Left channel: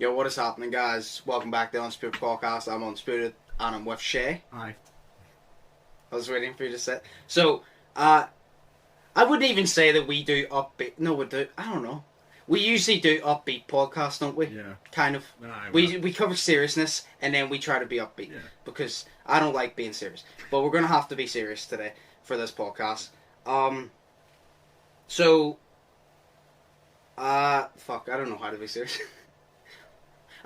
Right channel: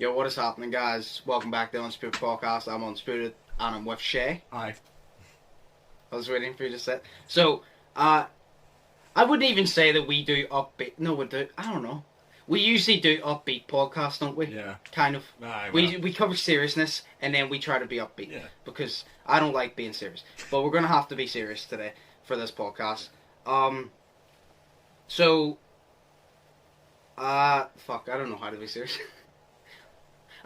Yo, what is happening, guys? Welcome back to the Undisputed podcast. I'm Undisputed, and I'm with Shay. Hi. I was waiting for you to say. So, I wouldn't even say that we do upbeat. No, we do. I don't know. We usually do upbeat podcasts, don't we? Yeah. Kind of. Aye, We cover seriousness, and then we try to be upbeat. Yeah. Because I don't like being serious. But we're going to have to be serious today for this podcast. Fuck, I don't know how to be serious.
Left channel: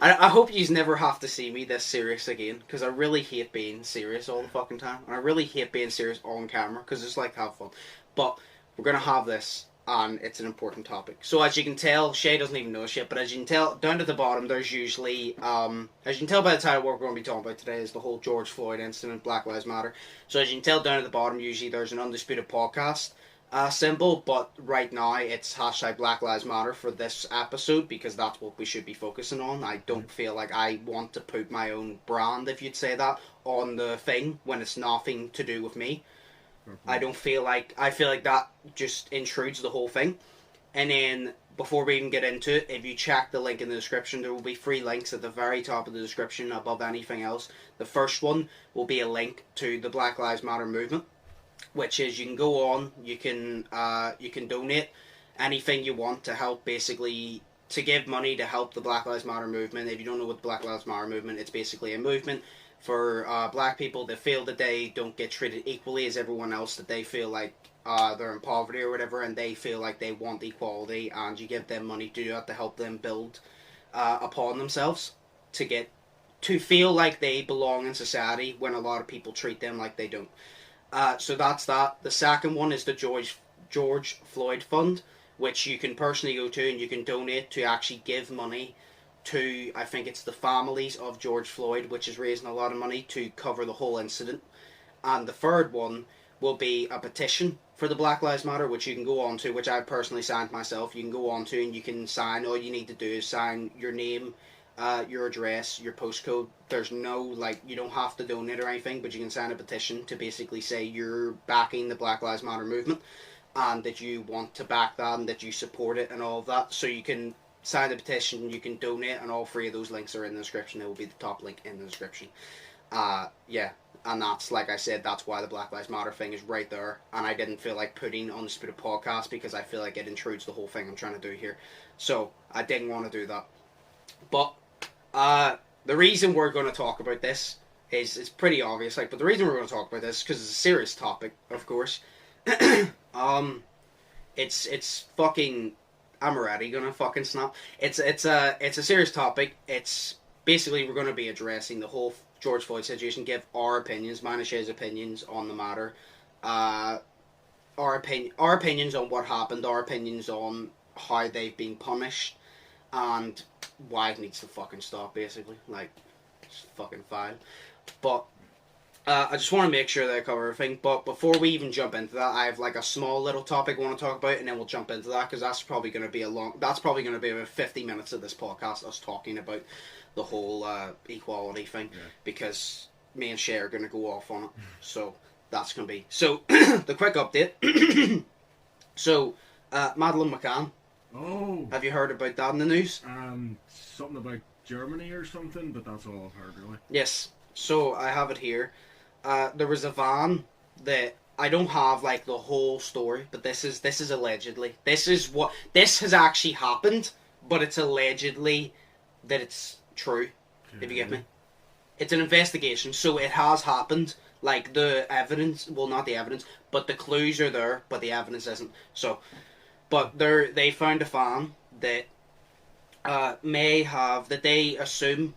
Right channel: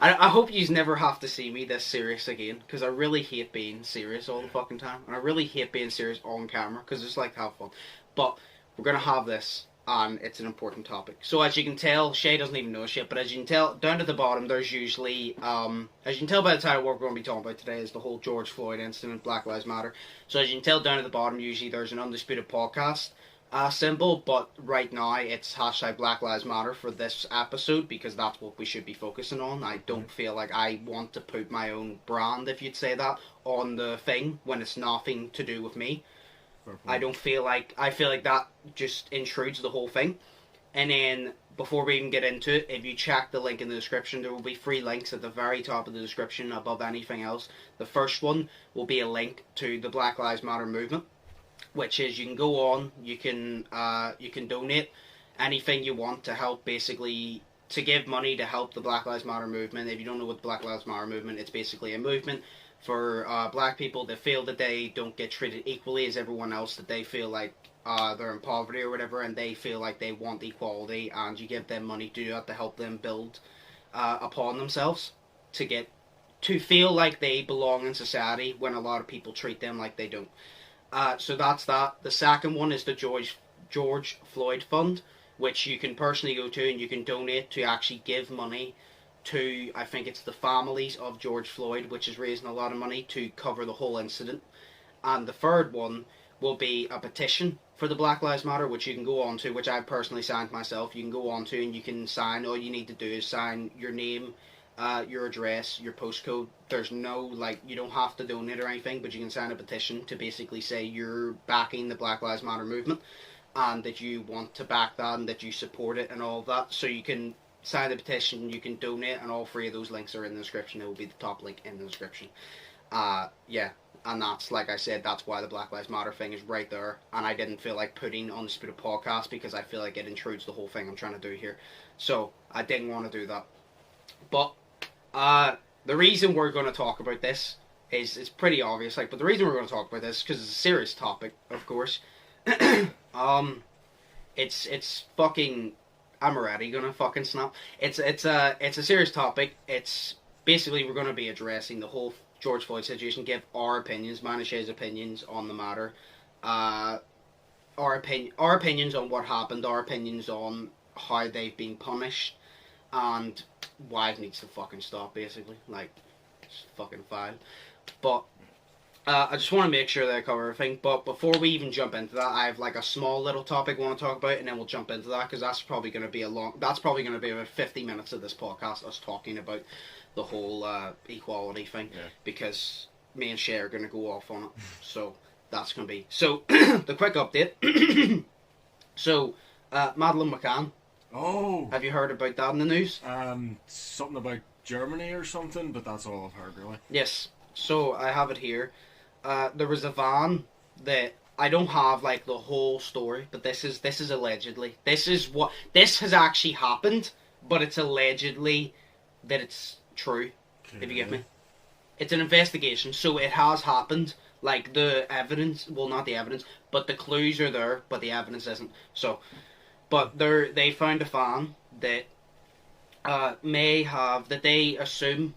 I hope you never have to see me this serious again, because I really hate being serious all the fucking time. And I really hate being serious on camera, because it's like, have fun. But we're going to have this, and it's an important topic. So as you can tell, Shay doesn't even know shit, but as you can tell, down at the bottom, there's usually, as you can tell by the title, what we're going to be talking about today is the whole George Floyd incident, Black Lives Matter. So as you can tell down at the bottom, usually there's an Undisputed podcast symbol, but right now it's hashtag Black Lives Matter for this episode, because that's what we should be focusing on. I don't feel like I want to put my own brand, if you'd say that, on the thing when it's nothing to do with me. I feel like that just intrudes the whole thing. And then before we even get into it, if you check the link in the description, there will be 3 links at the very top of the description above anything else. The first one will be a link to the Black Lives Matter movement, which is you can go on, you can donate anything you want to help, basically to give money to help the Black Lives Matter movement. If you don't know what the Black Lives Matter movement, it's basically a movement for black people that feel that they don't get treated equally as everyone else, that they feel like they're in poverty or whatever, and they feel like they want equality, and you give them money to do that to help them build upon themselves, to feel like they belong in society when a lot of people treat them like they don't. So that's that. The second one is the George Floyd Fund, which you can personally go to and you can donate to actually give money to, I think it's the families of George Floyd, which is raising a lot of money to cover the whole incident. And the third one will be a petition for the Black Lives Matter, which you can go on to, which I personally signed myself. You can go on to and you can sign. All you need to do is sign your name, your address, your postcode. There's no, you don't have to donate or anything, but you can sign a petition to basically say you're backing the Black Lives Matter movement and that you want to back that and that you support it and all of that. So you can sign the petition, you can donate, and all 3 of those links are in the description. It will be the top link in the description. And that's, like I said, that's why the Black Lives Matter thing is right there. And I didn't feel like putting on the Undisputed podcast because I feel like it intrudes the whole thing I'm trying to do here. So I didn't want to do that. But the reason we're going to talk about this is pretty obvious. But the reason we're going to talk about this is because it's a serious topic, of course. It's fucking. I'm already gonna fucking snap. It's a serious topic. It's basically we're gonna be addressing the whole George Floyd situation. Give our opinions, mine and Shay's opinions on the matter. Our opinions on what happened. Our opinions on how they've been punished, and why it needs to fucking stop. Basically, it's fucking fine. But I just want to make sure that I cover everything. But before we even jump into that, I have a small little topic I want to talk about, and then we'll jump into that, because that's probably going to be about 50 minutes of this podcast, us talking about the whole equality thing, because me and Shay are going to go off on it. So that's going to be... So, the quick update. So, Madeleine McCann. Oh! Have you heard about that in the news? Something about Germany or something, but that's all I've heard, really. Yes. So, I have it here. There was a van that I don't have the whole story, but this is allegedly. This has actually happened, but it's allegedly that it's true. If you get me, it's an investigation, so it has happened. The evidence, well, not the evidence, but the clues are there, but the evidence isn't. So, but they found a van that may have, that they assume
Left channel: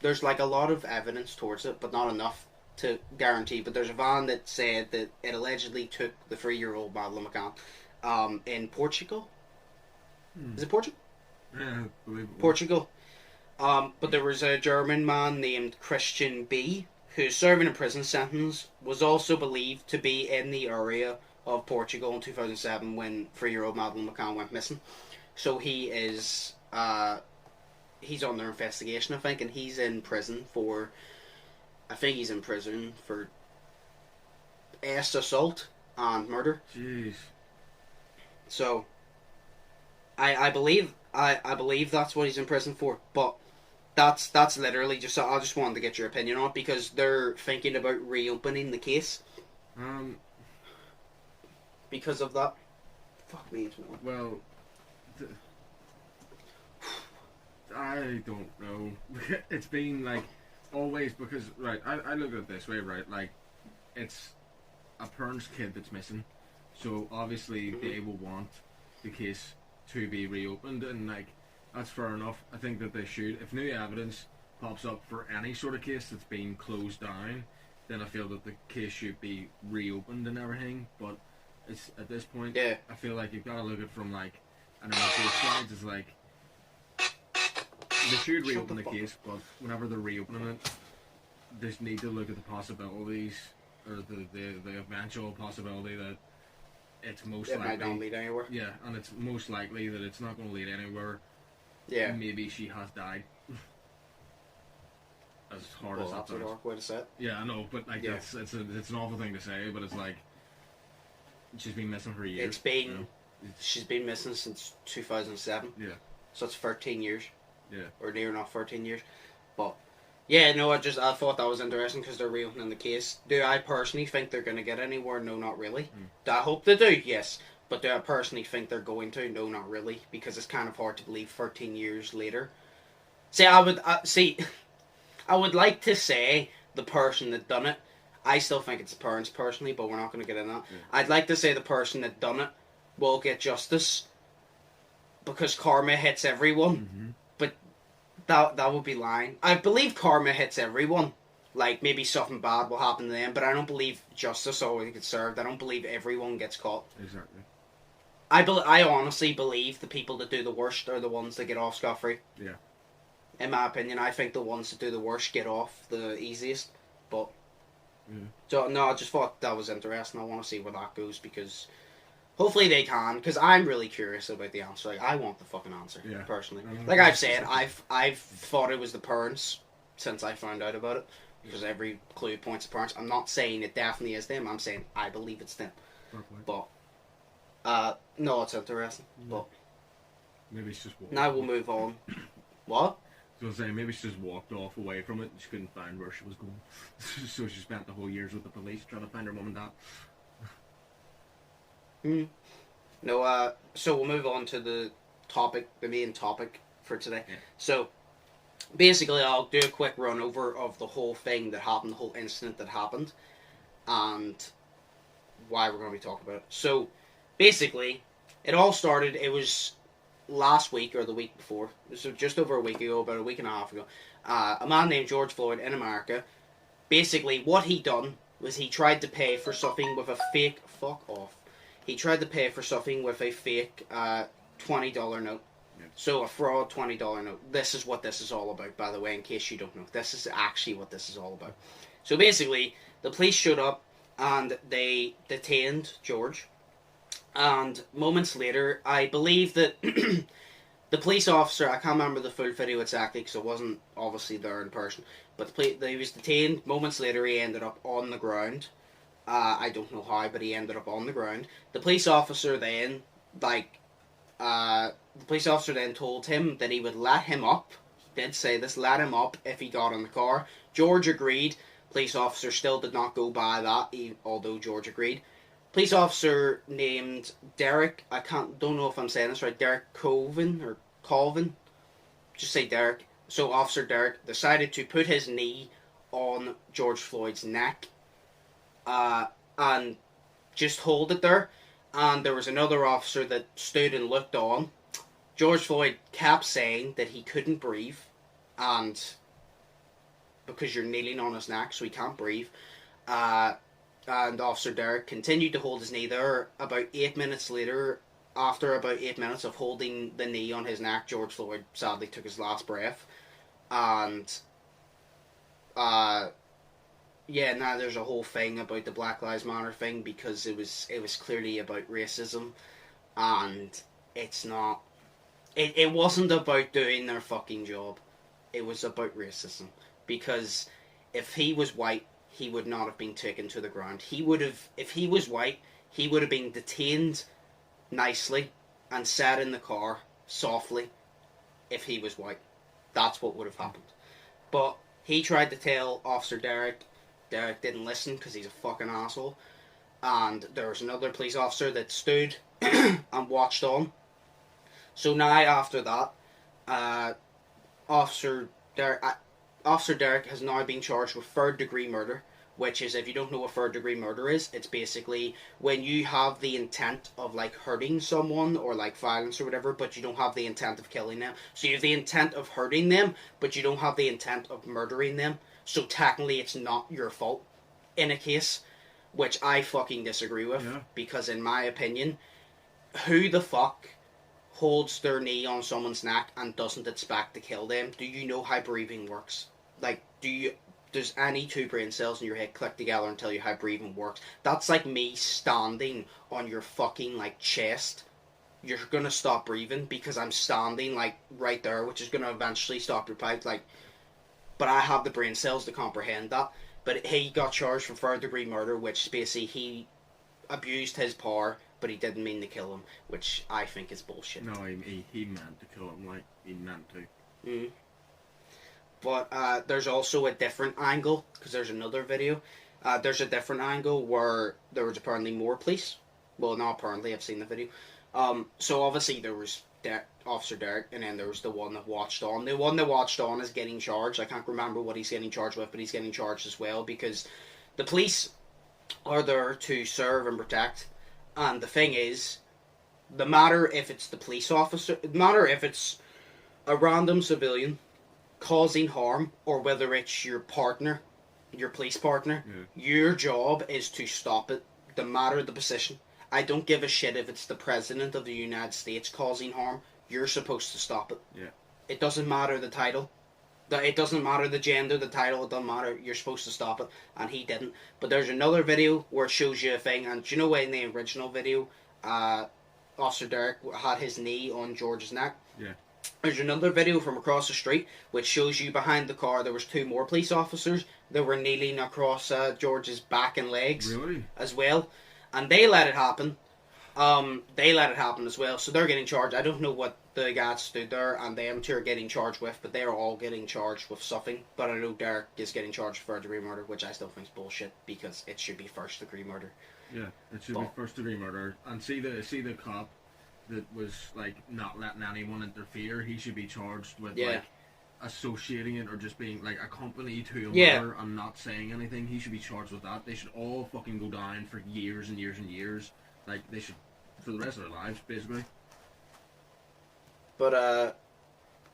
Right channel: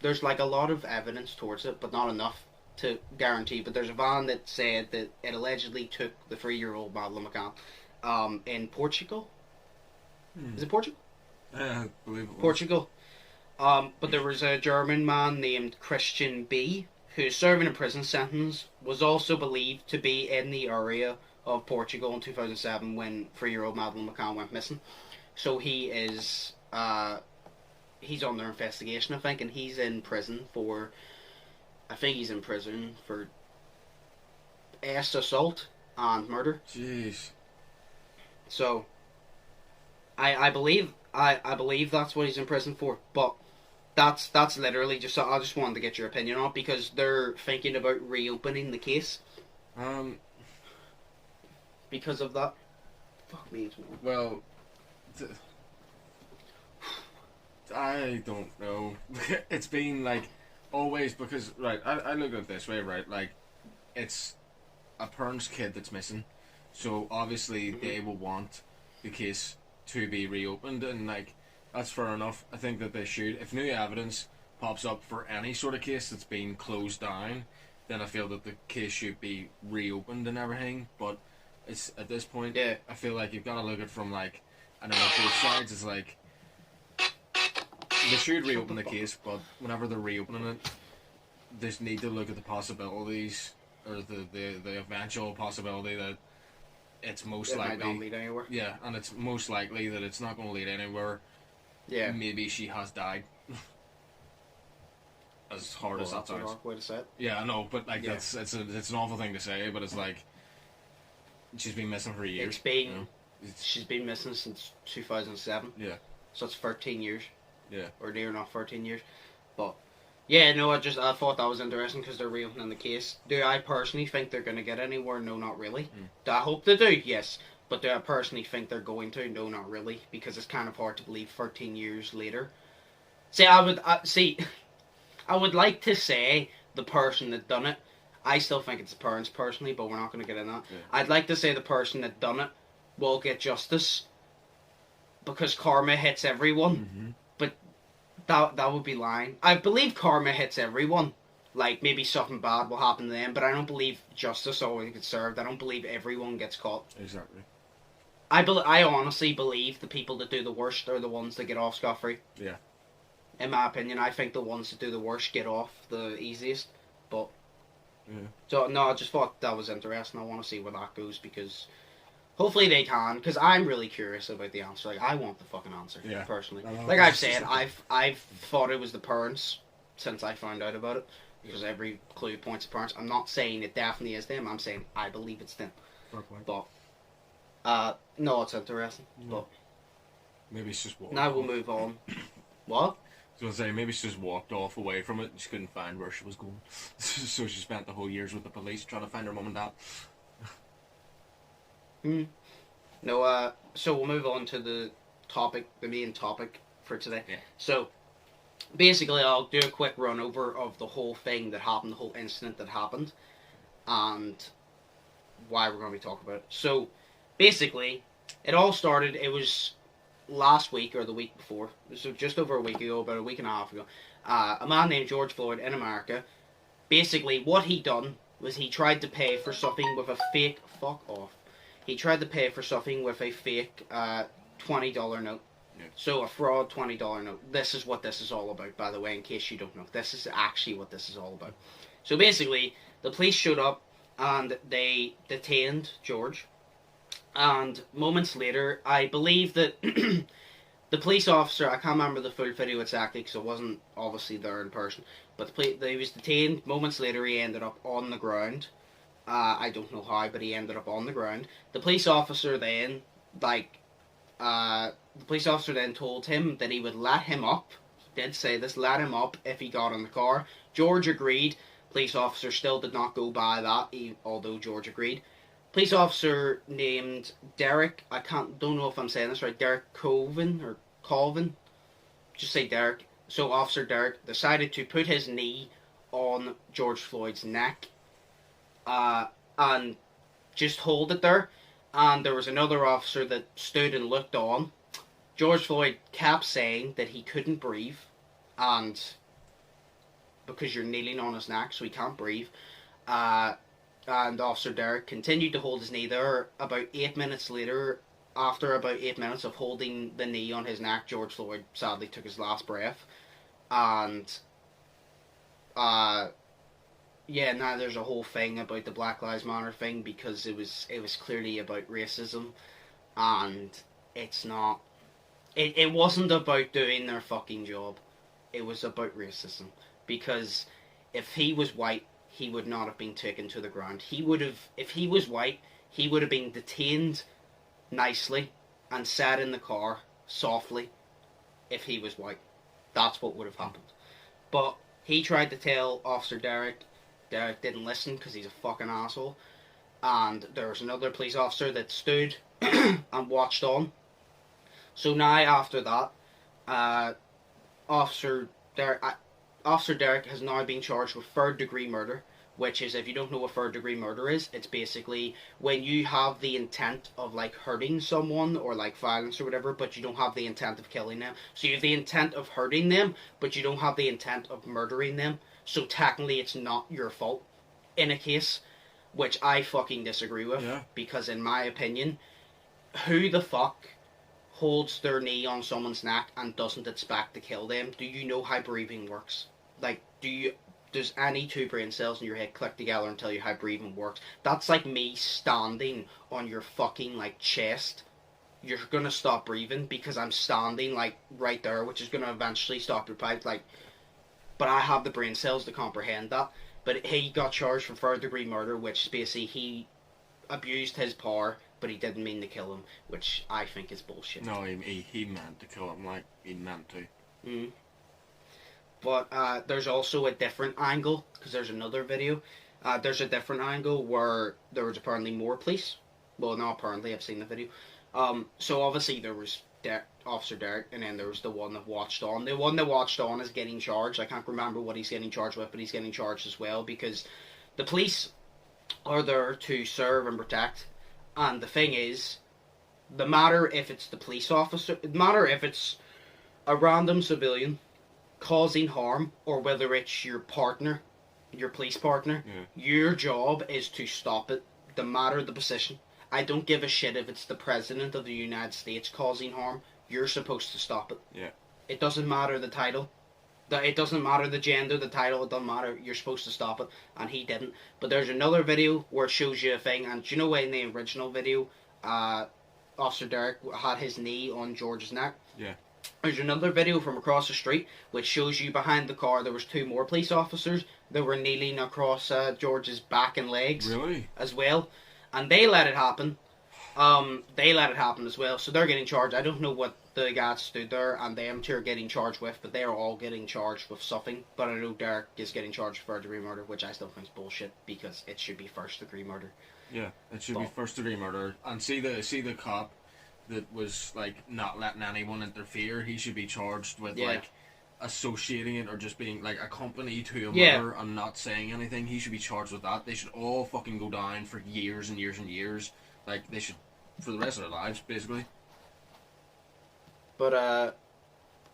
there's a lot of evidence towards it, but not enough to guarantee. But there's a van that said that it allegedly took the 3-year-old Madeleine McCann in Portugal. Is it Portugal? I believe it was. Portugal. But there was a German man named Christian B, who's serving a prison sentence, was also believed to be in the area of Portugal in 2007 when 3-year-old Madeleine McCann went missing. So he is... he's under investigation, I think, and he's in prison for... I think he's in prison for assault and murder. Jeez. So, I believe I believe that's what he's in prison for, but that's literally just, I just wanted to get your opinion on it, because they're thinking about reopening the case. Because of that. Fuck me. Well, I don't know. It's been like always, because right, I look at it this way, right? Like, it's a parent's kid that's missing, so obviously they will want the case to be reopened, and like that's fair enough. I think that they should. If new evidence pops up for any sort of case that's been closed down, then I feel that the case should be reopened and everything. But it's at this point, I feel like you've got to look at it from like, I don't know, both sides. It's like they should reopen the case, but whenever they're reopening it, they just need to look at the possibilities, or the eventual possibility that it's most likely might not lead anywhere. Yeah, and it's most likely that it's not going to lead anywhere. Yeah. Maybe she has died. As hard as that that's sounds. an awkward way to say it. Yeah, I know, but like it's an awful thing to say, but it's like she's been missing for years. It's been she's been missing since 2007. Yeah. So it's 13 years. Yeah. Or near enough 13 years. But yeah, no, I thought that was interesting because they're reopening the case. Do I personally think they're going to get anywhere? No, not really. Do I hope they do? Yes. But do I personally think they're going to? No, not really. Because it's kind of hard to believe 13 years later. See, I would like to say the person that done it. I still think it's the parents personally, but we're not going to get into that. Yeah. I'd like to say the person that done it will get justice. Because karma hits everyone. Mm-hmm. That would be lying. I believe karma hits everyone. Like, maybe something bad will happen to them, but I don't believe justice always gets served. I don't believe everyone gets caught. Exactly. I honestly believe the people that do the worst are the ones that get off scot-free. Yeah. In my opinion, I think the ones that do the worst get off the easiest. But, so, no, I just thought that was interesting. I want to see where that goes, because hopefully they can, because I'm really curious about the answer. Like, I want the fucking answer, personally. Like I've said, I've thought it was the parents since I found out about it, because every clue points to parents. I'm not saying it definitely is them. I'm saying I believe it's them. But, no, it's interesting. But maybe it's just walked now off. we'll move on. What? I was going to say, maybe she just walked off away from it and she couldn't find where she was going. So she spent the whole years with the police trying to find her mum and dad. No, so we'll move on to the main topic for today. Yeah. So, basically, I'll do a quick run over of the whole thing that happened, the whole incident that happened, and why we're going to be talking about it. So, basically, it all started, it was last week or the week before, so just over a week ago, about a week and a half ago, a man named George Floyd in America, basically, what he done was he tried to pay for something with a fake, he tried to pay for something with a fake $20 note. Yep. So a fraud $20 note. This is what this is all about, by the way, in case you don't know. This is actually what this is all about. So basically, the police showed up and they detained George. And moments later, I believe that the police officer, I can't remember the full video exactly because I wasn't obviously there in person, but he was detained. Moments later, he ended up on the ground. I don't know how, but he ended up on the ground. The police officer then, told him that he would let him up. Did say this, let him up if he got in the car. George agreed. Police officer still did not go by that, although George agreed. Police officer named Derek, don't know if I'm saying this right, Derek Colvin, just say Derek. So Officer Derek decided to put his knee on George Floyd's neck, and just hold it there. And there was another officer that stood and looked on. George Floyd kept saying that he couldn't breathe, and because you're kneeling on his neck, so he can't breathe. And Officer Derek continued to hold his knee there. About 8 minutes later, after about 8 minutes of holding the knee on his neck, George Floyd sadly took his last breath. And now there's a whole thing about the Black Lives Matter thing, because it was clearly about racism, and it's not. It wasn't about doing their fucking job. It was about racism, because if he was white, he would not have been taken to the ground. If he was white, he would have been detained nicely and sat in the car softly if he was white. That's what would have happened. But he tried to tell Officer Derek. Derek didn't listen because he's a fucking asshole. And there was another police officer that stood and watched on. So now after that, Officer Derek has now been charged with third-degree murder, which is, if you don't know what third-degree murder is, it's basically when you have the intent of, like, hurting someone or, like, violence or whatever, but you don't have the intent of killing them. So you have the intent of hurting them, but you don't have the intent of murdering them. So technically it's not your fault in a case, which I fucking disagree with, because in my opinion, who the fuck holds their knee on someone's neck and doesn't expect to kill them? Do you know how breathing works? Like, does any two brain cells in your head click together and tell you how breathing works? That's like me standing on your fucking, like, chest. You're gonna stop breathing because I'm standing, like, right there, which is gonna eventually stop your pipe, like, but I have the brain cells to comprehend that. But he got charged for third-degree murder, which basically he abused his power, but he didn't mean to kill him, which I think is bullshit. No, he meant to kill him, like, he meant to. Mm. But there's also a different angle, because there's another video. There's a different angle where there was apparently more police. Well, not apparently, I've seen the video. So obviously there was Officer Derek, and then there was the one that watched on. The one that watched on is getting charged. I can't remember what he's getting charged with, but he's getting charged as well, because the police are there to serve and protect. And the thing is, no matter if it's the police officer, no matter if it's a random civilian causing harm, or whether it's your partner, your police partner, your job is to stop it, no matter the position. I don't give a shit if it's the President of the United States causing harm. You're supposed to stop it. Yeah. It doesn't matter the title. It doesn't matter the gender, the title, it doesn't matter. You're supposed to stop it. And he didn't. But there's another video where it shows you a thing. And do you know in the original video, Officer Derek had his knee on George's neck? Yeah. There's another video from across the street which shows you behind the car there was two more police officers that were kneeling across George's back and legs. Really? As well. And they let it happen. They let it happen as well. So they're getting charged. I don't know what the guys stood there and them two are getting charged with, but they're all getting charged with something. But I know Derek is getting charged for third-degree murder, which I still think is bullshit, because it should be first-degree murder. Yeah, it should be first-degree murder. And see the cop that was, like, not letting anyone interfere, he should be charged with, like, associating it or just being, like, a company to a murder and not saying anything. He should be charged with that. They should all fucking go down for years and years and years. Like, they should, for the rest of their lives, basically. But,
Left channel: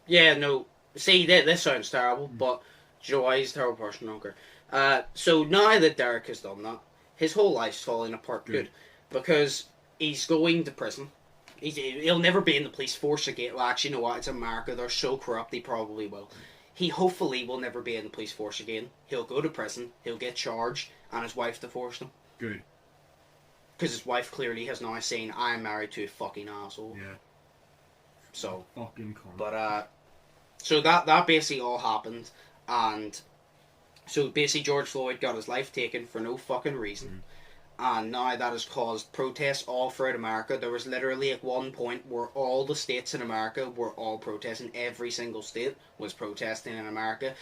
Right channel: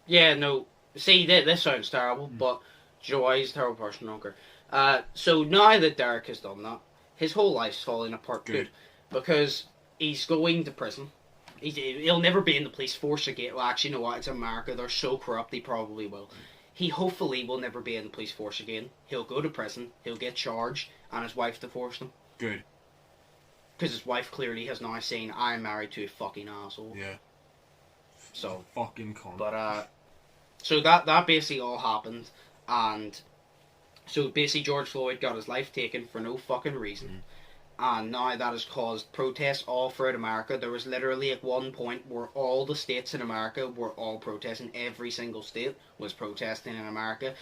yeah, no, see, this sounds terrible, but do you know why he's a terrible person? I don't care. So now that Derek has done that, his whole life's falling apart good. Because he's going to prison. He'll never be in the police force again. Well, actually, you know what? It's America. They're so corrupt, he probably will. He hopefully will never be in the police force again. He'll go to prison, he'll get charged, and his wife divorced him. Good. Because his wife clearly has now seen, I'm married to a fucking asshole. Yeah. So. Fucking cunt. But, so that basically all happened, and so basically George Floyd got his life taken for no fucking reason. And now that has caused protests all throughout America. There was literally at one point where all the states in America were all protesting. Every single state was protesting in America.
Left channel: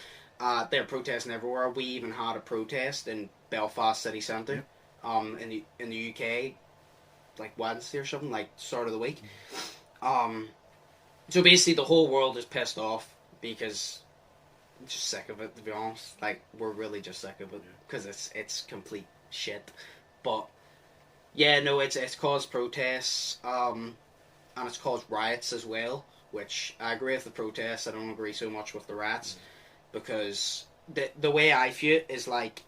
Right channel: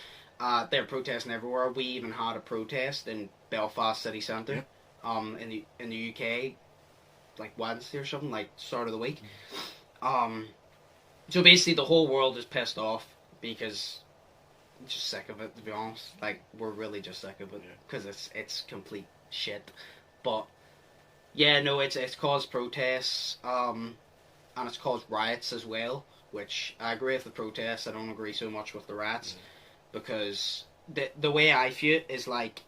They're protesting everywhere. We even had a protest in Belfast City Centre, in the UK, like Wednesday or something, like start of the week. So basically the whole world is pissed off because I'm just sick of it, to be honest. Like, we're really just sick of it because it's complete shit. But yeah, no, it's caused protests, and it's caused riots as well, which I agree with the protests. I don't agree so much with the riots, because the way I view it is, like,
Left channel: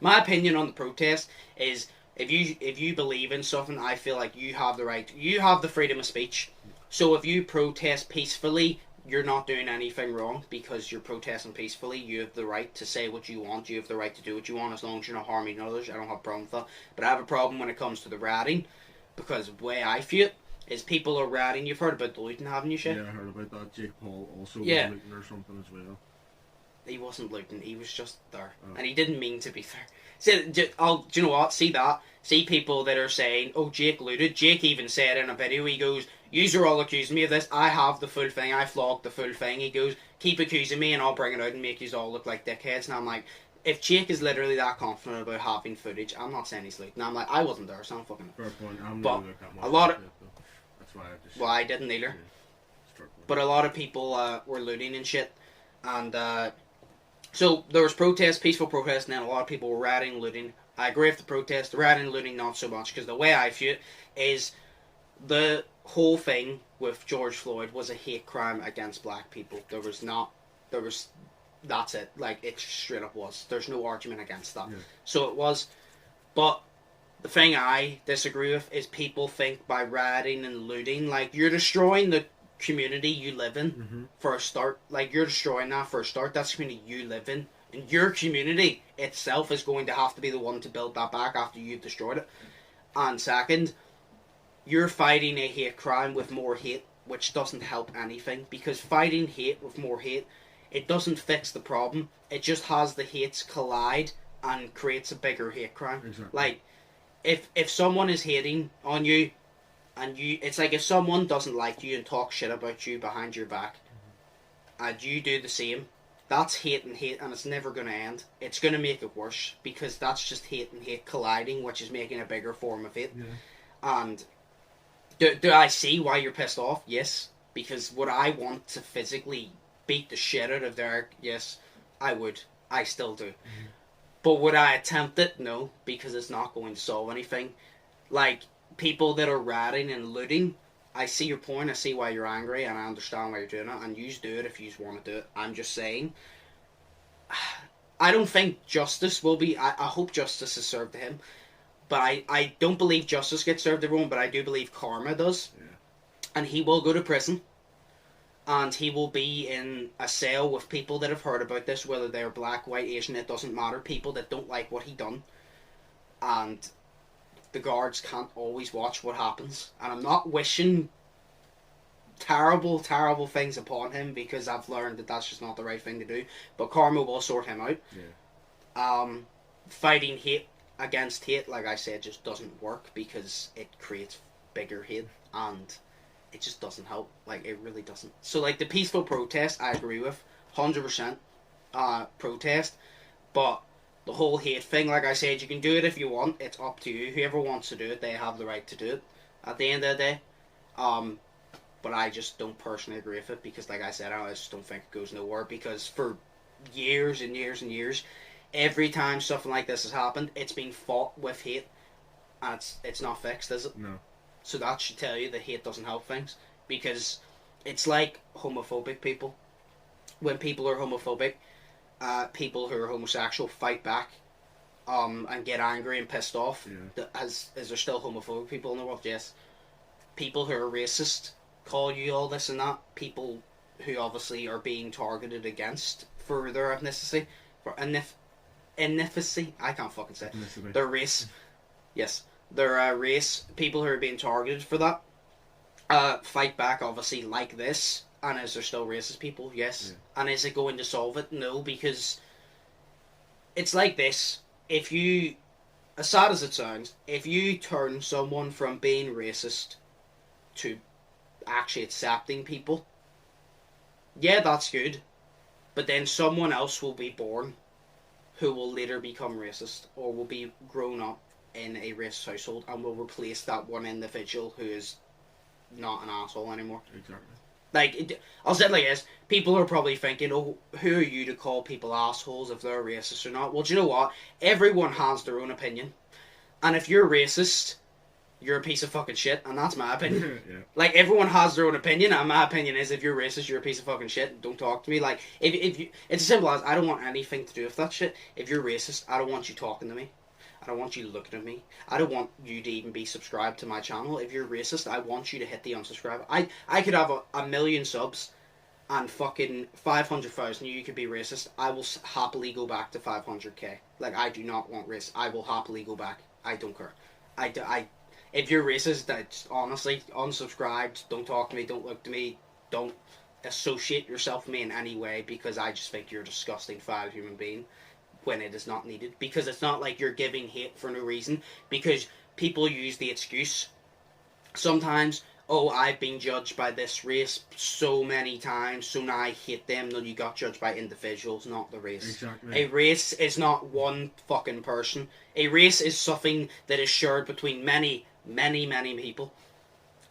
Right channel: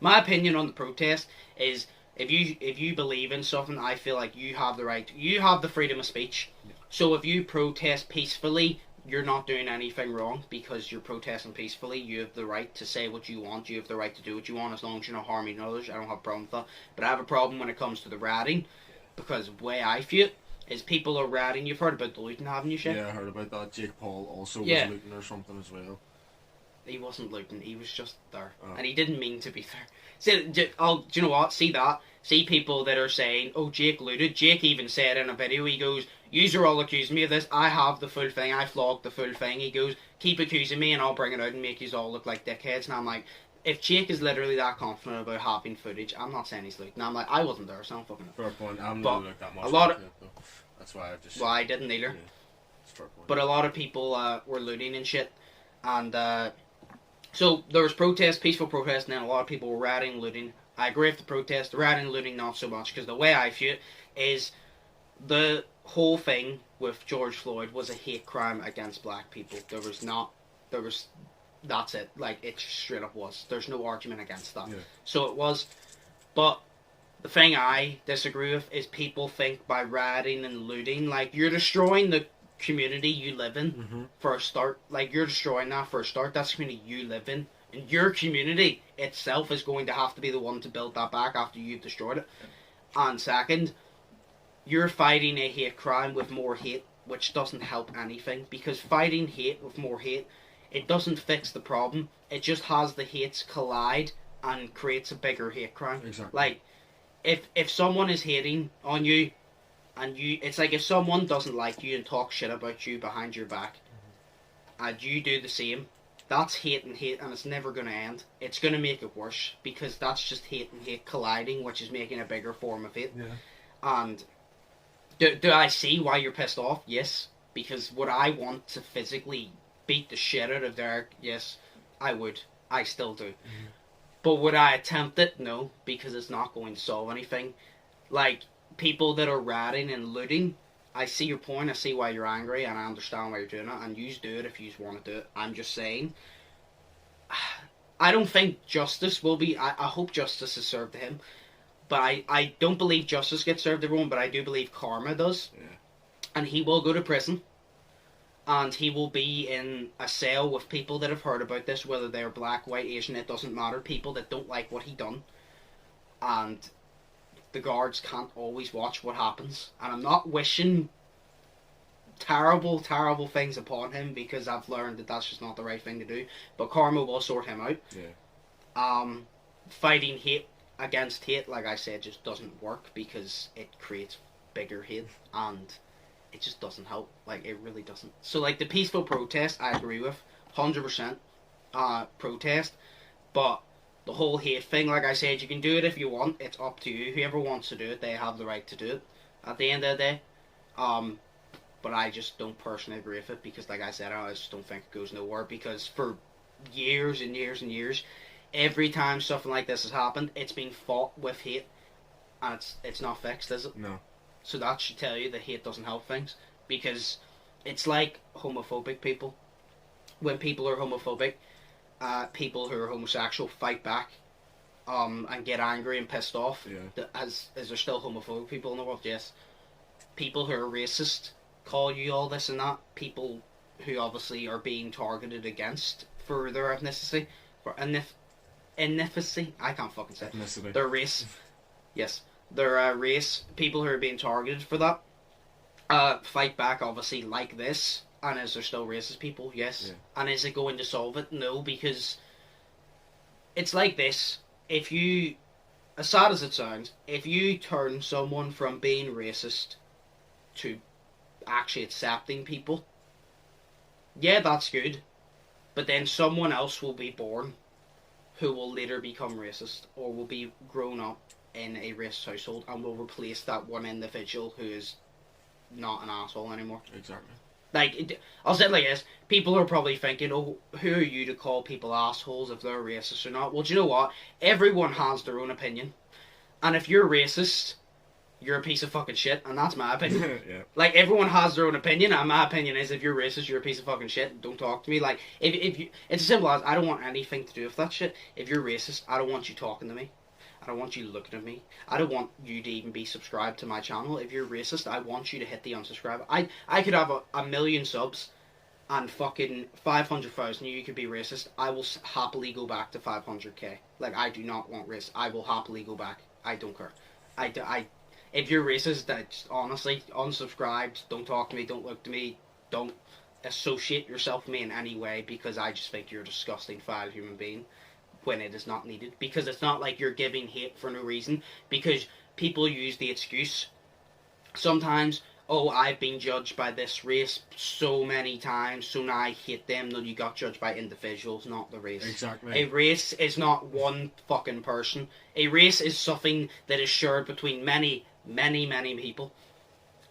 my opinion on the protest is, if you believe in something, I feel like you have the right, you have the freedom of speech. So if you protest peacefully, you're not doing anything wrong because you're protesting peacefully. You have the right to say what you want. You have the right to do what you want as long as you're not harming others. I don't have a problem with that. But I have a problem when it comes to the rioting, because the way I view it is people are rioting. You've heard about the looting, haven't you, Shay? Yeah, I heard about that. Jake Paul also was looting or something as well. He wasn't looting. He was just there. And he didn't mean to be there. See, do you know what? See that? see people that are saying, oh, Jake looted. Jake even said in a video, he goes, yous are all accusing me of this. I have the full thing. I flogged the full thing. He goes, keep accusing me and I'll bring it out and make yous all look like dickheads. And I'm like, if Jake is literally that confident about having footage, I'm not saying he's looting. And I'm like, I wasn't there, so I'm fucking... Fair point. I'm not looked that much. A lot of... That's why I've just... Well, I didn't either. Yeah, but a lot of people were looting and shit. And so there was protests, peaceful protests, and then a lot of people were rioting and looting. I agree with the protest. The rioting and looting, not so much, because the way I view it is the whole thing with George Floyd was a hate crime against black people. That's it. Like, it straight up was. There's no argument against that. Yeah. So it was. But the thing I disagree with is people think by rioting and looting, like, you're destroying the community you live in for a start. Like, you're destroying that for a start. That's the community you live in. And your community itself is going to have to be the one to build that back after you've destroyed it. And second, you're fighting a hate crime with more hate, which doesn't help anything. Because fighting hate with more hate, it doesn't fix the problem. It just has the hates collide and creates a bigger hate crime. Exactly. Like, if someone is hating on you, and it's like if someone doesn't like you and talks shit about you behind your back, and you do the same, that's hate, and it's never going to end. It's going to make it worse, because that's just hate and hate colliding, which is making a bigger form of hate. Yeah. And do I see why you're pissed off? Yes. Because would I want to physically beat the shit out of Derek? Yes, I would. I still do. But would I attempt it? No, because it's not going to solve anything. Like, people that are rioting and looting, I see your point, I see why you're angry, and I understand why you're doing it, and you do it if you want to do it. I'm just saying, I don't think justice will be, I hope justice is served to him, but I don't believe justice gets served to everyone, but I do believe karma does. Yeah. And he will go to prison, and he will be in a cell with people that have heard about this, whether they're black, white, Asian, it doesn't matter, people that don't like what he done, and the guards can't always watch what happens. And I'm not wishing terrible, terrible things upon him, because I've learned that that's just not the right thing to do. But karma will sort him out. Yeah. Fighting hate against hate, like I said, just doesn't work, because it creates bigger hate, and it just doesn't help. Like, it really doesn't. So, like, the peaceful protest, I agree with. 100% protest. But the whole hate thing, like I said, you can do it if you want. It's up to you. Whoever wants to do it, they have the right to do it at the end of the day. But I just don't personally agree with it, because, like I said, I just don't think it goes nowhere, because for years and years and years, every time something like this has happened, it's been fought with hate, and it's not fixed, is it? No. So that should tell you that hate doesn't help things, because it's like homophobic people. When people are homophobic, people who are homosexual fight back, and get angry and pissed off. Yeah. Is there still homophobic people in the world? Yes. People who are racist call you all this and that. People who obviously are being targeted against for their ethnicity, for ethnicity. I can't fucking say Ethnicity. their race. Yes, their race. People who are being targeted for that fight back, obviously, like this. And is there still racist people? Yes. Yeah. And is it going to solve it? No, because it's like this. If you, as sad as it sounds, if you turn someone from being racist to actually accepting people, yeah, that's good. But then someone else will be born who will later become racist, or will be grown up in a racist household, and will replace that one individual who is not an asshole anymore. Exactly. Like, I'll say it like this. People are probably thinking, oh, who are you to call people assholes if they're racist or not? Well, do you know what? Everyone has their own opinion. And if you're racist, you're a piece of fucking shit, and that's my opinion. Yeah. Like, everyone has their own opinion, and my opinion is, if you're racist, you're a piece of fucking shit, don't talk to me. Like, if you, it's as simple as, I don't want anything to do with that shit. If you're racist, I don't want you talking to me. I don't want you looking at me. I don't want you to even be subscribed to my channel. If you're racist, I want you to hit the unsubscribe. I could have a million subs and fucking 500,000 you could be racist. I will happily go back to 500k. Like, I do not want race. I will happily go back. I don't care. If you're racist, that's honestly, unsubscribed, don't talk to me, don't look to me, don't associate yourself with me in any way, because I just think you're a disgusting, foul human being. when it is not needed. Because it's not like you're giving hate for no reason. Because people use the excuse sometimes, oh, I've been judged by this race so many times, so now I hate them. No, you got judged by individuals, not the race. Exactly. A race is not one fucking person. A race is something that is shared between many, many, many people.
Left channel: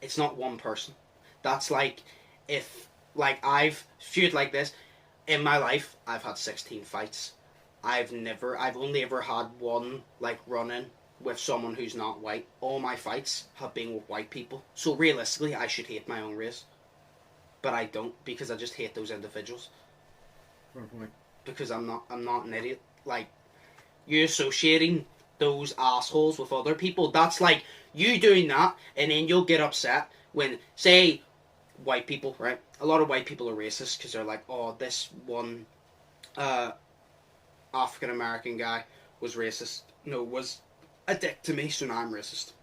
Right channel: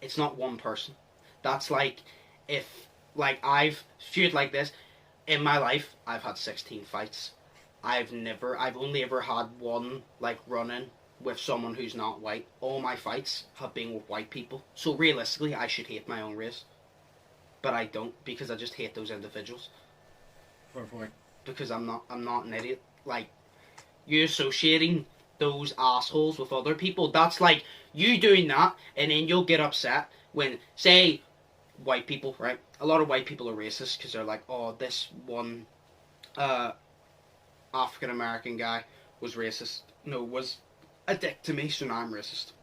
It's not one person. That's like, if, like, I've feud like this, in my life, I've had 16 fights. I've only ever had one, like, run-in with someone who's not white. All my fights have been with white people. So realistically, I should hate my own race. But I don't, because I just hate those individuals. Fair point. Because I'm not an idiot. Like, you associating those assholes with other people, that's like you doing that, and then you'll get upset when, say, white people, right? A lot of white people are racist because they're like, oh, this one African American guy was racist. No, was a dick to me, so now I'm racist.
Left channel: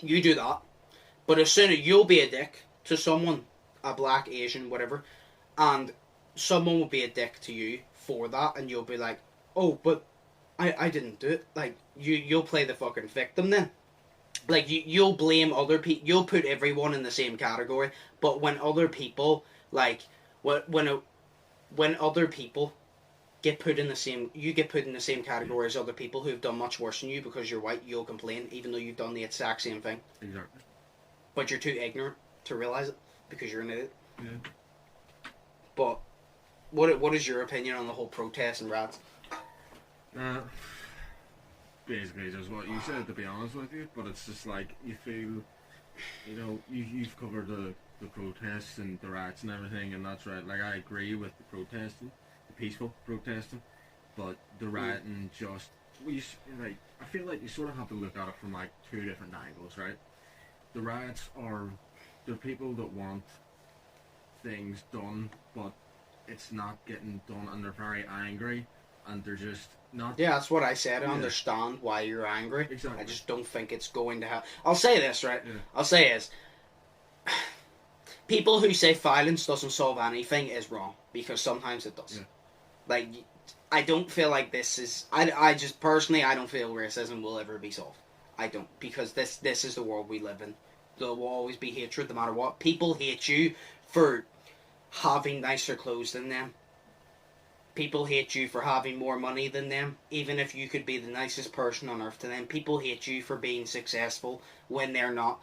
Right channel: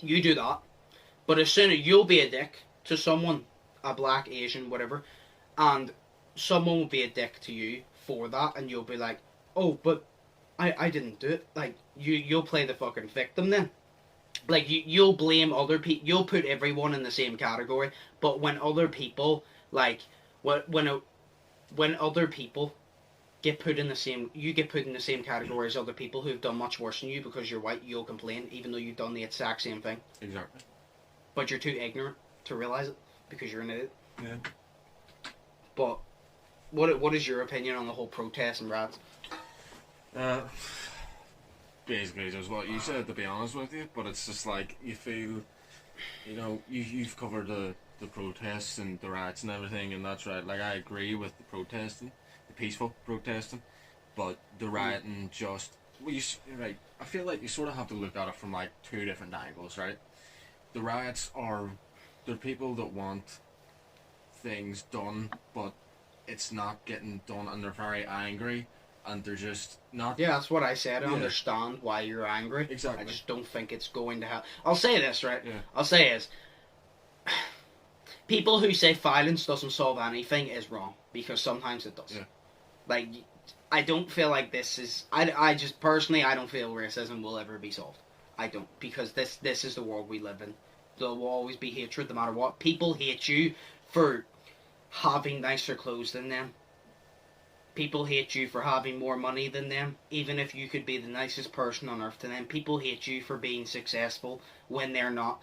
You do that, but as soon as you'll be a dick to someone, a black, Asian, whatever, and someone will be a dick to you for that, and you'll be like, oh, but I didn't do it. Like, you'll play the fucking victim then. Like, you'll blame other people, you'll put everyone in the same category, but when other people, like, when other people get put in the same, you get put in the same category as other people who've done much worse than you because you're white, you'll complain, even though you've done the exact same thing. Exactly. But you're too ignorant to realise it, because you're an idiot. Yeah. But, what is your opinion on the whole protest and riots? Basically just what you said, to be honest with you, but it's just like, you feel, you know, you've covered the protests and the riots and everything, and that's right, like, I agree with the protesting, the peaceful protesting, but the rioting just, well, right, I feel like you sort of have to look at it from, like, two different angles, right? The riots they're people that want things done, but it's not getting done, and they're very angry, and they're just not... Yeah, that's what I said. I understand why you're angry. Exactly. I just don't think it's going to happen. I'll say this, right? Yeah. I'll say is, people who say violence doesn't solve anything is wrong, because sometimes it does. Yeah. Like, I don't feel like this is... I just, personally, I don't feel racism will ever be solved. I don't, because this is the world we live in. There will always be hatred, no matter what. People hate you for having nicer clothes than them. People hate you for having more money than them, even if you could be the nicest person on earth to them. People hate you for being successful when they're not.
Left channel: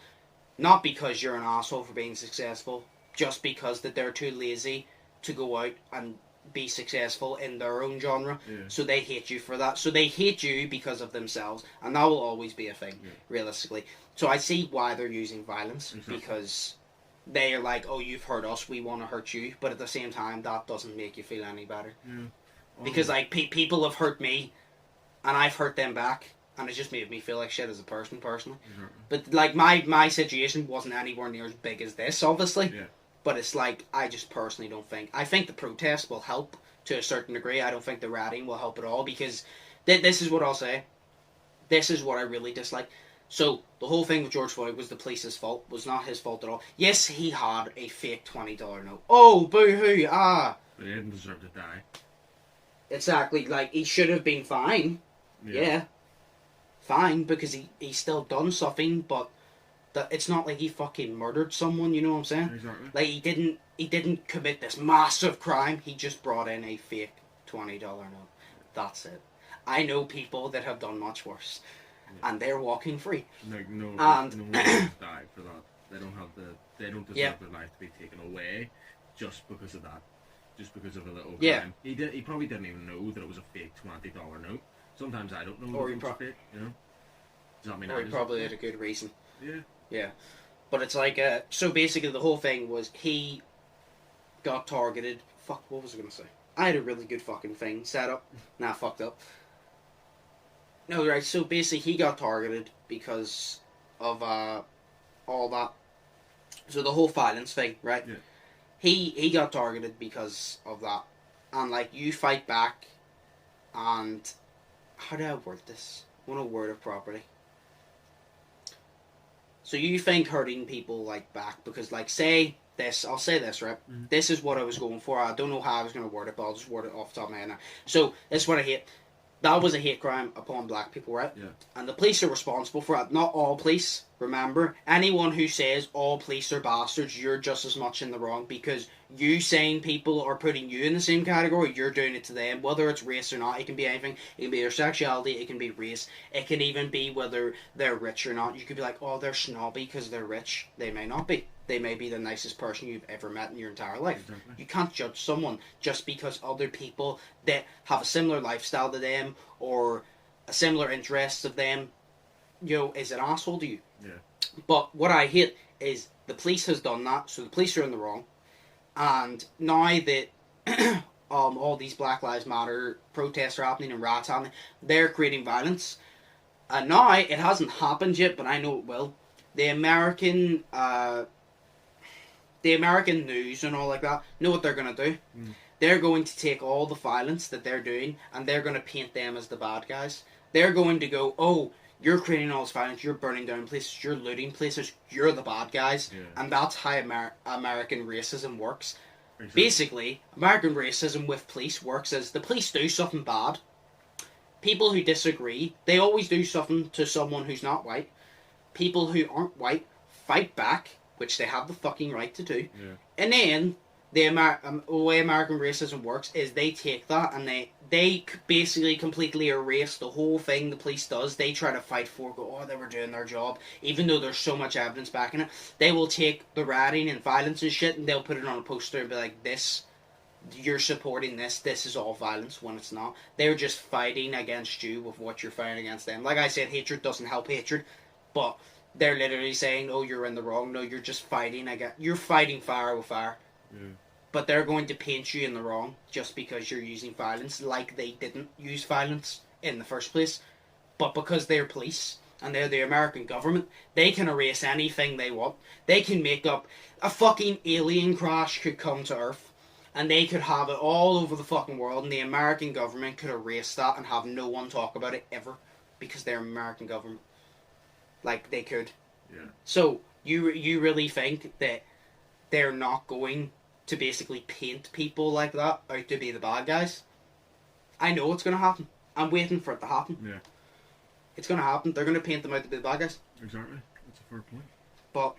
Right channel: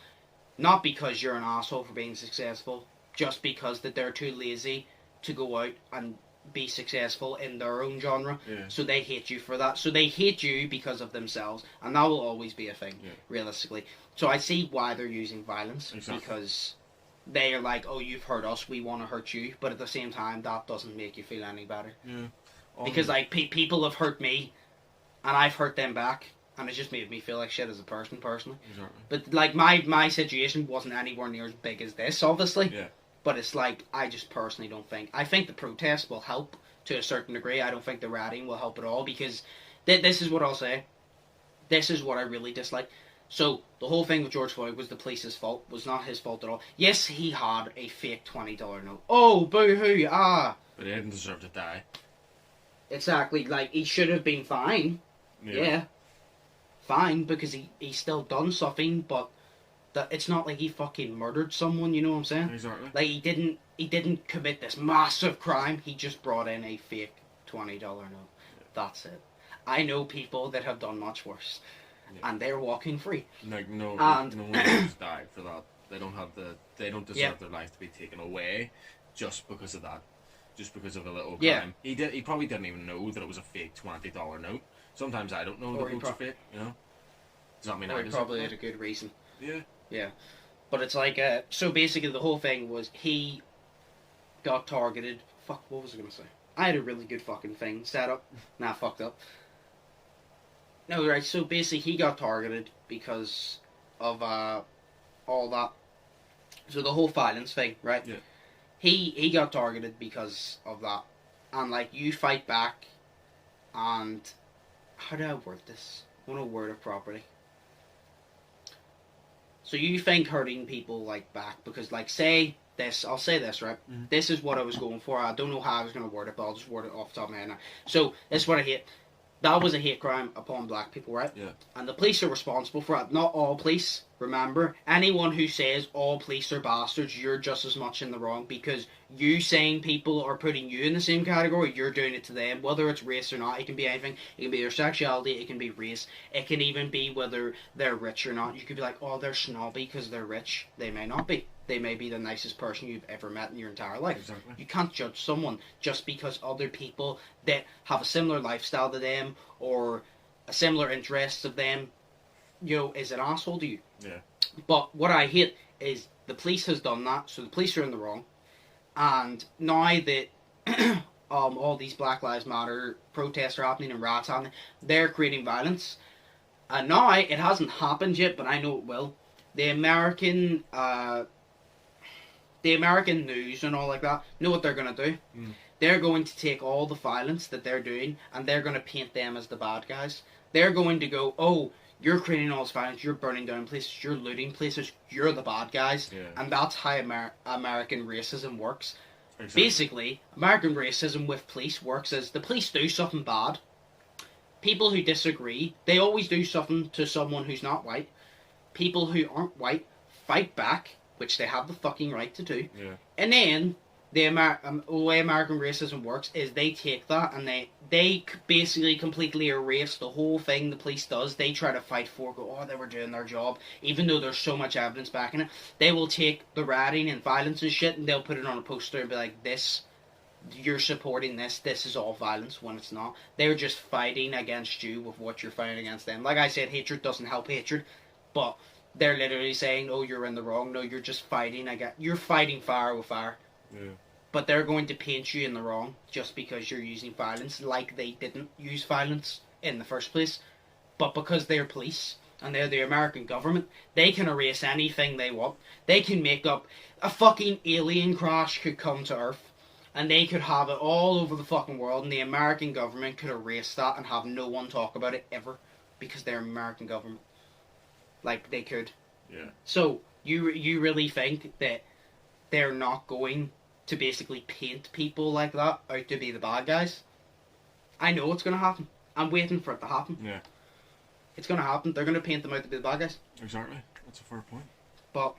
Not because you're an asshole for being successful, just because that they're too lazy to go out and be successful in their own genre. Yeah. So they hate you for that. So they hate you because of themselves, and that will always be a thing, realistically. So I see why they're using violence, because they are like, oh, you've hurt us, we want to hurt you, but at the same time, that doesn't make you feel any better. Yeah. Because, like, people have hurt me, and I've hurt them back, and it just made me feel like shit as a person, personally. Exactly. But, like, my situation wasn't anywhere near as big as this, obviously. Yeah. But it's like, I just personally don't think... I think the protest will help to a certain degree. I don't think the rioting will help at all, because this is what I'll say. This is what I really dislike. So, the whole thing with George Floyd was the police's fault. Was not his fault at all. Yes, he had a fake $20 note. Oh, boo-hoo, ah! But he didn't deserve to die. Exactly, like, he should have been fine. Yeah. Fine, because he still done something, but it's not like he fucking murdered someone, you know what I'm saying? Exactly. Like, he didn't commit this massive crime, he just brought in a fake $20 note. That's it. I know people that have done much worse. And they're walking free. Like, no one has died for that. They don't deserve their life to be taken away just because of that. Just because of a little crime. He probably didn't even know that it was a fake $20 note. Sometimes I don't know that it's fake, you know? Does that mean or he probably had a good reason. Yeah. Yeah. But it's like, so basically the whole thing was he got targeted. Fuck, what was I going to say? I had a really good fucking thing set up. Nah, fucked up. No, right, so basically he got targeted because of all that. So the whole violence thing, right? Yeah. He got targeted because of that. And, like, you fight back, and... How do I word this? I want to word it properly. So you think hurting people, like, back, because, like, say this, I'll say this, right? Mm-hmm. This is what I was going for. I don't know how I was going to word it, but I'll just word it off the top of my head now. So, this is what I hate. That was a hate crime upon black people, right? Yeah. And the police are responsible for it. Not all police, remember. Anyone who says all police are bastards, you're just as much in the wrong, because you saying people are putting you in the same category, you're doing it to them. Whether it's race or not, it can be anything. It can be their sexuality, it can be race. It can even be whether they're rich or not. You could be like, oh, they're snobby because they're rich. They may not be. They may be the nicest person you've ever met in your entire life. Exactly. You can't judge someone just because other people that have a similar lifestyle to them or a similar interests of them, is an asshole to you. Yeah. But what I hate is the police has done that, so the police are in the wrong. And now that all these Black Lives Matter protests are happening and riots happening, they're creating violence. And now it hasn't happened yet, but I know it will. The American news and all like that know what they're going to do. They're going to take all the violence that they're doing and they're going to paint them as the bad guys. They're going to go, oh, you're creating all this violence, you're burning down places, you're looting places, you're the bad guys. Yeah. And that's how American racism works. Exactly. Basically, American racism with police works as the police do something bad. People who disagree, they always do something to someone who's not white. People who aren't white fight back, which they have the fucking right to do. Yeah. And then the way American racism works is they take that and they basically completely erase the whole thing the police does. They try to fight for, they were doing their job, even though there's so much evidence backing it. They will take the rioting and violence and shit and they'll put it on a poster and be like, you're supporting this is all violence, when it's not. They're just fighting against you with what you're fighting against them. Like I said, hatred doesn't help hatred, but they're literally saying, oh, you're in the wrong. No, you're just fighting. You're fighting fire with fire. Yeah. But they're going to paint you in the wrong just because you're using violence, like they didn't use violence in the first place. But because they're police and they're the American government, they can erase anything they want. They can make up a fucking alien crash could come to Earth and they could have it all over the fucking world and the American government could erase that and have no one talk about it ever because they're American government. Like, they could. Yeah. So, you really think that they're not going to basically paint people like that out to be the bad guys? I know it's going to happen. I'm waiting for it to happen. Yeah. It's going to happen. They're going to paint them out to be the bad guys. Exactly. That's a fair point. But,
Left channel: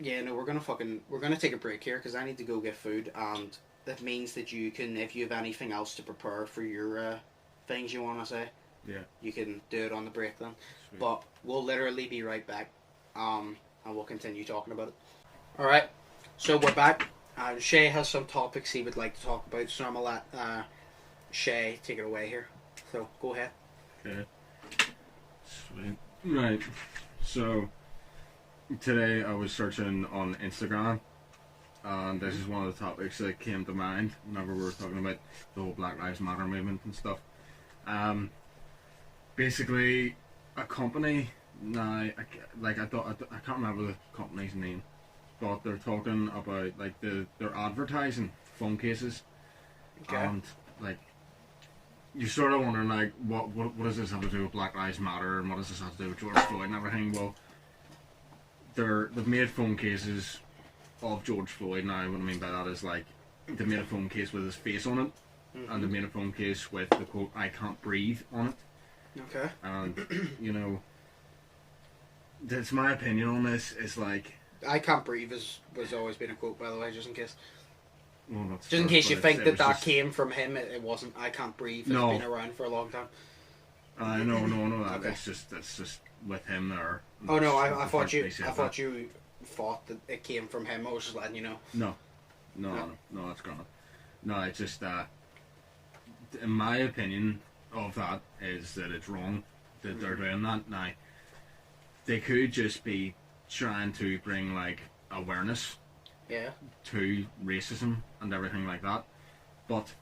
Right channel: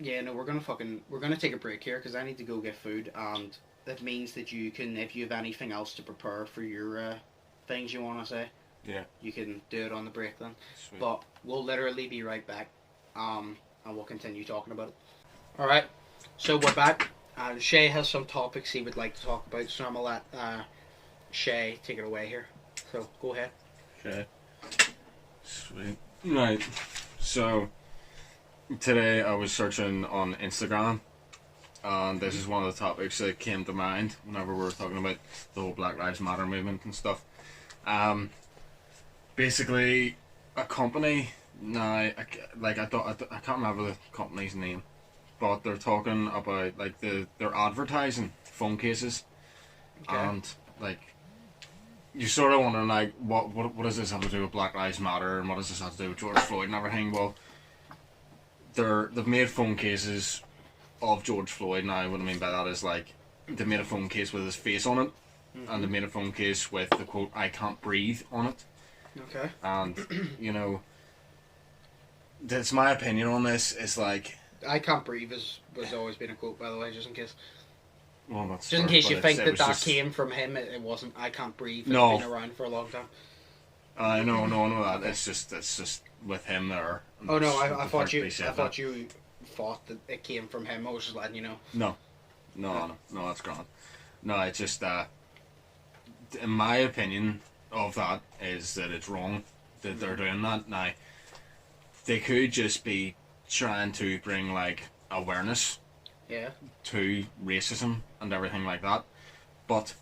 we're going to take a break here because I need to go get food, and that means that you can, if you have anything else to prepare for your things you want to say, yeah, you can do it on the break then. Sweet. But we'll literally be right back, and we'll continue talking about it. Alright, so we're back, and Shay has some topics he would like to talk about, so I'm going to let Shay take it away here. So, go ahead. Okay. Sweet. Right. So, today I was searching on Instagram, and this is one of the topics that came to mind whenever we were talking about the whole Black Lives Matter movement and stuff. Basically, a company, now, I can't remember the company's name, but they're talking about, like, they're advertising phone cases, Okay. and, like, you're sort of wondering, like, what does this have to do with Black Lives Matter, and what does this have to do with George Floyd and everything? Well, they've made phone cases of George Floyd. Now, what I mean by that is, like, they made a phone case with his face on it, and they made a phone case with the quote, "I can't breathe" on it. Okay. And, that's my opinion on this. It's like, I can't breathe was always been a quote, by the way, just in case. well, that's Just in fair, case you but think it that was that just- came from him, it wasn't. I can't breathe. It's No. been around for a long time. No, that. Okay. It's just with him there. And Oh no, the I fact thought that you he said thought that. you thought that it came from him. I was just letting you know. No, that's gone. No, it's just in my opinion of that is that it's wrong that they're doing that. Now, they could just be trying to bring, like, awareness Yeah. to racism and everything like that, but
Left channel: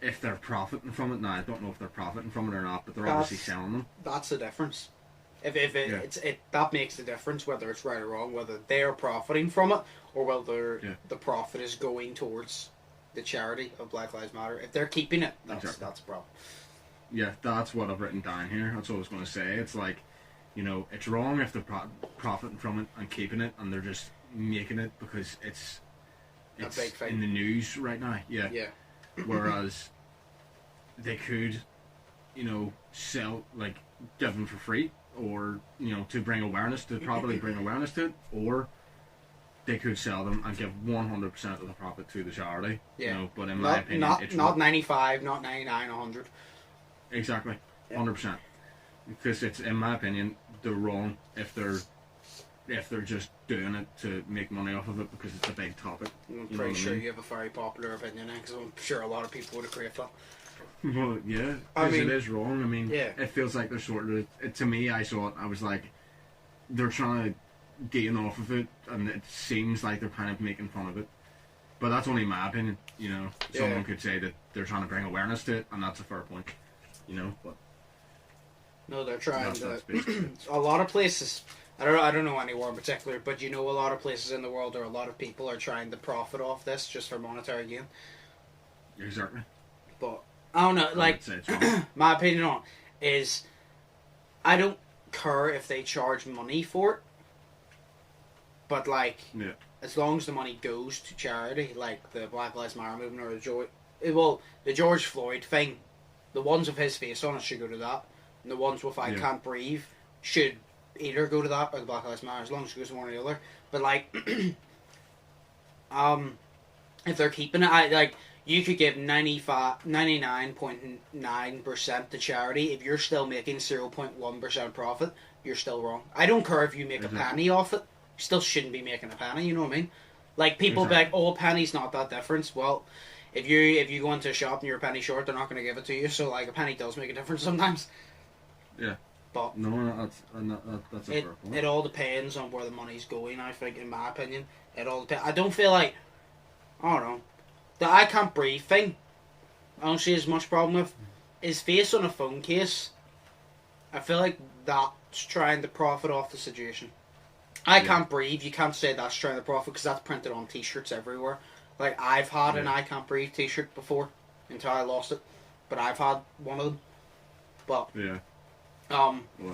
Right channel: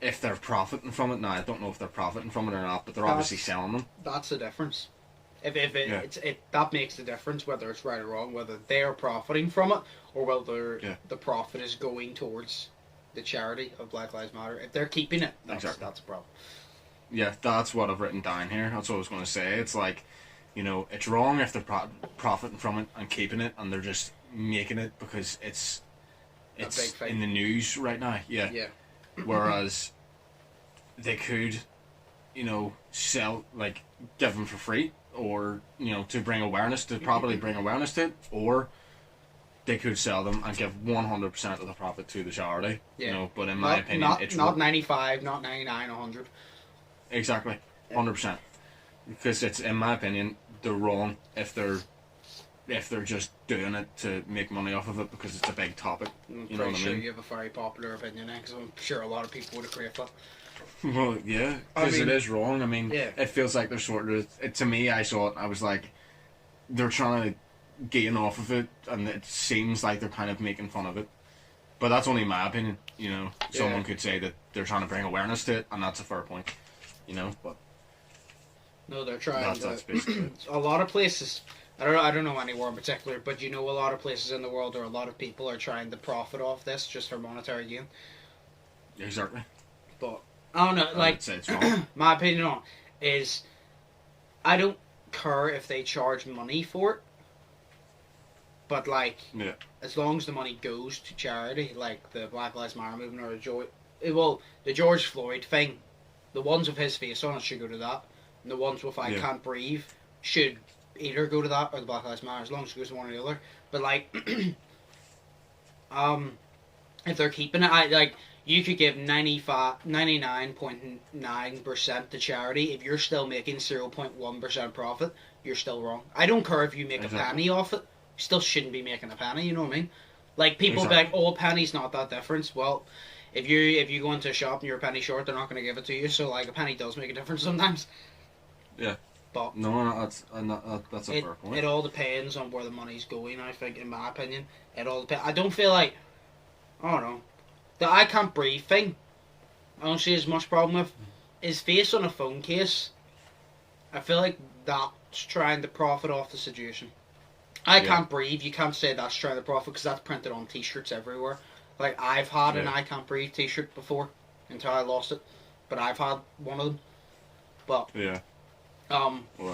if they're profiting from it, now I don't know if they're profiting from it or not, but they're obviously selling them. That's the difference. If Yeah. that makes the difference whether it's right or wrong, whether they're profiting from it or whether Yeah. the profit is going towards the charity of Black Lives Matter. If they're keeping it, that's Exactly. that's a problem. Yeah, that's what I've written down here. That's what I was going to say. It's like, it's wrong if they're profiting from it and keeping it, and they're just making it because it's big thing. in the news right now. Yeah. Yeah. Whereas they could, sell, like, give them for free, or, to bring awareness, to properly bring awareness to it, or they could sell them and give 100% of the profit to the charity. Yeah. But in my opinion, it's not 95, not 99, 100. Exactly, 100%. Because it's, in my opinion, they're wrong if they're just doing it to make money off of it because it's a big topic. I'm pretty sure you have a very popular opinion, because I'm sure a lot of people would agree with that. Well, yeah, because it is wrong. I mean, it feels like they're sort of... to me, I saw it, I was like, they're trying to gain off of it, and it seems like they're kind of making fun of it. But that's only my opinion, Someone could say that they're trying to bring awareness to it, and that's a fair point, but... No, they're trying to... a lot of places... I don't know anywhere in particular, but a lot of places in the world, or a lot of people are trying to profit off this just for monetary gain. Exactly. But, I don't know, like, my opinion on it is, I don't care if they charge money for it, but, like, as long as the money goes to charity, like the Black Lives Matter movement, or the George Floyd thing, the ones with his face on it should go to that, and the ones with I Can't Breathe should either go to that or the Black Lives Matter, as long as it goes to one or the other. But, like, if they're keeping it, you could give 99.9% to charity. If you're still making 0.1% profit, you're still wrong. I don't care if you make a penny off it. You still shouldn't be making a penny, you know what I mean? Like, people be like, oh, a penny's not that difference. Well, if you go into a shop and you're a penny short, they're not going to give it to you. So, like, a penny does make a difference sometimes. Yeah. But that's a fair point. It all depends on where the money's going, I think, in my opinion. It all depends. I don't feel like... I don't know. The I Can't Breathe thing, I don't see as much problem with. His face on a phone case, I feel like that's trying to profit off the situation. I Can't Breathe, you can't say that's trying to profit because that's printed on t-shirts everywhere. Like, I've had an I Can't Breathe t-shirt before until I lost it, but I've had one of them. But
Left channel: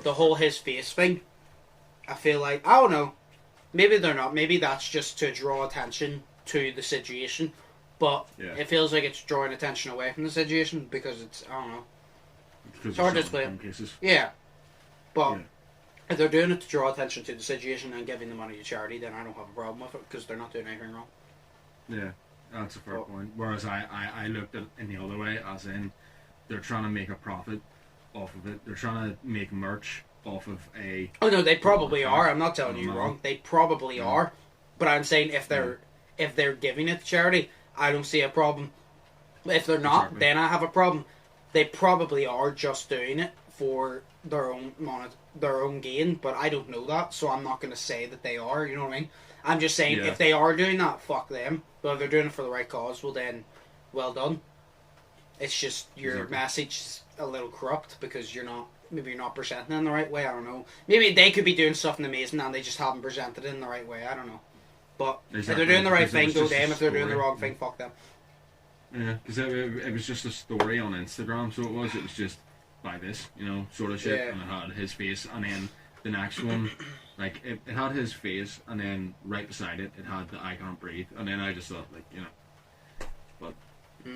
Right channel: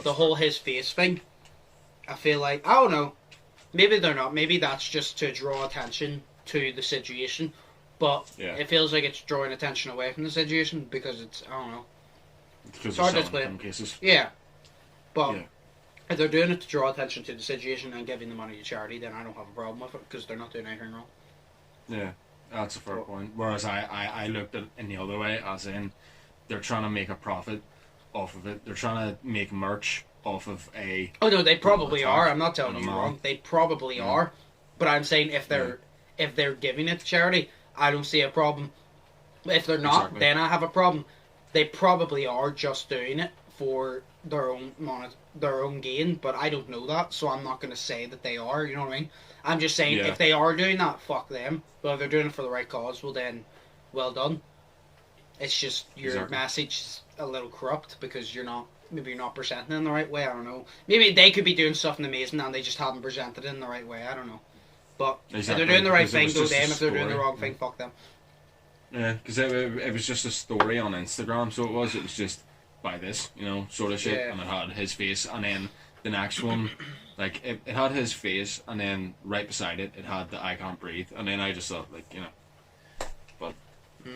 the whole his face thing, I feel like, I don't know, maybe they're not, maybe that's just to draw attention to the situation, but it feels like it's drawing attention away from the situation because it's, I don't know, it's hard to explain. Cases. Yeah, but if they're doing it to draw attention to the situation and giving the money to charity, then I don't have a problem with it because they're not doing anything wrong. Yeah, that's a fair point. Whereas I looked at it in the other way, as in they're trying to make a profit off of it. They're trying to make merch off of a... Oh no, they probably are. I'm not telling you wrong. They probably are. But I'm saying if they're giving it to charity, I don't see a problem. If they're not, then I have a problem. They probably are just doing it for their own gain, but I don't know that, so I'm not going to say that they are, you know what I mean? I'm just saying if they are doing that, fuck them. But if they're doing it for the right cause, well then, well done. It's just your message is a little corrupt because maybe you're not presenting it in the right way, I don't know. Maybe they could be doing something amazing and they just haven't presented it in the right way, I don't know. But if they're doing the right thing, go them. If they're doing the wrong thing, fuck them. Yeah, because it was just a story on Instagram, so it was just by this, sort of shit, and it had his face, and then the next one, like, it had his face, and then right beside it, it had the I Can't Breathe, and then I just thought, like, but I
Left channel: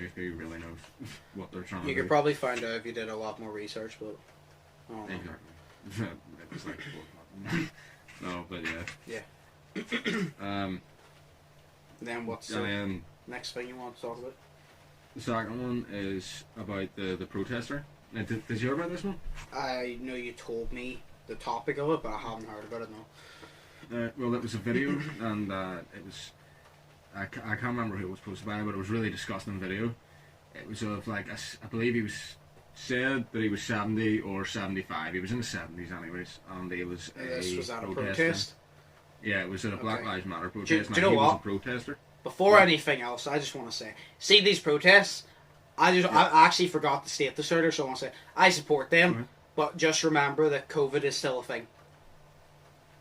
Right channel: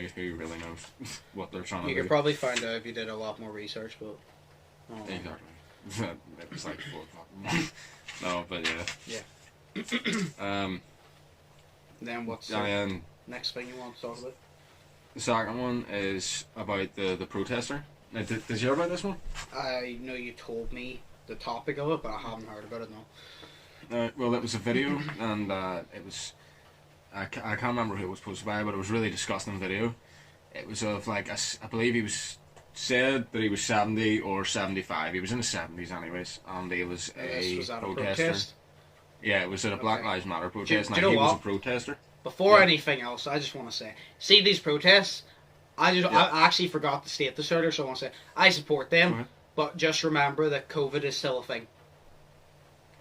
guess maybe really knows what they're trying to do. You could probably find out if you did a lot more research, but... Exactly. It was like 4 o'clock. No, but yeah. Then what's the next thing you want to talk about? The second one is about the protester. Now, did you hear about this one? I know you told me the topic of it, but I haven't heard about it, no. Well, it was a video, and it was... I can't remember who it was posted by, but it was a really disgusting video. It was of, like, I believe he was... said that he was 70 or 75. He was in his 70s anyways, and he was was that protester. A protest? Yeah, it was at a Black Lives Matter protest. Do you know he what? was a protester. Before anything else, I just want to say, see these protests? I actually forgot to state this earlier, so I want to say, I support them, but just remember that COVID is still a thing.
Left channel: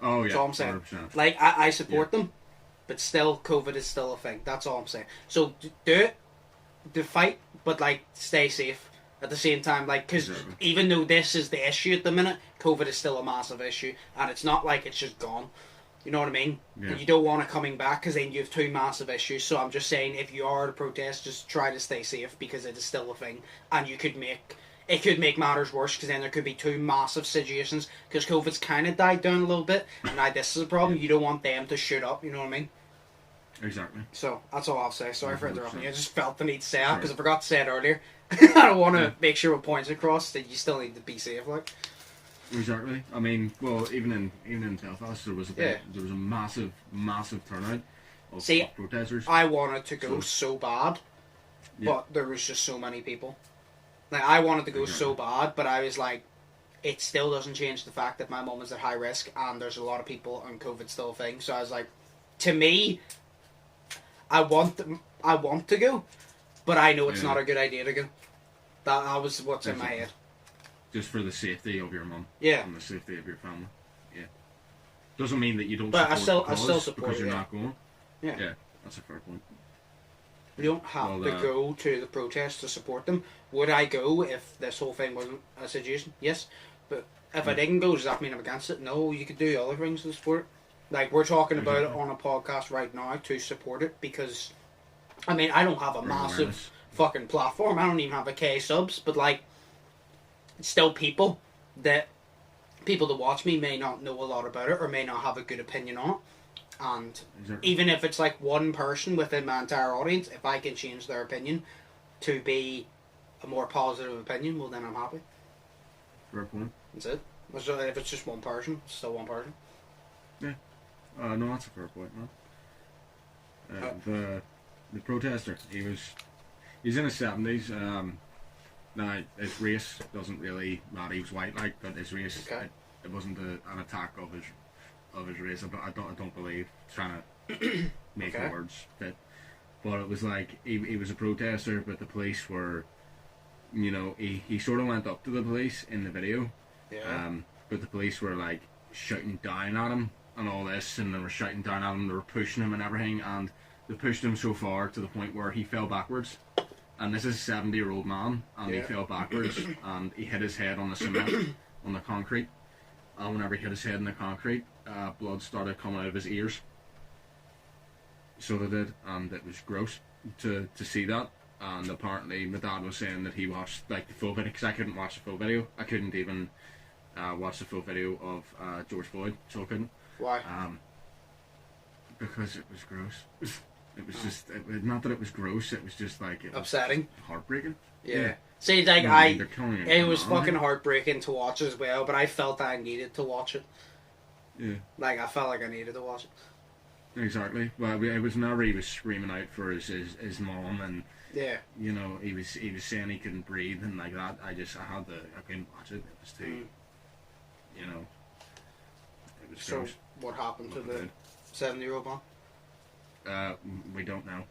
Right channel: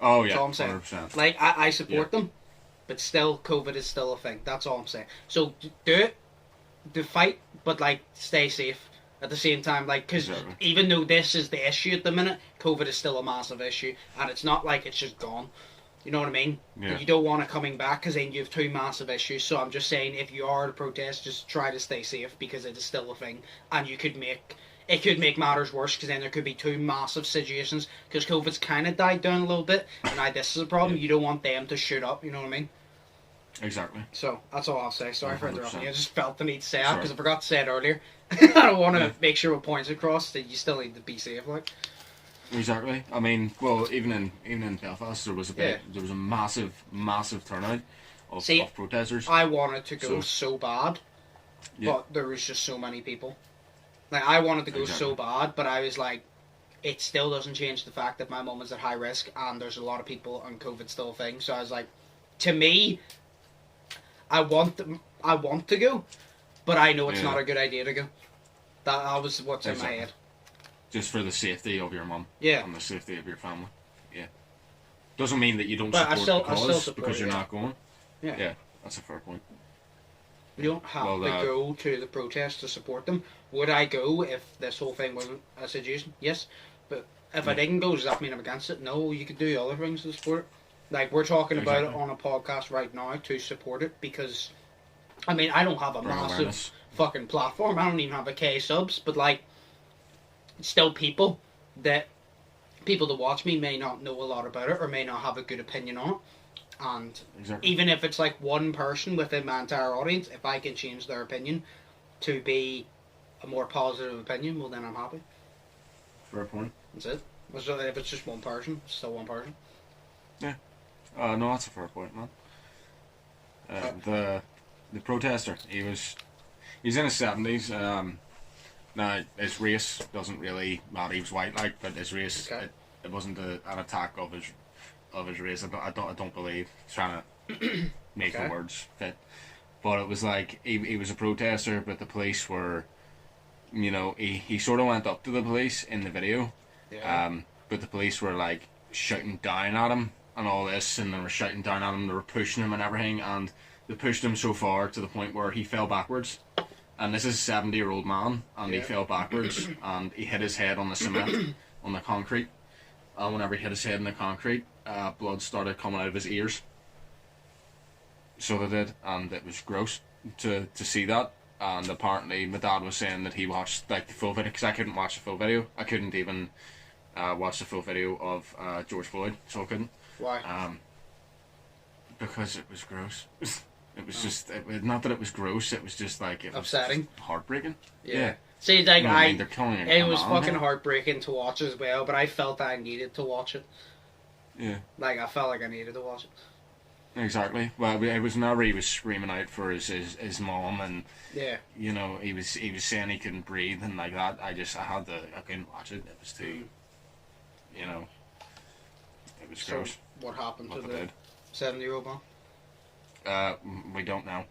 Oh, yeah, that's all I'm saying. 100%. Like, I support them, but still, COVID is still a thing. That's all I'm saying. So, do it, do fight, but, like, stay safe. At the same time, like, because even though this is the issue at the minute, COVID is still a massive issue, and it's not like it's just gone. You know what I mean? Yeah. And you don't want it coming back because then you have two massive issues. So I'm just saying, if you are to protest, just try to stay safe because it is still a thing, and it could make matters worse because then there could be two massive situations because COVID's kind of died down a little bit, and now this is a problem. You don't want them to shoot up. You know what I mean? Exactly. So that's all I'll say. Sorry for 100%. interrupting you. I just felt the need to say that Sorry. because I forgot to say it earlier. I don't want to make sure with points across that you still need to be safe, like. Exactly. I mean, well, even in Belfast, there was a massive turnout of protesters. I wanted to go so bad, but there was just so many people. Like, I wanted to go so bad, but I was like, it still doesn't change the fact that my mum is at high risk and there's a lot of people and COVID's still a thing. So I was like, to me, I want to go, but I know it's not a good idea to go. That was what's in my head. Just for the safety of your mum. Yeah. And the safety of your family. Yeah. Doesn't mean that you don't But support I still support because you're it, not going. Yeah. Yeah, that's a fair point. We don't have to go to the protest to support them. Would I go if this whole thing wasn't a situation? Yes. But if I didn't go, does that mean I'm against it? No, you could do other things to support it. Like, we're talking about it on a podcast right now to support it because, I mean, I don't have a massive fucking platform. I don't even have a K subs, but, like, still people to watch me may not know a lot about it or may not have a good opinion on it. And even if it's like one person within my entire audience, if I can change their opinion to be a more positive opinion, well, then I'm happy. Fair point. That's it. If it's just one person, it's still one person. Yeah. No, that's a fair point, man. The protester, he's in his 70s. Now, his race doesn't really matter. He was white, like, but his race, it wasn't an attack of his race. I don't believe, trying to make the words fit. But it was like, he was a protester, but the police were, you know, he sort of went up to the police in the video. Yeah. But the police were, like, shouting down at him and all this, and they were shouting down at him, they were pushing him and everything, and they pushed him so far to the point where he fell backwards. And this is a 70-year-old man, and he fell backwards, and he hit his head on the cement, on the concrete. And whenever he hit his head in the concrete, blood started coming out of his ears. So they did, and it was gross to see that. And apparently, my dad was saying that he watched like the full video, because I couldn't watch the full video. I couldn't even watch the full video of George Floyd, so I couldn't. Why? Because it was gross. It was just, not that it was gross, it was just like, it was upsetting. Heartbreaking. Yeah. See, like, it was fucking heartbreaking to watch as well, but I felt I needed to watch it. Yeah. Like, I felt like I needed to watch it. Exactly. Well, it was whenever he was screaming out for his mom, and, you know, he was saying he couldn't breathe, and like that, I couldn't watch it. It was too, you know, it was gross. So, what happened to the 70-year-old man? We don't know.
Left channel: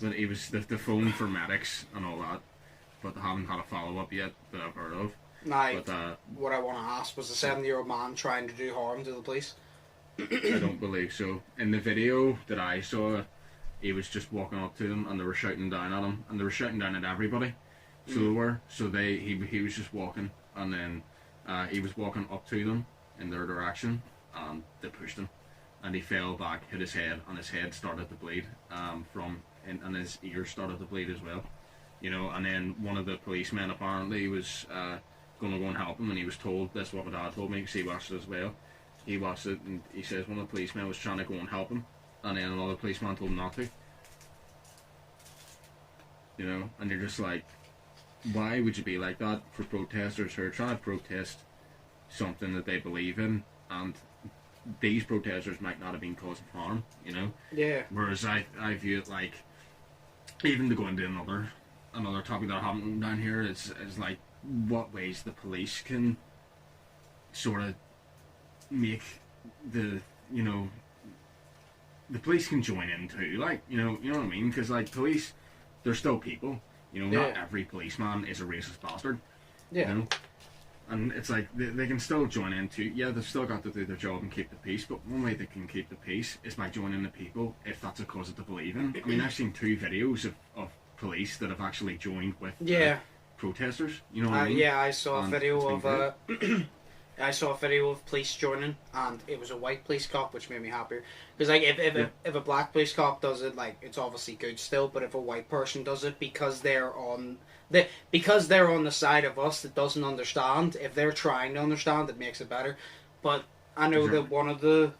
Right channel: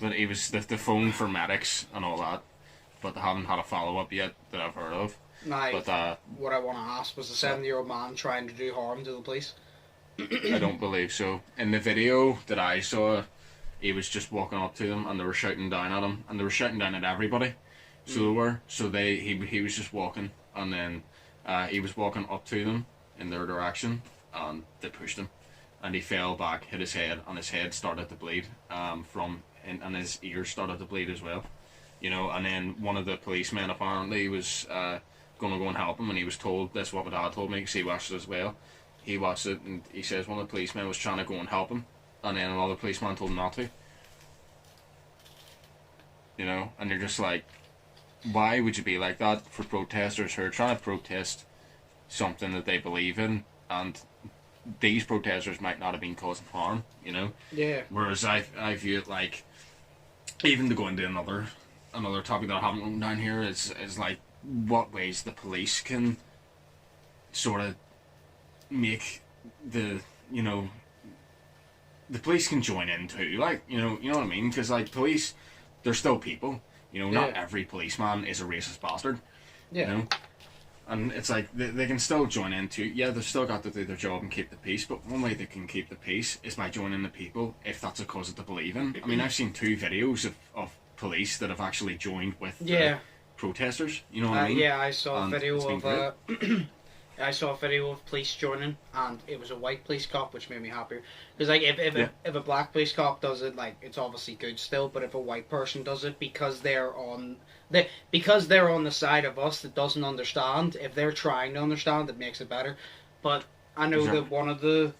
But he was the phone for medics and all that, but they haven't had a follow-up yet that I've heard of. But what I want to ask, was the 70-year-old man trying to do harm to the police? I don't believe so. In the video that I saw, he was just walking up to them, and they were shouting down at him, and they were shouting down at everybody. So they were. So he was just walking, and then he was walking up to them in their direction, and they pushed him. And he fell back, hit his head, and his head started to bleed and his ears started to bleed as well. You know, and then one of the policemen apparently was going to go and help him, and he was told, this is what my dad told me, because he watched it as well. He watched it, and he says one of the policemen was trying to go and help him, and then another policeman told him not to. You know, and you're just like, why would you be like that for protesters who are trying to protest something that they believe in, and these protesters might not have been causing harm, you know? Yeah. Whereas I view it like, even to go into another topic that I haven't written down here is like, what ways the police can sort of make the police can join in too, like, you know what I mean? Because like, police, they're still people, you know, not every policeman is a racist bastard, you know? And it's like, they can still join in too. Yeah, they've still got to do their job and keep the peace, but one way they can keep the peace is by joining the people, if that's a cause that they believe in. I mean, I've seen 2 videos of police that have actually joined with protesters, you know what I mean? Yeah, I saw a video of I saw a video of police joining, and it was a white police cop, which made me happier. Because like if a black police cop does it, like it's obviously good still. But if a white person does it, because they're on the side of us that doesn't understand, if they're trying to understand, it makes it better. But I know that one of the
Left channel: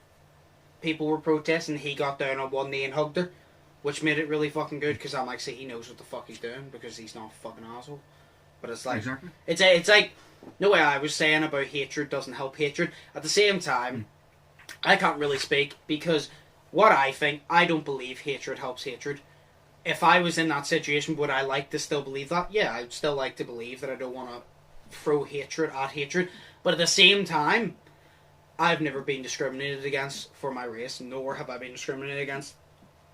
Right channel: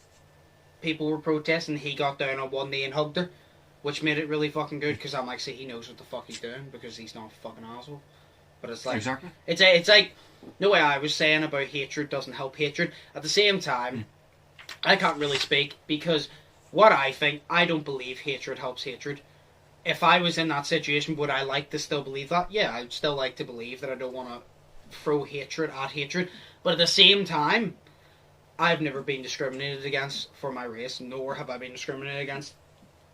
people were protesting. He got down on one knee and hugged her, which made it really fucking good. Because I'm like, see, he knows what the fuck he's doing because he's not a fucking asshole. But it's like it's like no way I was saying about hatred doesn't help hatred. At the same time, I can't really speak because what I think, I don't believe hatred helps hatred. If I was in that situation, would I like to still believe that? Yeah, I'd still like to believe that I don't want to throw hatred at hatred. But at the same time, I've never been discriminated against for my race, nor have I been discriminated against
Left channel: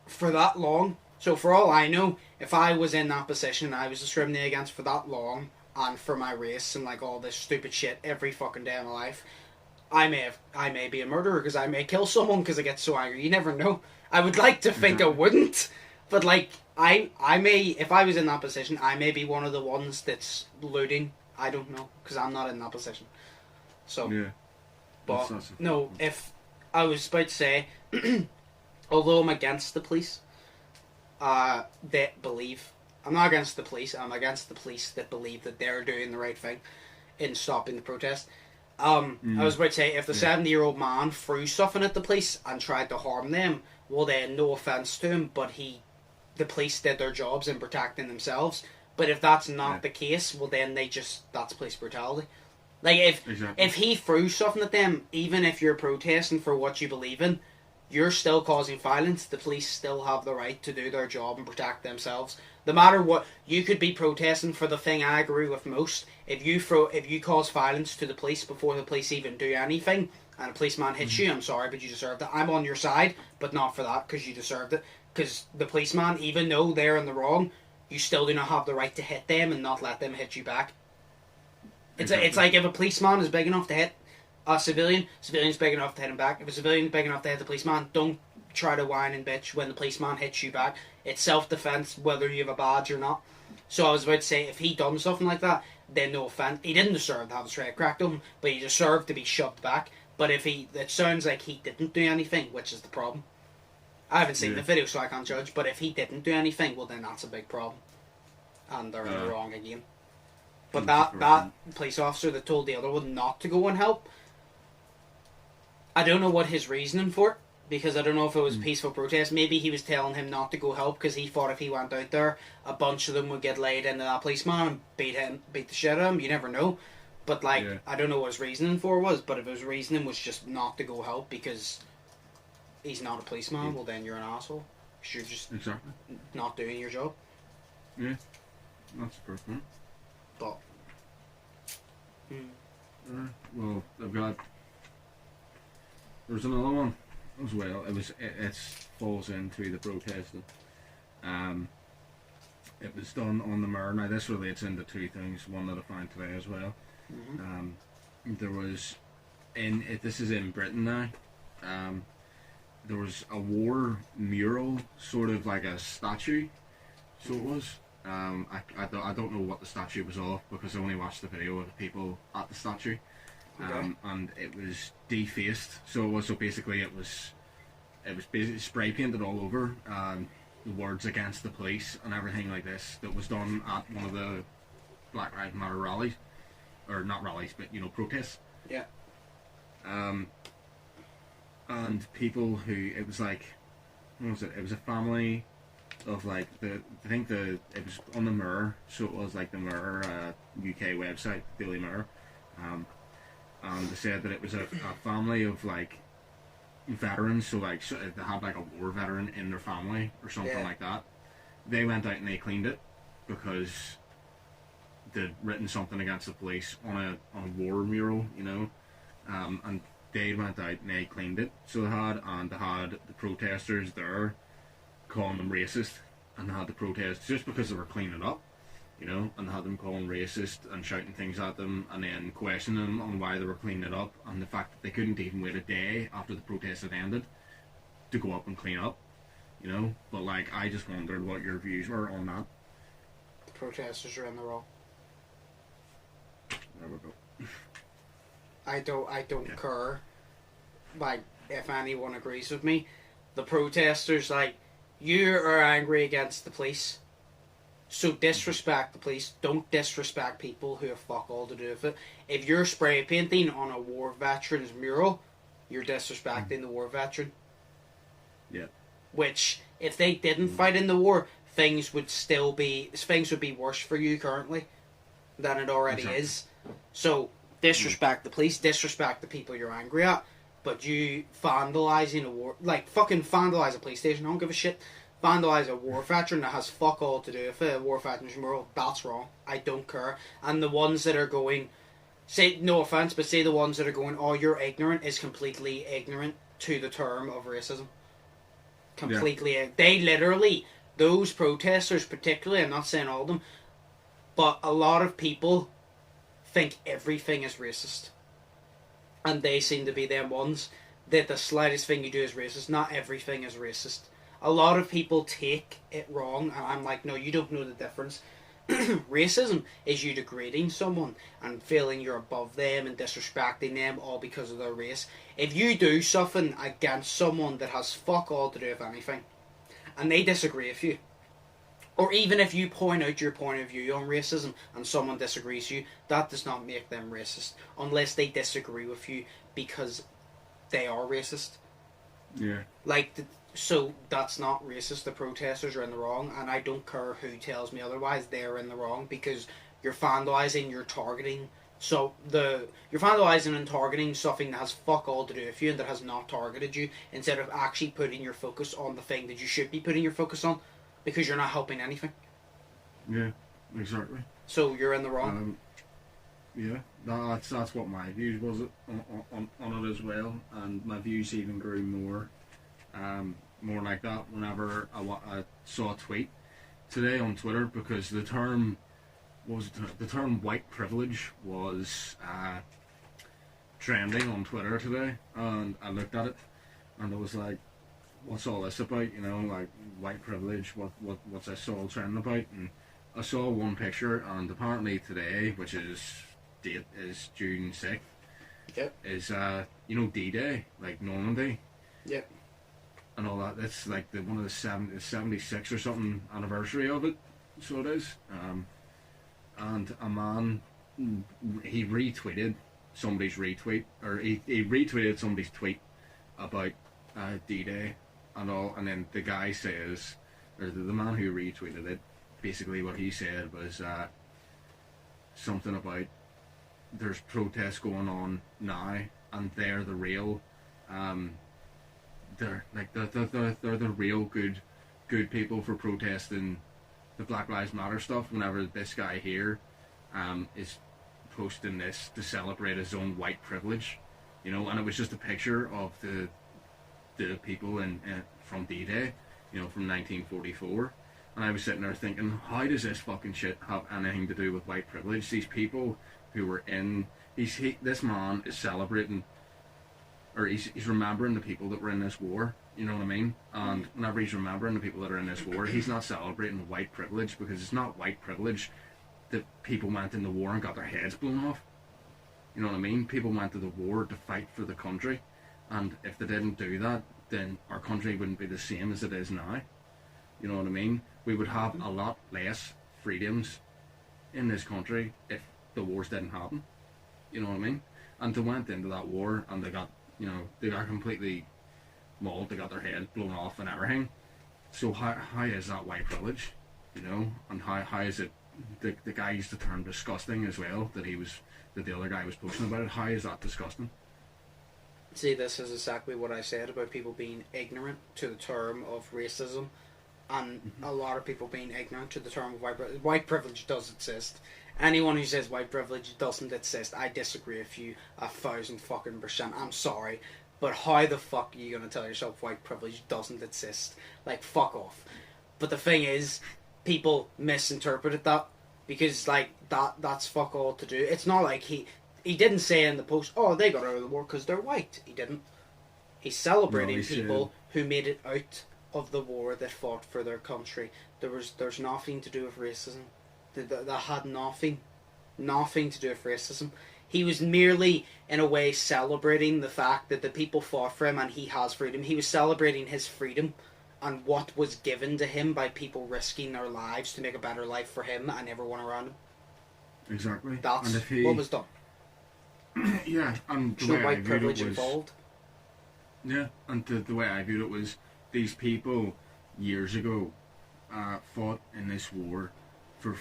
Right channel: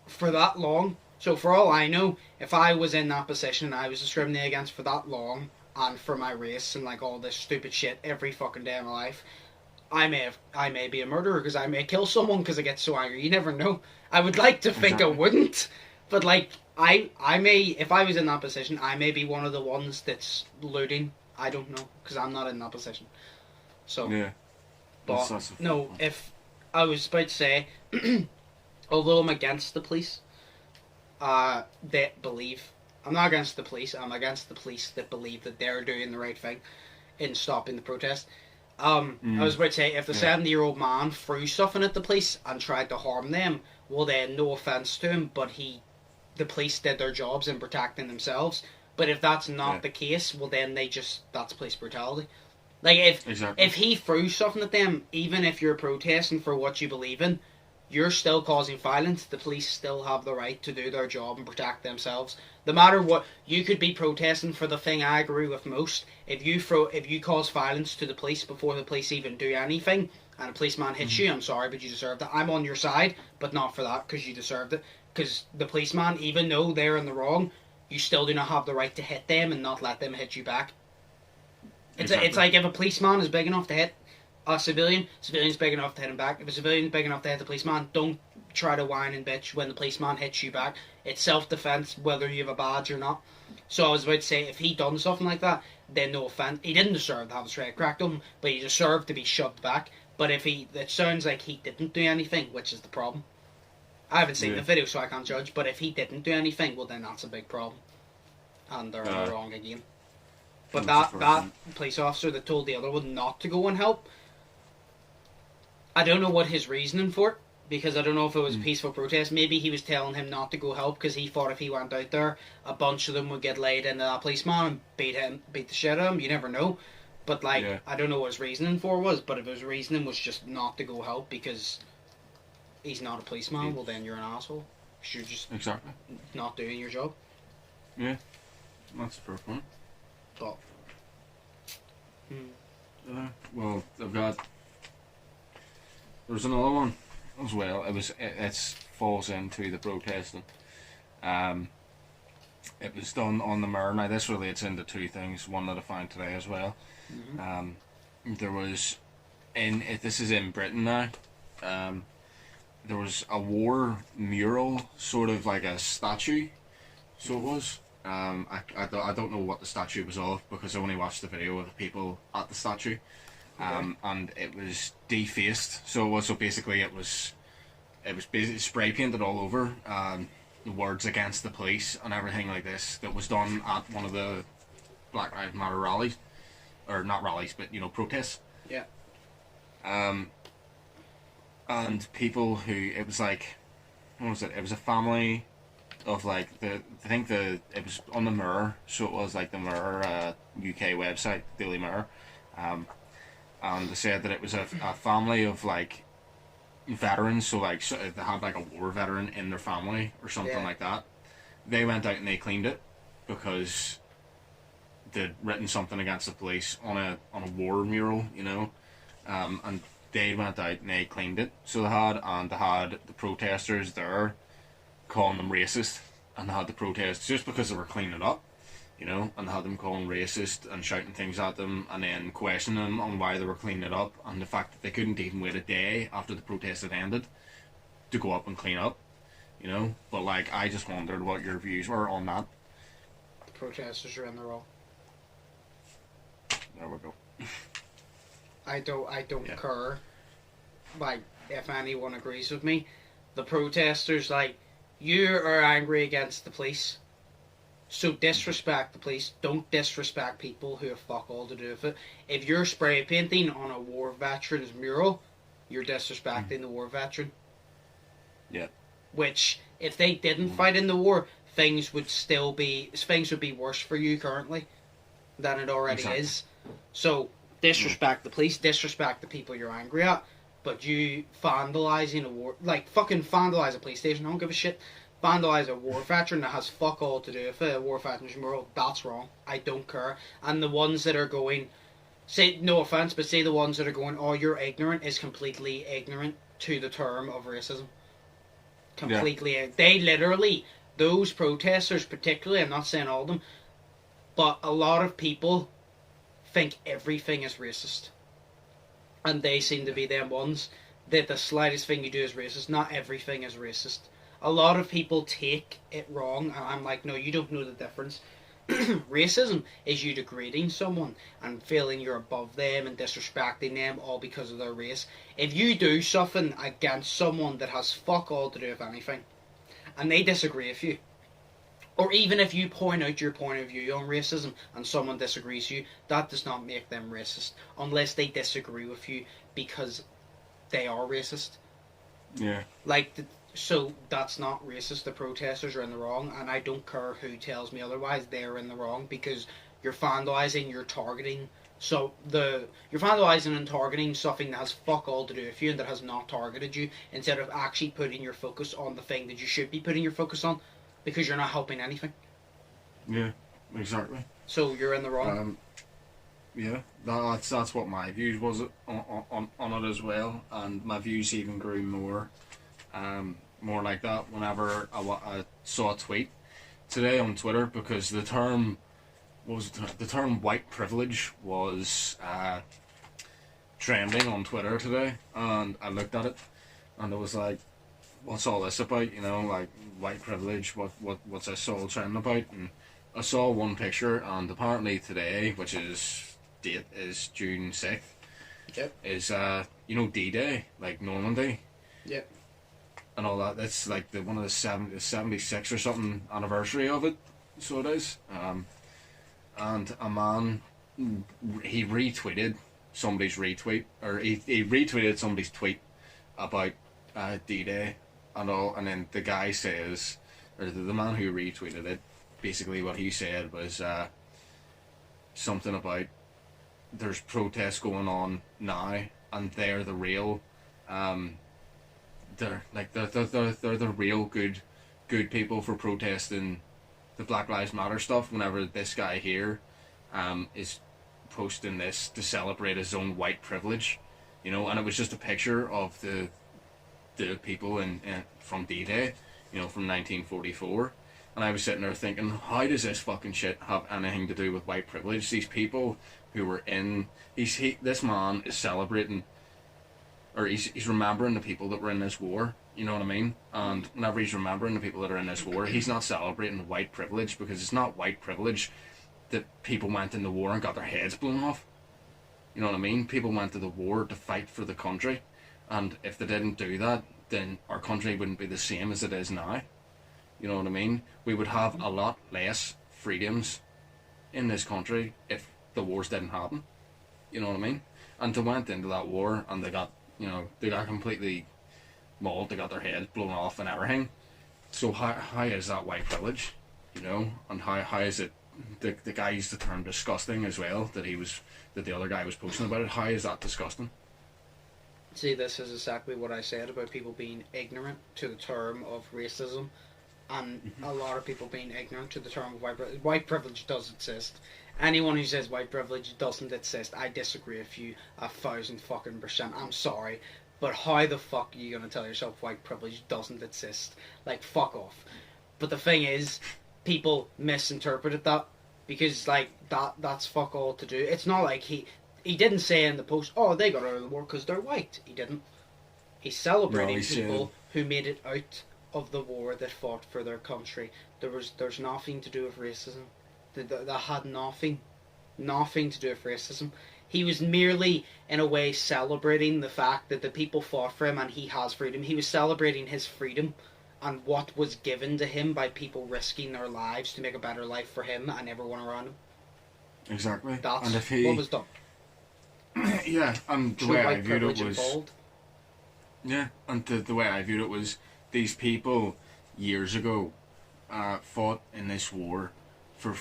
for that long. So for all I know, if I was in that position and I was discriminated against for that long, and for my race and like all this stupid shit every fucking day of my life, I may be a murderer because I may kill someone because I get so angry. You never know. I would like to think I wouldn't, but like I may, if I was in that position, I may be one of the ones that's looting. I don't know because I'm not in that position. So yeah, but no, if I was about to say, although I'm against the police, that believe. I'm not against the police. I'm against the police that believe that they're doing the right thing in stopping the protest. I was about to say, if the 70-year-old man threw something at the police and tried to harm them, well then, no offence to him, but the police did their jobs in protecting themselves. But if that's not the case, well then that's police brutality. Like if he threw something at them, even if you're protesting for what you believe in, you're still causing violence. The police still have the right to do their job and protect themselves. No matter what, you could be protesting for the thing I agree with most. If you cause violence to the police before the police even do anything, and a policeman hits you, I'm sorry, but you deserved it. I'm on your side, but not for that, because you deserved it. Because the policeman, even though they're in the wrong, you still do not have the right to hit them and not let them hit you back. It's like if a policeman is big enough to hit a civilian's big enough to hit him back. If a civilian's big enough to hit the policeman, don't try to whine and bitch when the policeman hits you back. It's self-defense, whether you have a badge or not. So I was about to say, if he done something like that, then no offense. He didn't deserve to have his head cracked on him, but he deserved to be shoved back. But it sounds like he didn't do anything, which is the problem. I haven't seen the video, so I can't judge. But if he didn't do anything, well, then that's a big problem, and they're in the wrong again. But that police officer that told the other one not to go and help, I don't know what his reasoning for it, because I don't know if it was a peaceful protest. Maybe he was telling him not to go help because he thought if he went out there, a bunch of them would get laid into that policeman and beat the shit out of him. You never know. But I don't know what his reasoning for was. But if his reasoning was just not to go help because he's not a policeman, well then you're an asshole. You're just not doing your job. Yeah, that's a fair point. But well, there's another one as well. It falls into the protesting. It was done on the Mirror. Now this relates into two things. One that I found today as well. There was this is in Britain now. There was a war mural, sort of like a statue. So it was. I don't know what the statue was of because I only watched the video of the people at the statue. And it was defaced. So basically it was basically spray painted all over. The words against the police and everything like this that was done at one of the Black Lives Matter rallies, or not rallies, but protests. Yeah. And people who it was like, what was it? It was a family of like it was on the Mirror, so it was like the Mirror UK website, Daily Mirror, and they said that it was a family of like veterans, so they had like a war veteran in their family or something like that. They went out and they cleaned it because they'd written something against the police on a war mural, and they went out and they cleaned it. So they had the protesters there calling them racist, and they had the protests just because they were cleaning it up, and they had them calling racist and shouting things at them, and then questioning them on why they were cleaning it up, and the fact that they couldn't even wait a day after the protest had ended to go up and clean up, But I just wondered what your views were on that. The protesters are in the wrong. There we go. I don't Yeah. care, like, if anyone agrees with me. The protesters, like, you are angry against the police, so disrespect the police. Don't disrespect people who have fuck all to do with it. If you're spray painting on a war veteran's mural, you're disrespecting the war veteran. Yeah. Which, if they didn't fight in the war, things would be worse for you currently than it already is. So disrespect the police, disrespect the people you're angry at, but you vandalising a war, like fucking vandalise a police station, I don't give a shit. Vandalise a war veteran that has fuck all to do with it, a war veteran's mural, that's wrong. I don't care. And the ones that are going, say, no offence, but say the ones that are going, oh, you're ignorant, is completely ignorant to the term of racism. Completely. They literally, those protesters particularly, I'm not saying all of them, but a lot of people think everything is racist. And they seem to be them ones that the slightest thing you do is racist. Not everything is racist. A lot of people take it wrong, and I'm like, no, you don't know the difference. Racism is you degrading someone and feeling you're above them and disrespecting them all because of their race. If you do something against someone that has fuck all to do with anything, and they disagree with you, or even if you point out your point of view on racism and someone disagrees with you, that does not make them racist, unless they disagree with you because they are racist. Yeah. So that's not racist. The protesters are in the wrong, and I don't care who tells me otherwise. They're in the wrong because you're vandalising, you're targeting. So you're vandalising and targeting something that has fuck all to do with you and that has not targeted you, instead of actually putting your focus on the thing that you should be putting your focus on, because you're not helping anything. Yeah, exactly. So you're in the wrong. Yeah, that's what my views was on it as well, and my views even grew more like that whenever I saw a tweet today on Twitter, because the term white privilege was trending on Twitter today, and I looked at it and I was like, what's all this about, you know, like white privilege, what's this all trending about? And I saw one picture, and apparently today, which is June 6th, Yep. is D-Day, like Normandy. Yep. And all that. That's like one of the 76 or something anniversary of it. So it is. And a man, he retweeted somebody's retweet, or he retweeted somebody's tweet about D-Day and all. And then the guy says, or the man who retweeted it, basically what he said was something about there's protests going on now, and they're the real. They're the real good people for protesting the Black Lives Matter stuff, whenever this guy here is posting this to celebrate his own white privilege, you know. And it was just a picture of the people from D-Day, you know, from 1944. And I was sitting there thinking, how does this fucking shit have anything to do with white privilege? These people who were this man is celebrating, or he's remembering the people that were in this war, you know what I mean? And whenever he's remembering the people that are in this war, he's not celebrating white privilege, because it's not white privilege that people went in the war and got their heads blown off. You know what I mean? People went to the war to fight for the country, and if they didn't do that, then our country wouldn't be the same as it is now. You know what I mean? We would have a lot less freedoms in this country if the wars didn't happen. You know what I mean? And they went into that war and they got completely mauled, they got their heads blown off and everything. So how is that white privilege? You know? And how is it the guy used the term disgusting as well, that the other guy was posting about it. How is that disgusting? See, this is exactly what I said about people being ignorant to the term of racism, and a lot of people being ignorant to the term of white privilege. White privilege does exist. Anyone who says white privilege doesn't exist, I disagree with you 1,000% I'm sorry, but how the fuck are you going to tell yourself white privilege doesn't exist? Like, fuck off. But the thing is, people misinterpreted that, because, like, that's fuck all to do. It's not like he didn't say in the post, oh, they got out of the war because they're white. He didn't. He's celebrating people who made it out of the war that fought for their country. There's nothing to do with racism. That had nothing to do with racism. He was merely in a way, celebrating the fact that the people fought for him and he has freedom. He was celebrating his freedom and what was given to him by people risking their lives to make a better life for him and everyone around him. Exactly. That's and if he, what was done. Yeah, and the way I viewed it was... involved. Yeah, and the way I viewed it was, these people, years ago, fought in this war for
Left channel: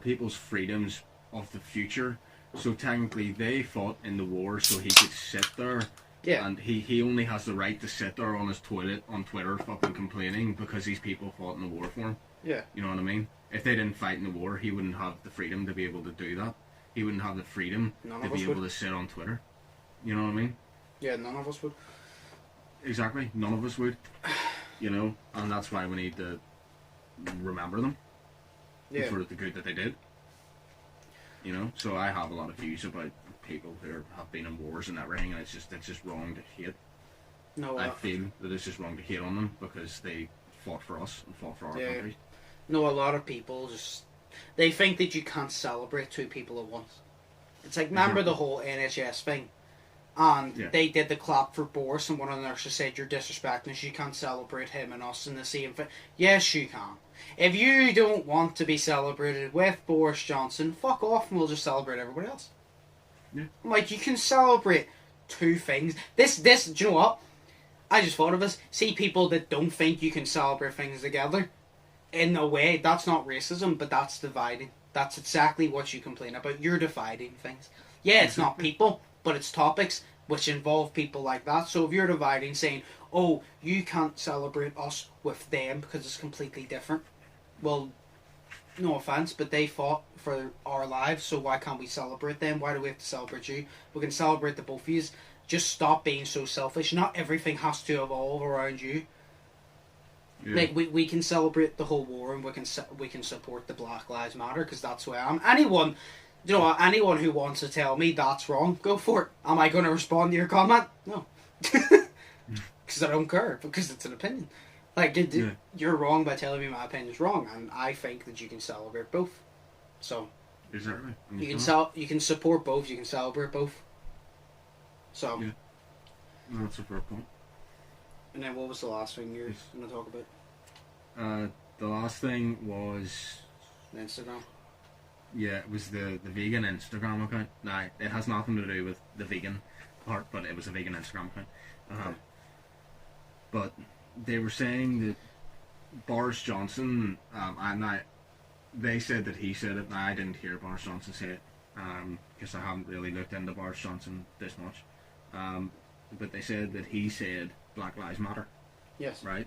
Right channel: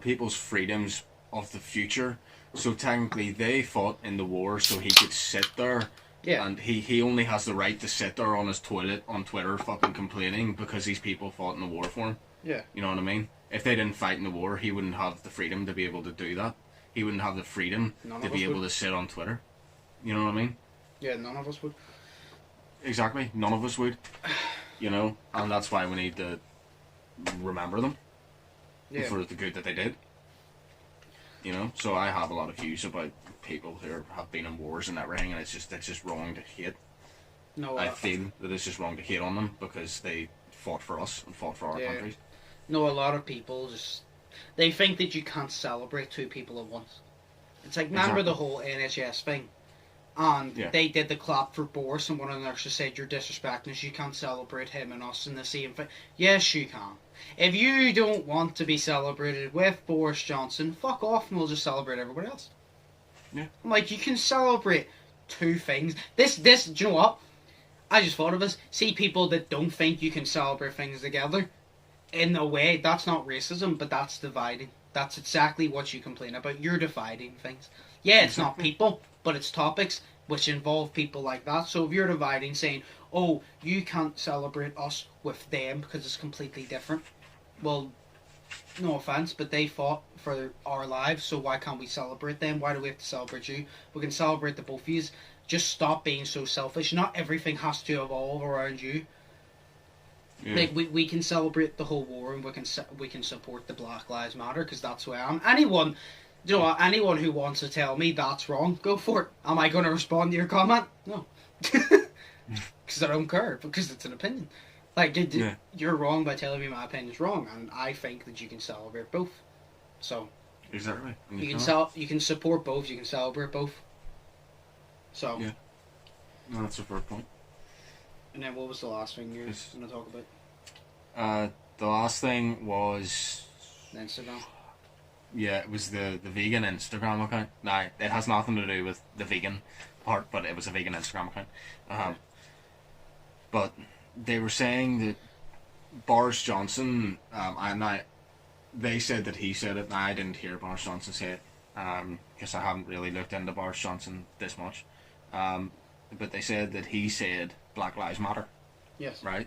people's freedoms of the future. So technically they fought in the war so he could sit there. Yeah. And he only has the right to sit there on his toilet on Twitter fucking complaining because these people fought in the war for him. Yeah. You know what I mean? If they didn't fight in the war, he wouldn't have the freedom to be able to do that. He wouldn't have the freedom to be able to sit on Twitter. You know what I mean? Yeah, none of us would. Exactly. None of us would. You know? And that's why we need to remember them. Yeah. For the good that they did. You know? So I have a lot of views about people who have been in wars and everything, and it's just wrong to hate. No, I feel that it's just wrong to hate on them because they fought for us and fought for our country. No, a lot of people they think that you can't celebrate two people at once. It's like, remember the whole NHS thing? And they did the clap for Boris, and one of the nurses said, you're disrespecting us, you can't celebrate him and us in the same thing. Yes, you can. If you don't want to be celebrated with Boris Johnson, fuck off and we'll just celebrate everybody else. Yeah. Like, you can celebrate two things. This, do you know what? I just thought of this. See people that don't think you can celebrate things together. In a way, that's not racism, but that's dividing. That's exactly what you complain about. You're dividing things. Yeah, it's not people, but it's topics which involve people like that. So if you're dividing, saying, oh, you can't celebrate us with them because it's completely different. Well, no offense, but they fought for our lives, so why can't we celebrate them? Why do we have to celebrate you? We can celebrate the both of you. Just stop being so selfish. Not everything has to evolve around you. Yeah. Like we can celebrate the whole war, and we can support the Black Lives Matter because that's who I am. Anyone who wants to tell me that's wrong, go for it. Am I going to respond to your comment? No, because I don't care, because it's an opinion. Like you're wrong by telling me my opinion is wrong, and I think that you can celebrate both. So exactly, you can support both. You can celebrate both. So yeah, no, that's a fair point. And then what was the last thing you were going to talk about? The last thing was Instagram. Yeah, it was the vegan Instagram account. Nah, it has nothing to do with the vegan part, but it was a vegan Instagram account. Okay. But they were saying that Boris Johnson, they said that he said it. Now, I didn't hear Boris Johnson say it, because I haven't really looked into Boris Johnson this much. But they said that he said Black Lives Matter. Yes. Right?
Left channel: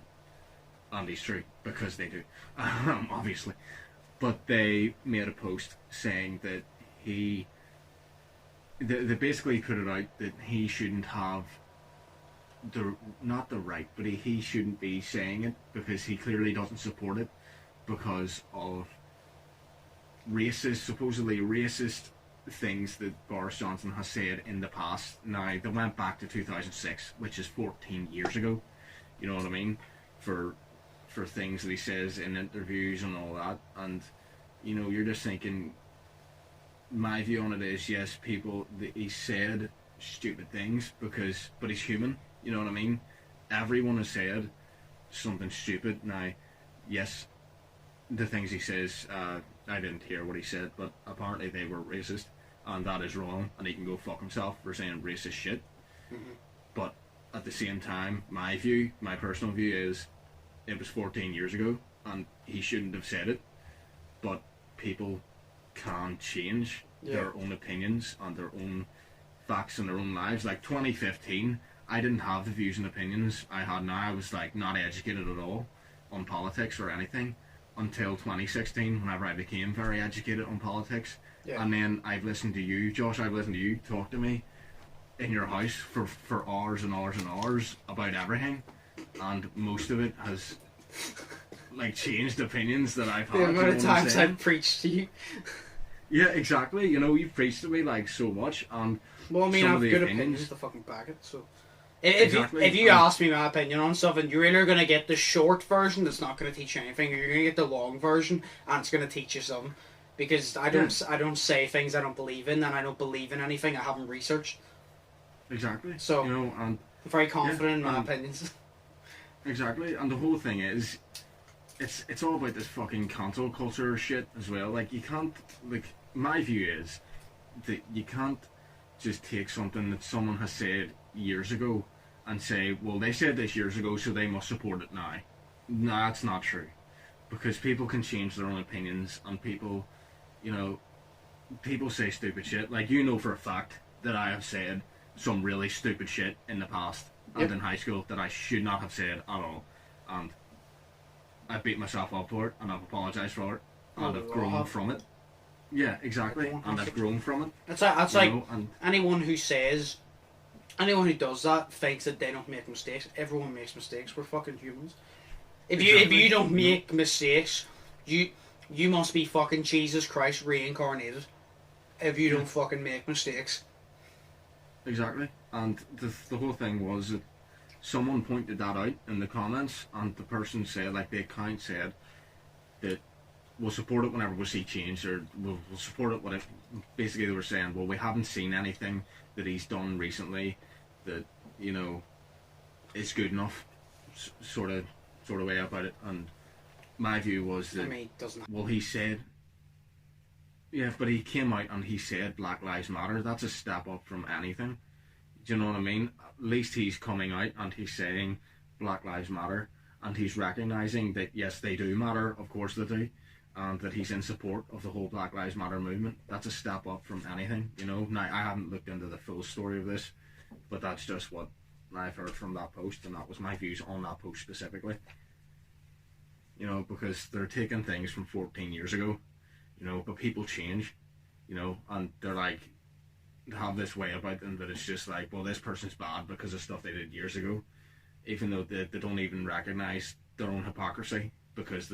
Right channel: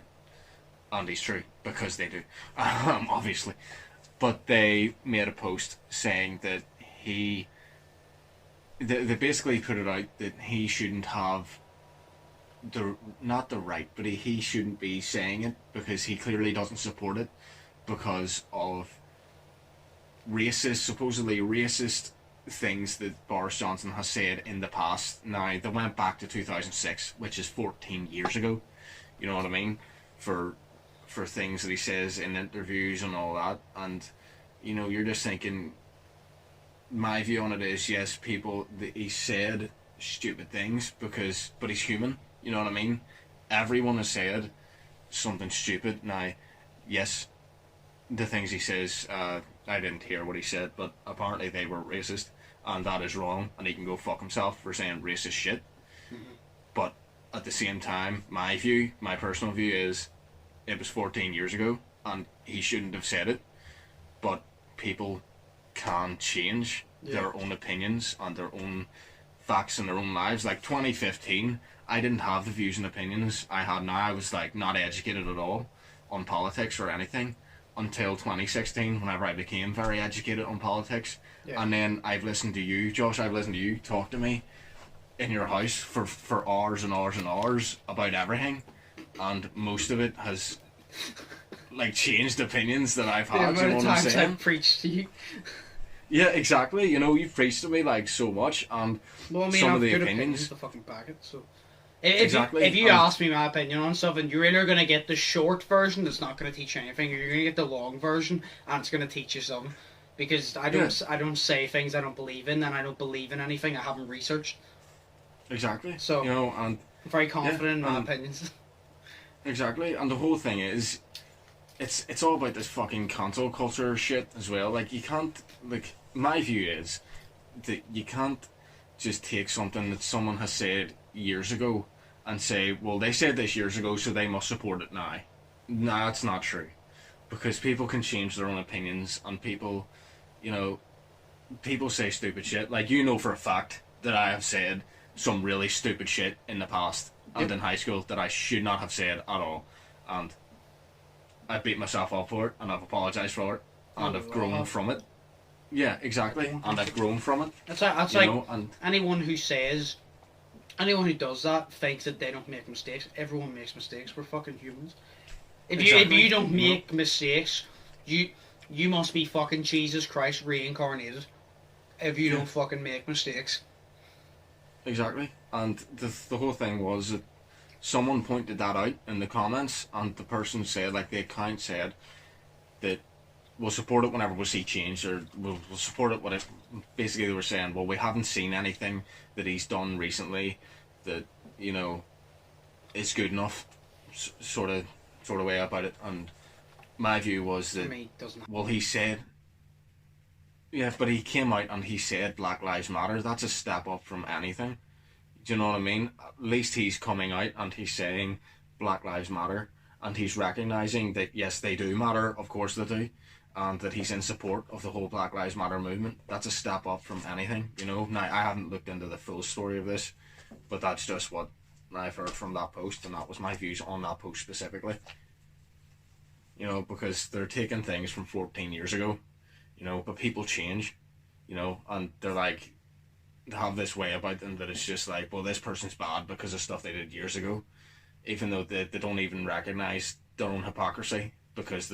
And he's true, because they do. Obviously. But they made a post saying that they basically put it out that he shouldn't have not the right, but he shouldn't be saying it because he clearly doesn't support it because of supposedly racist things that Boris Johnson has said in the past. Now, they went back to 2006, which is 14 years ago. You know what I mean? For things that he says in interviews and all that, and you know, you're just thinking, my view on it is, yes, he said stupid things but he's human, you know what I mean? Everyone has said something stupid. Now, yes, the things he says, I didn't hear what he said, but apparently they were racist, and that is wrong, and he can go fuck himself for saying racist shit. Mm-hmm. But at the same time, my personal view is, it was 14 years ago, and he shouldn't have said it, but people can change their own opinions and their own facts in their own lives. Like 2015, I didn't have the views and opinions I had now. I was like not educated at all on politics or anything until 2016, whenever I became very educated on politics. And then I've listened to you, Josh, talk to me in your house for hours and hours and hours about everything, and most of it has like changed opinions that I've had. The amount of times I've preached to you. Yeah, exactly. You know, you've preached to me like so much, and well, I mean, some I of have the good opinions to fucking back it. So if you ask me my opinion on something, you're either going to get the short version that's not going to teach you anything, or you're going to get the long version and it's going to teach you something. because I don't say things I don't believe in, and I don't believe in anything I haven't researched. Exactly. So, you know, and I'm very confident in my opinions. Exactly, and the whole thing is, it's all about this fucking cancel culture shit as well. Like, you can't, like, my view is that you can't just take something that someone has said years ago and say, well, they said this years ago, so they must support it now. Nah, that's not true. Because people can change their own opinions, and people, you know, people say stupid shit. Like, you know for a fact that I have said some really stupid shit in the past and in high school that I should not have said at all. And I beat myself up for it, and I've apologised for it, and I've grown from it. Yeah, exactly. And I've grown from it. That's like and anyone who does that thinks that they don't make mistakes. Everyone makes mistakes. We're fucking humans. If you don't make mistakes, you must be fucking Jesus Christ reincarnated. If you don't fucking make mistakes. Exactly. And the whole thing was that someone pointed that out in the comments, and the person said, like, the account said that we'll support it whenever we see change, or we'll support it whatever. Basically, they were saying, well, we haven't seen anything that he's done recently that, you know, is good enough, sort of way about it. And my view was that, well, he said, yeah, but he came out and he said Black Lives Matter. That's a step up from anything. Do you know what I mean? At least he's coming out and he's saying Black Lives Matter, and he's recognising that, yes, they do matter, of course they do, and that he's in support of the whole Black Lives Matter movement. That's a step up from anything, you know. Now, I haven't looked into the full story of this, but that's just what I've heard from that post, and that was my views on that post specifically. You know, because they're taking things from 14 years ago, you know, but people change, you know, and they're like, they have this way about them that it's just like, well, this person's bad because of stuff they did years ago, even though they don't even recognise their own hypocrisy, because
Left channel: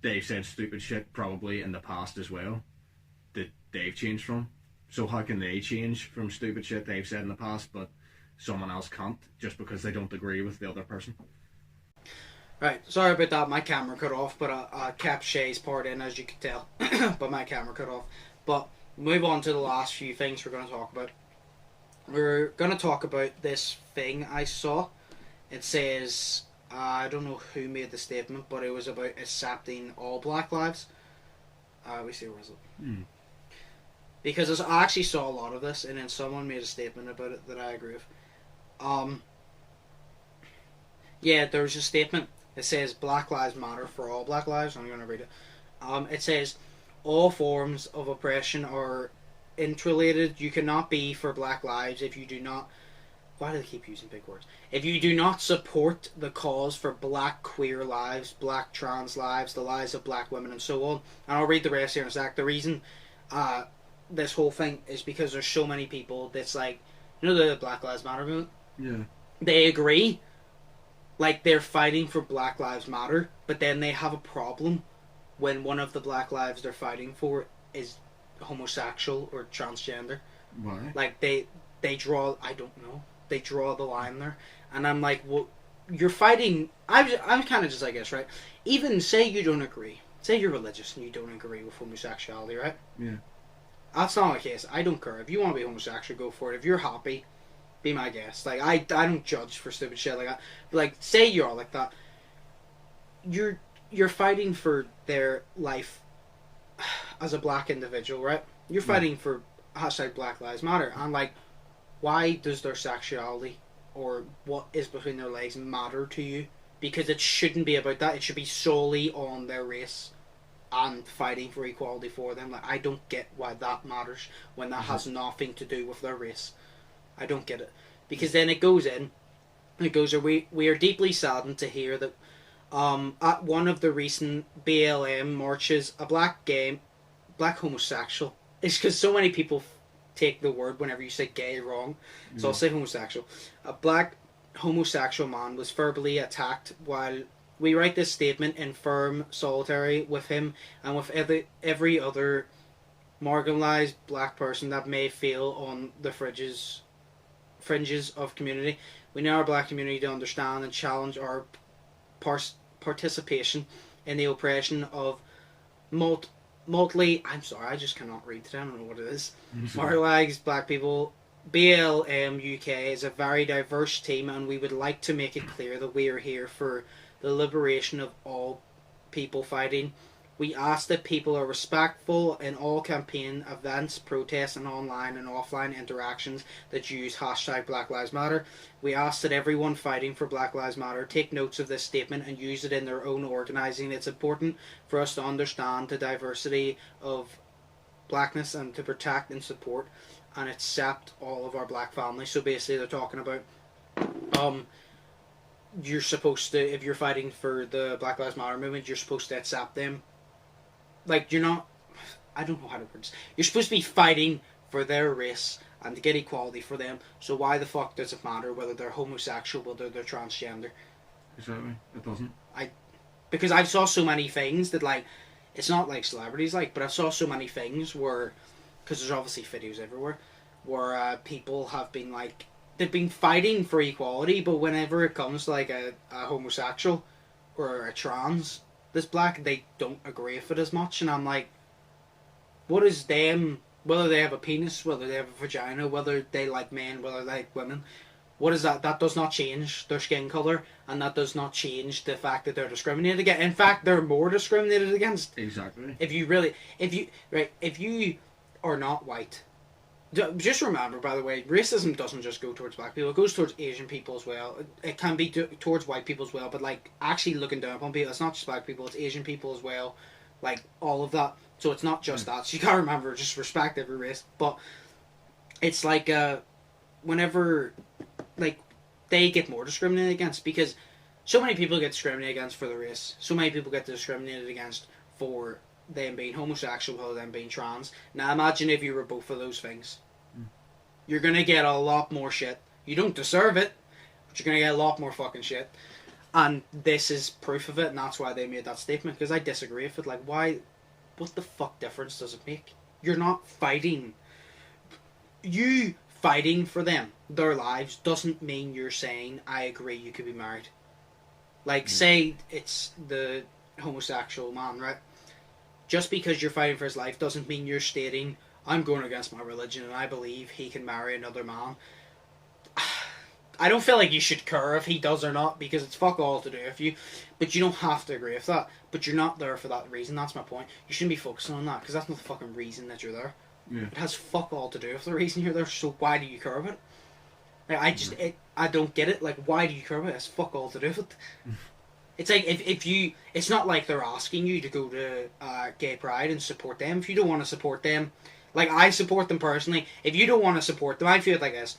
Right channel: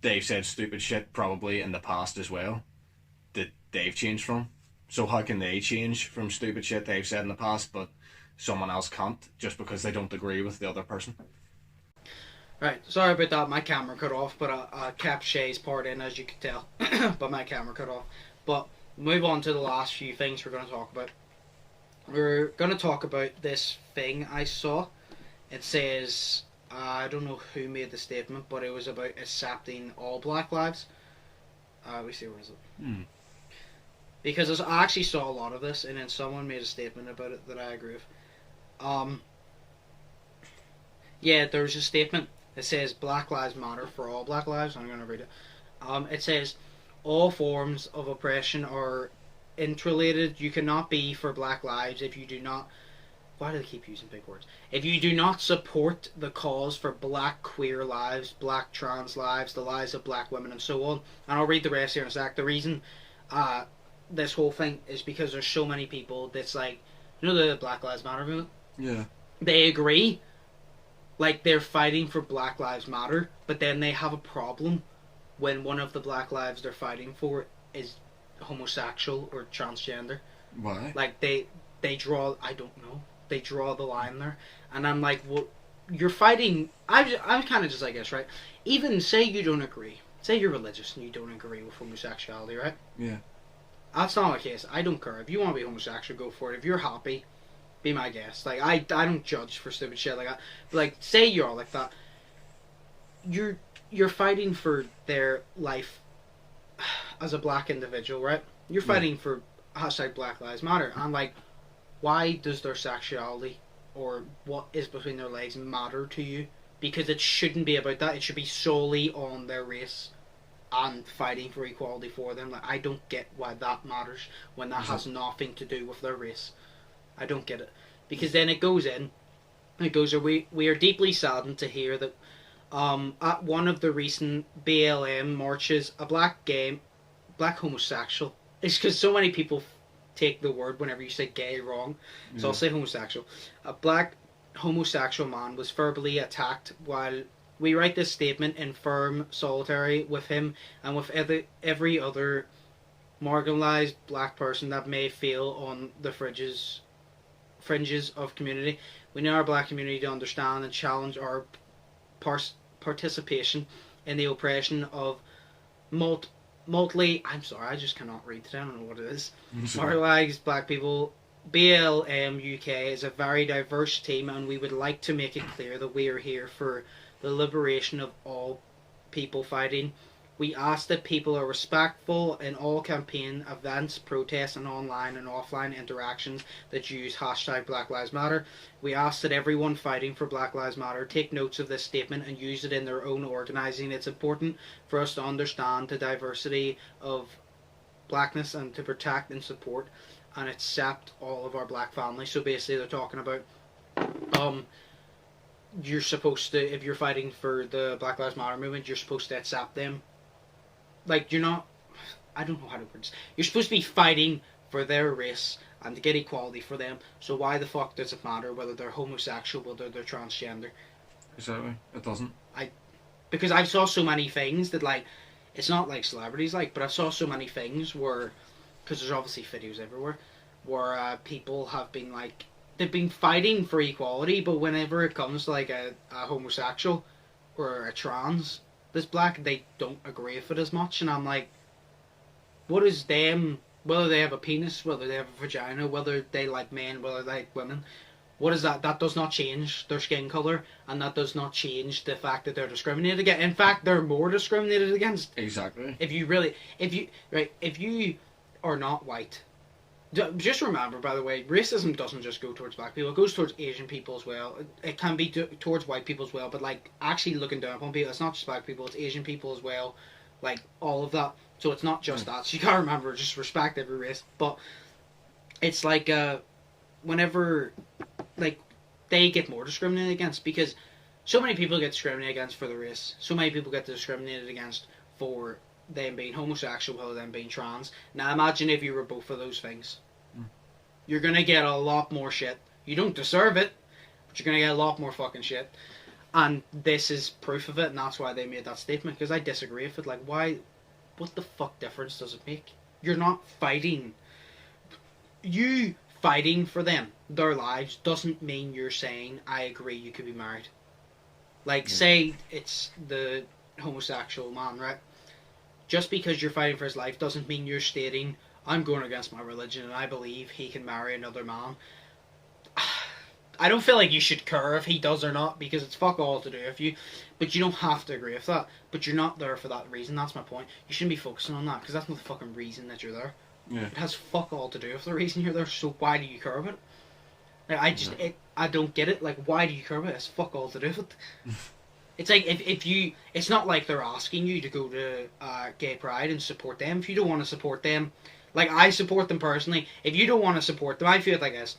they've said stupid shit probably in the past as well that they've changed from. So how can they change from stupid shit they've said in the past, but someone else can't, just because they don't agree with the other person? Right, sorry about that, my camera cut off, but I kept Shay's part in, as you could tell, but my camera cut off. But move on to the last few things we're going to talk about. We're going to talk about this thing I saw. It says, I don't know who made the statement, but it was about accepting all Black lives. Where is it? Because I actually saw a lot of this, and then someone made a statement about it that I agree with. Yeah, there's a statement. It says Black Lives Matter for all Black lives. I'm going to read it. It says, all forms of oppression are interrelated. You cannot be for Black lives if you do not... Why do they keep using big words? If you do not support the cause for Black queer lives, Black trans lives, the lives of Black women, and so on. And I'll read the rest here in a sec. The reason this whole thing is because there's so many people that's like... You know the Black Lives Matter movement? Yeah. They agree... Like, they're fighting for Black Lives Matter, but then they have a problem when one of the Black lives they're fighting for is homosexual or transgender. Why? Like, they draw... I don't know. They draw the line there. And I'm like, well, you're fighting... I'm kind of just like this, right? Even say you don't agree. Say you're religious and you don't agree with homosexuality, right? Yeah. That's not the case. I don't care. If you want to be homosexual, go for it. If you're happy... Be my guest. Like, I don't judge for stupid shit like that. But, like, say you're all like that. You're fighting for their life as a black individual, right? You're fighting for hashtag Black Lives Matter. And I'm like, why does their sexuality or what is between their legs matter to you? Because it shouldn't be about that. It should be solely on their race and fighting for equality for them. Like, I don't get why that matters when that has nothing to do with their race. I don't get it. Because then it goes in, it goes, we are deeply saddened to hear that at one of the recent BLM marches, a black homosexual, it's because so many people take the word whenever you say gay wrong, so I'll say homosexual. A black homosexual man was verbally attacked while we write this statement in firm solidarity with him and with every other marginalized black person that may feel on the fringes of community. We need our black community to understand and challenge our participation in the oppression of I'm sorry, I just cannot read today. I don't know what it is. Marginalised Black people. BLM UK is a very diverse team, and we would like to make it clear that we are here for the liberation of all people fighting. We ask that people are respectful in all campaign events, protests, and online and offline interactions that use hashtag Black Lives Matter. We ask that everyone fighting for Black Lives Matter take notes of this statement and use it in their own organising. It's important for us to understand the diversity of blackness and to protect and support and accept all of our black families. So basically they're talking about you're supposed to, if you're fighting for the Black Lives Matter movement, you're supposed to accept them. Like, you're not, I don't know how to put this. You're supposed to be fighting for their race and to get equality for them. So why the fuck does it matter whether they're homosexual, whether they're transgender? Exactly. It doesn't. Because I saw so many things that, like, it's not like celebrities, like, but I saw so many things where, because there's obviously videos everywhere, where people have been, like, they've been fighting for equality, but whenever it comes to, like, a homosexual or a trans that's black, they don't agree with it as much. And I'm like, what is them, whether they have a penis, whether they have a vagina, whether they like men, whether they like women, what is that? That does not change their skin colour, and that does not change the fact that they're discriminated against. In fact, they're more discriminated against. Exactly. If you are not white, just remember, by the way, racism doesn't just go towards black people. It goes towards Asian people as well. It can be towards white people as well. But, like, actually looking down upon people, it's not just black people, it's Asian people as well. Like, all of that. So it's not just that. So you gotta remember, just respect every race. But it's like, whenever, like, they get more discriminated against, because so many people get discriminated against for the race. So many people get discriminated against for them being homosexual or them being trans. Now imagine if you were both of those things. You're going to get a lot more shit. You don't deserve it, but you're going to get a lot more fucking shit. And this is proof of it, and that's why they made that statement, because I disagree with it. Like, why, what the fuck difference does it make? You're not fighting. You fighting for them, their lives, doesn't mean you're saying, I agree, you could be married. Like, say it's the homosexual man, right? Just because you're fighting for his life doesn't mean you're stating, I'm going against my religion and I believe he can marry another man. I don't feel like you should care if he does or not, because it's fuck all to do with you. But you don't have to agree with that. But you're not there for that reason. That's my point. You shouldn't be focusing on that, because that's not the fucking reason that you're there. Yeah. It has fuck all to do with the reason you're there, so why do you care about it? Like, I don't get it. Like, why do you care about it? It's fuck all to do with it. It's like, if you, it's not like they're asking you to go to Gay Pride and support them. If you don't want to support them, like, I support them personally. If you don't want to support them, I feel like this.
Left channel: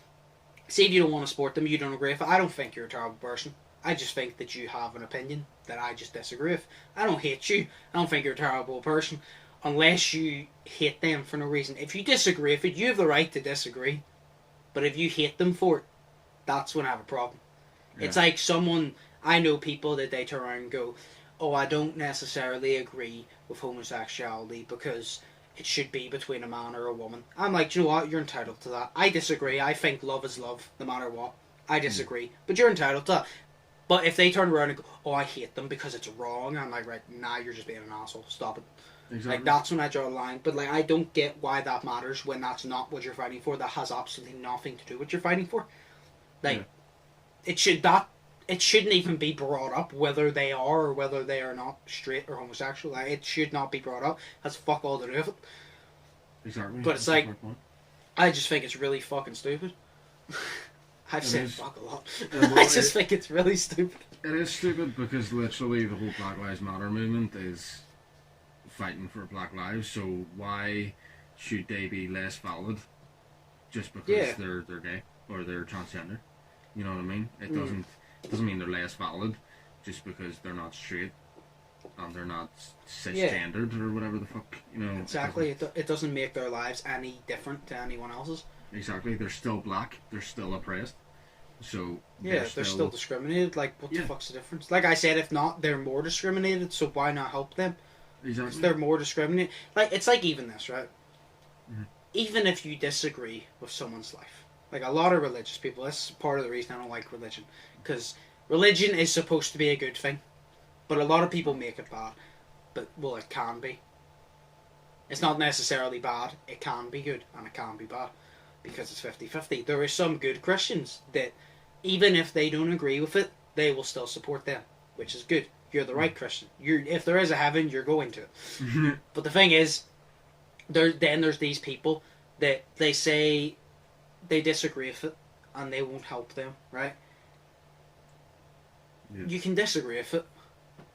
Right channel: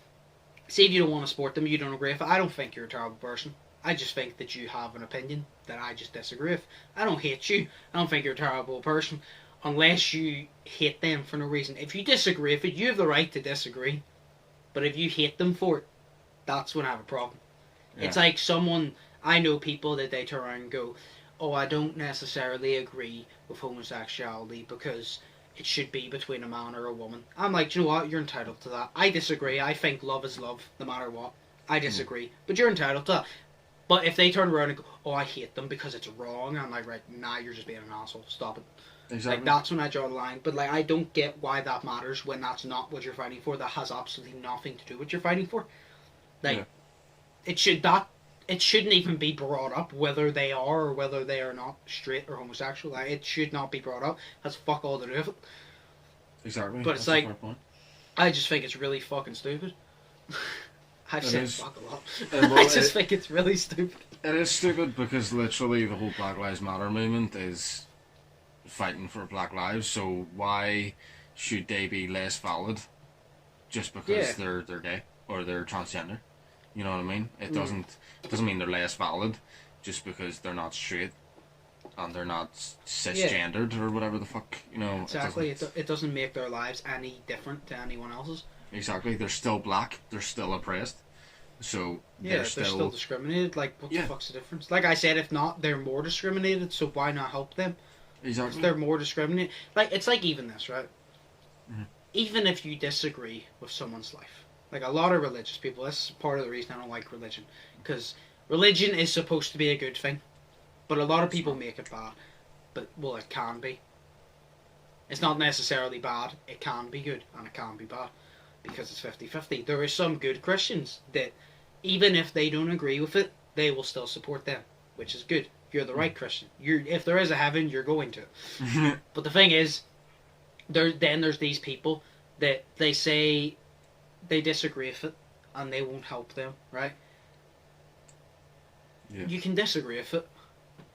Say if you don't want to support them, you don't agree with it, I don't think you're a terrible person. I just think that you have an opinion that I just disagree with. I don't hate you. I don't think you're a terrible person. Unless you hate them for no reason. If you disagree with it, you have the right to disagree. But if you hate them for it, that's when I have a problem. Yeah. It's like someone, I know people that they turn around and go, oh, I don't necessarily agree with homosexuality because it should be between a man or a woman. I'm like, you know what? You're entitled to that. I disagree. I think love is love, no matter what. I disagree. But you're entitled to that. But if they turn around and go, oh, I hate them because it's wrong, I'm like, right, nah, you're just being an asshole. Stop it. Exactly. Like, that's when I draw the line. But, like, I don't get why that matters when that's not what you're fighting for. That has absolutely nothing to do with what you're fighting for. Like, it shouldn't even be brought up whether they are or whether they are not straight or homosexual. Like, it should not be brought up. That's fuck all to do with it. Exactly. But it's like, I just think it's really fucking stupid. I've said fuck a lot. I just think it's really stupid. It is stupid because literally the whole Black Lives Matter movement is fighting for Black lives, so why should they be less valid just because they're gay or they're transgender? You know what I mean? It doesn't mean they're less valid just because they're not straight and they're not cisgendered or whatever the fuck, you know. Exactly. It doesn't make their lives any different to anyone else's. Exactly. They're still black. They're still oppressed. So they're still discriminated. Like, what the fuck's the difference? Like I said, if not, they're more discriminated. So why not help them? Exactly. They're more discriminated. Like, it's like even this, right? Mm-hmm. Even if you disagree with someone's life, like a lot of religious people, that's part of the reason I don't like religion, because religion is supposed to be a good thing, but a lot of people make it bad. But well, it can be. It's not necessarily bad. It can be good and it can be bad because it's 50-50. There are some good Christians that, even if they don't agree with it, they will still support them, which is good. You're the right Christian. If there is a heaven, you're going to it. But the thing is, there's these people that they say they disagree with it and they won't help them, right? Yeah. You can disagree with it,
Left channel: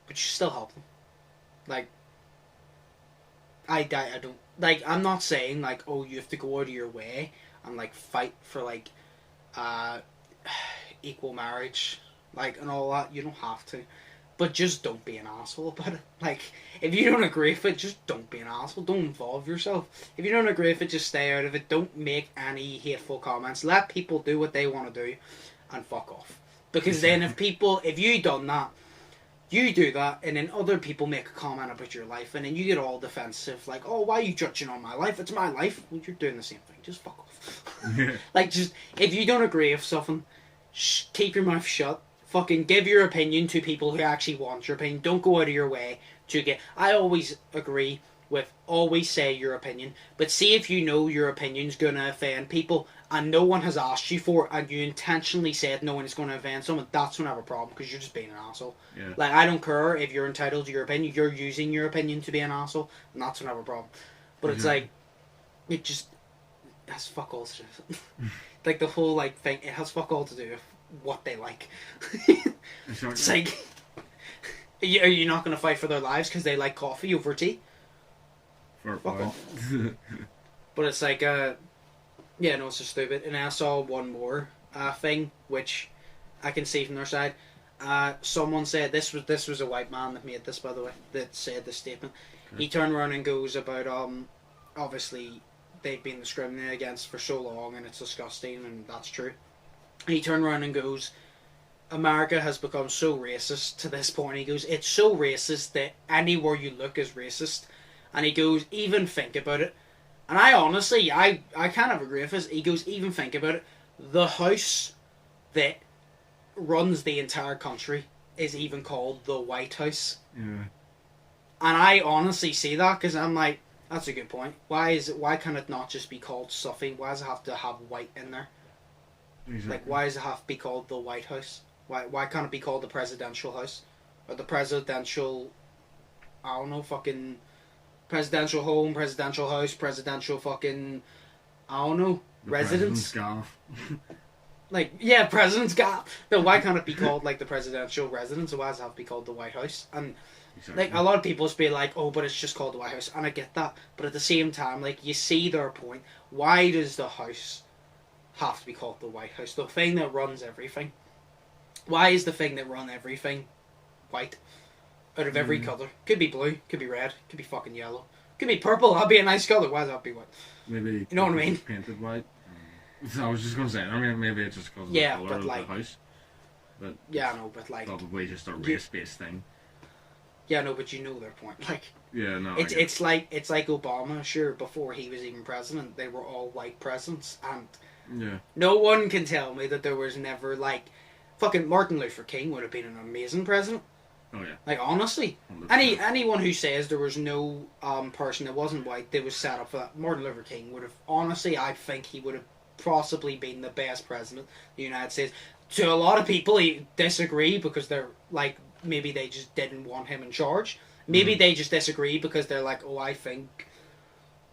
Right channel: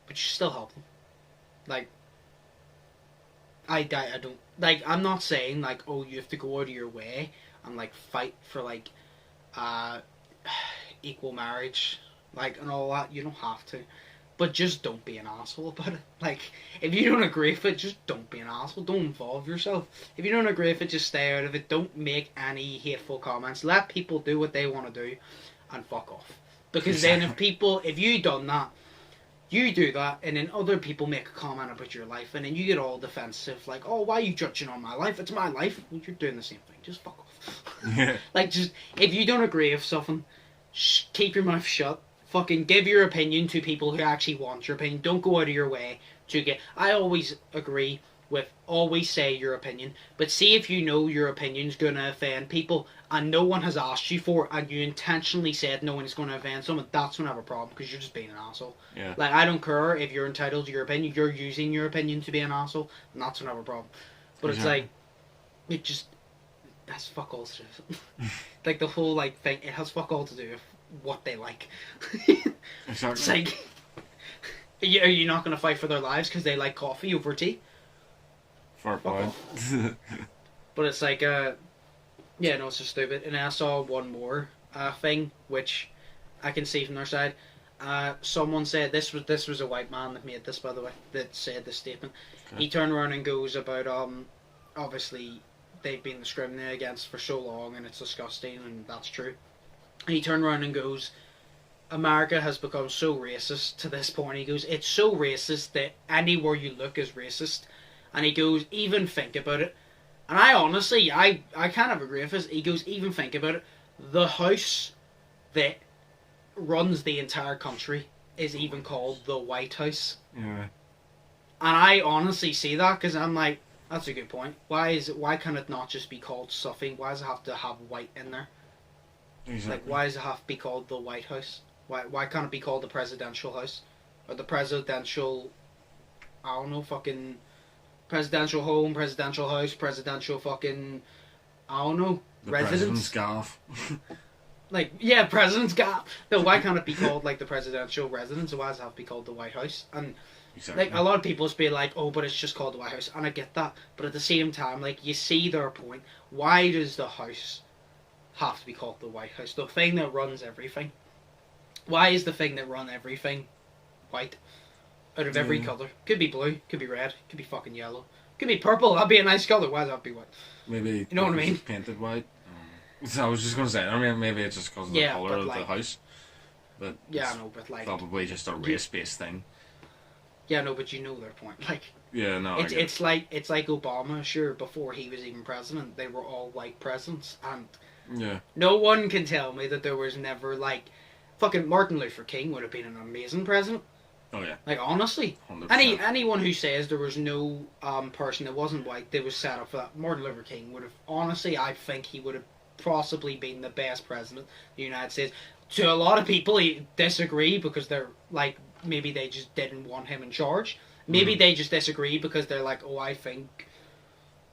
but you still help them. Like, I don't, like, I'm not saying, like, oh, you have to go out of your way and, like, fight for, like, equal marriage, like, and all that. You don't have to. But just don't be an asshole about it. Like, if you don't agree with it, just don't be an asshole. Don't involve yourself. If you don't agree with it, just stay out of it. Don't make any hateful comments. Let people do what they want to do and fuck off. Because then if you done that, you do that, and then other people make a comment about your life, and then you get all defensive, like, oh, why are you judging on my life? It's my life. Well, you're doing the same thing. Just fuck off. Yeah. Like, just, if you don't agree with something, keep your mouth shut. Fucking give your opinion to people who actually want your opinion. Don't go out of your way to get... I always agree with always say your opinion, but see if you know your opinion's going to offend people and no one has asked you for it and you intentionally said no one is going to offend someone, that's when I have a problem because you're just being an asshole. Yeah. Like, I don't care if you're entitled to your opinion, you're using your opinion to be an asshole, and that's when I have a problem. But it's like, it just... has fuck all to do with it. Like, the whole, like, thing, it has fuck all to do with what they like. Exactly. It's like, are you not going to fight for their lives because they like coffee over tea? Fair point. But it's like, yeah, no, it's just stupid. And I saw one more thing, which I can see from their side. Someone said, this was a white man that made this, by the way, that said this statement. Okay. He turned around and goes about, obviously, they've been discriminated against for so long, and it's disgusting, and that's true. And he turned around and goes, America has become so racist to this point. He goes, it's so racist that anywhere you look is racist. And he goes, even think about it. And I honestly, I kind of agree with this. He goes, even think about it. The house that runs the entire country is even called the White House. Yeah. And I honestly see that because I'm like, that's a good point. Why can it not just be called something? Why does it have to have white in there? Exactly. Like, why does it have to be called the White House? Why can't it be called the Presidential House? Or the Presidential... I don't know, fucking... Presidential Home, Presidential House, Presidential fucking... I don't know, the residence? President's Golf. Like, yeah, President's Golf. No, why can't it be called, like, the Presidential Residence? Or why does it have to be called the White House? And, exactly. like, a lot of people just be like, oh, but it's just called the White House. And I get that. But at the same time, like, you see their point. Why does the house have to be called the White House? The thing that runs everything. Why is the thing that runs everything white? Out of every colour. Could be blue, could be red, could be fucking yellow. Could be purple, that'd be a nice colour. Why does that have to be white? Maybe... You know what I mean? Painted white. I was just going to say, I mean, maybe it's just because of the colour of the house. But yeah, I know, but like... probably just a race-based thing. Yeah, no, but you know their point. Like... Yeah, no, it's like Obama, sure, before he was even president, they were all white presidents, and... Yeah. No one can tell me that there was never, like... Fucking Martin Luther King would have been an amazing president. Oh, yeah. Like, honestly. 100%. Anyone who says there was no person that wasn't white that was set up for that, Martin Luther King would have... Honestly, I think he would have possibly been the best president of the United States. To a lot of people, he disagree because they're, like, maybe they just didn't want him in charge. Maybe they just disagree because they're like, oh, I think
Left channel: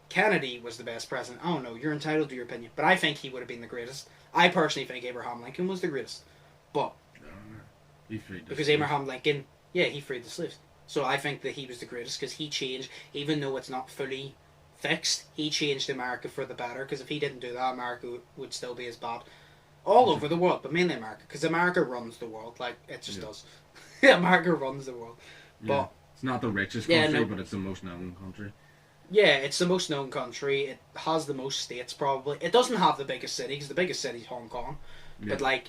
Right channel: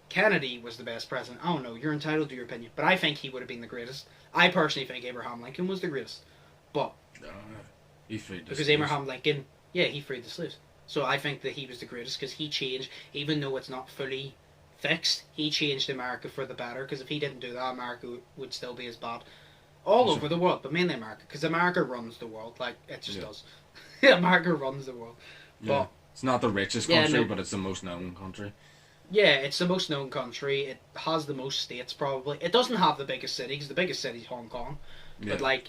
Kennedy was the best president. I don't know, you're entitled to your opinion. But I think he would have been the greatest. I personally think Abraham Lincoln was the greatest. But... he freed the because slaves. Abraham Lincoln, yeah, he freed the slaves. So I think that he was the greatest because he changed, even though it's not fully fixed, he changed America for the better. Because if he didn't do that, America would still be as bad. All over the world, but mainly America. Because America runs the world. Like, it just does. America runs the world. Yeah. But, it's not the richest country, but it's the most known country. Yeah, it's the most known country. It has the most states, probably. It doesn't have the biggest city, because the biggest city is Hong Kong. Yeah. But, like,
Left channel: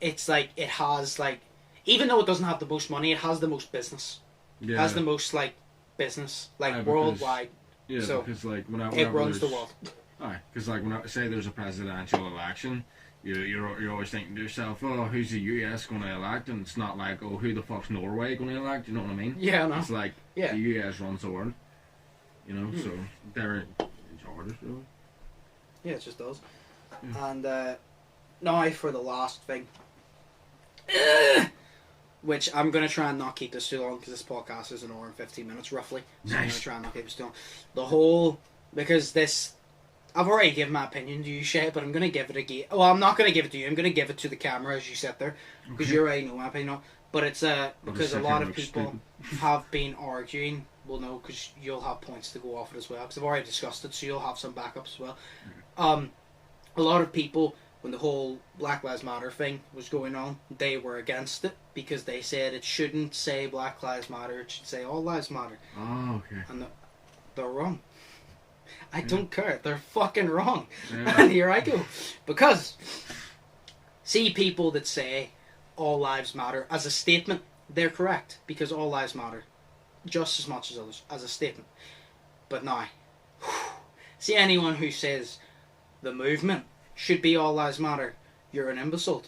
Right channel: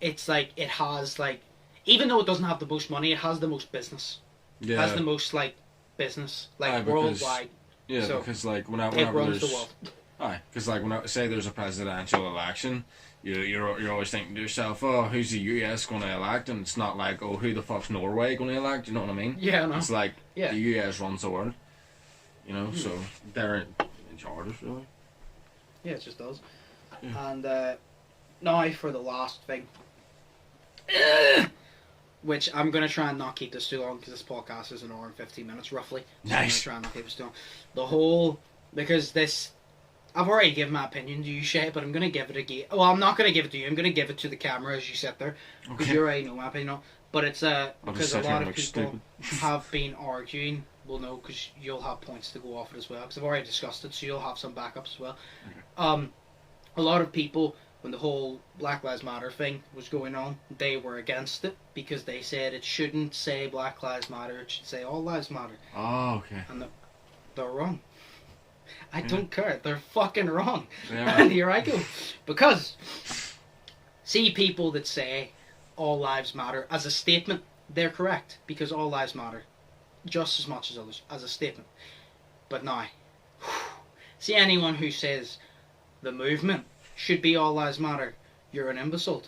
it's like, it has, like, even though it doesn't have the most money, it has the most business. Yeah. It has the most, like, business, like, worldwide. Yeah, so because, like, whenever it runs the world. Aye, because, like, when I say there's a presidential election, you're always thinking to yourself, oh, who's the US going to elect? And it's not like, oh, who the fuck's Norway going to elect? You know what I mean? Yeah, I know. It's like, the US runs the world. You know, so they're in charge, really. Yeah, it just does. And now for the last thing, which I'm going to try and not keep this too long because this podcast is an hour and 15 minutes roughly. So I'm going to try and not keep this too long. Because this, I've already given my opinion to you, Shay, but I'm going to give it again. Well, I'm not going to give it to you. I'm going to give it to the camera as you sit there because you already know my opinion. But it's because a lot of people have been arguing. Well, no, because you'll have points to go off it as well. Because I've already discussed it, so you'll have some backups as well. A lot of people, when the whole Black Lives Matter thing was going on, they were against it because they said it shouldn't say Black Lives Matter, it should say All Lives Matter. Oh, okay. And they're wrong. I don't care. They're fucking wrong. And here I go. Because, see people that say All Lives Matter as a statement, they're correct. Because all lives matter just as much as others as a statement. But now, see anyone who says the movement should be All Lives Matter, you're an imbecile.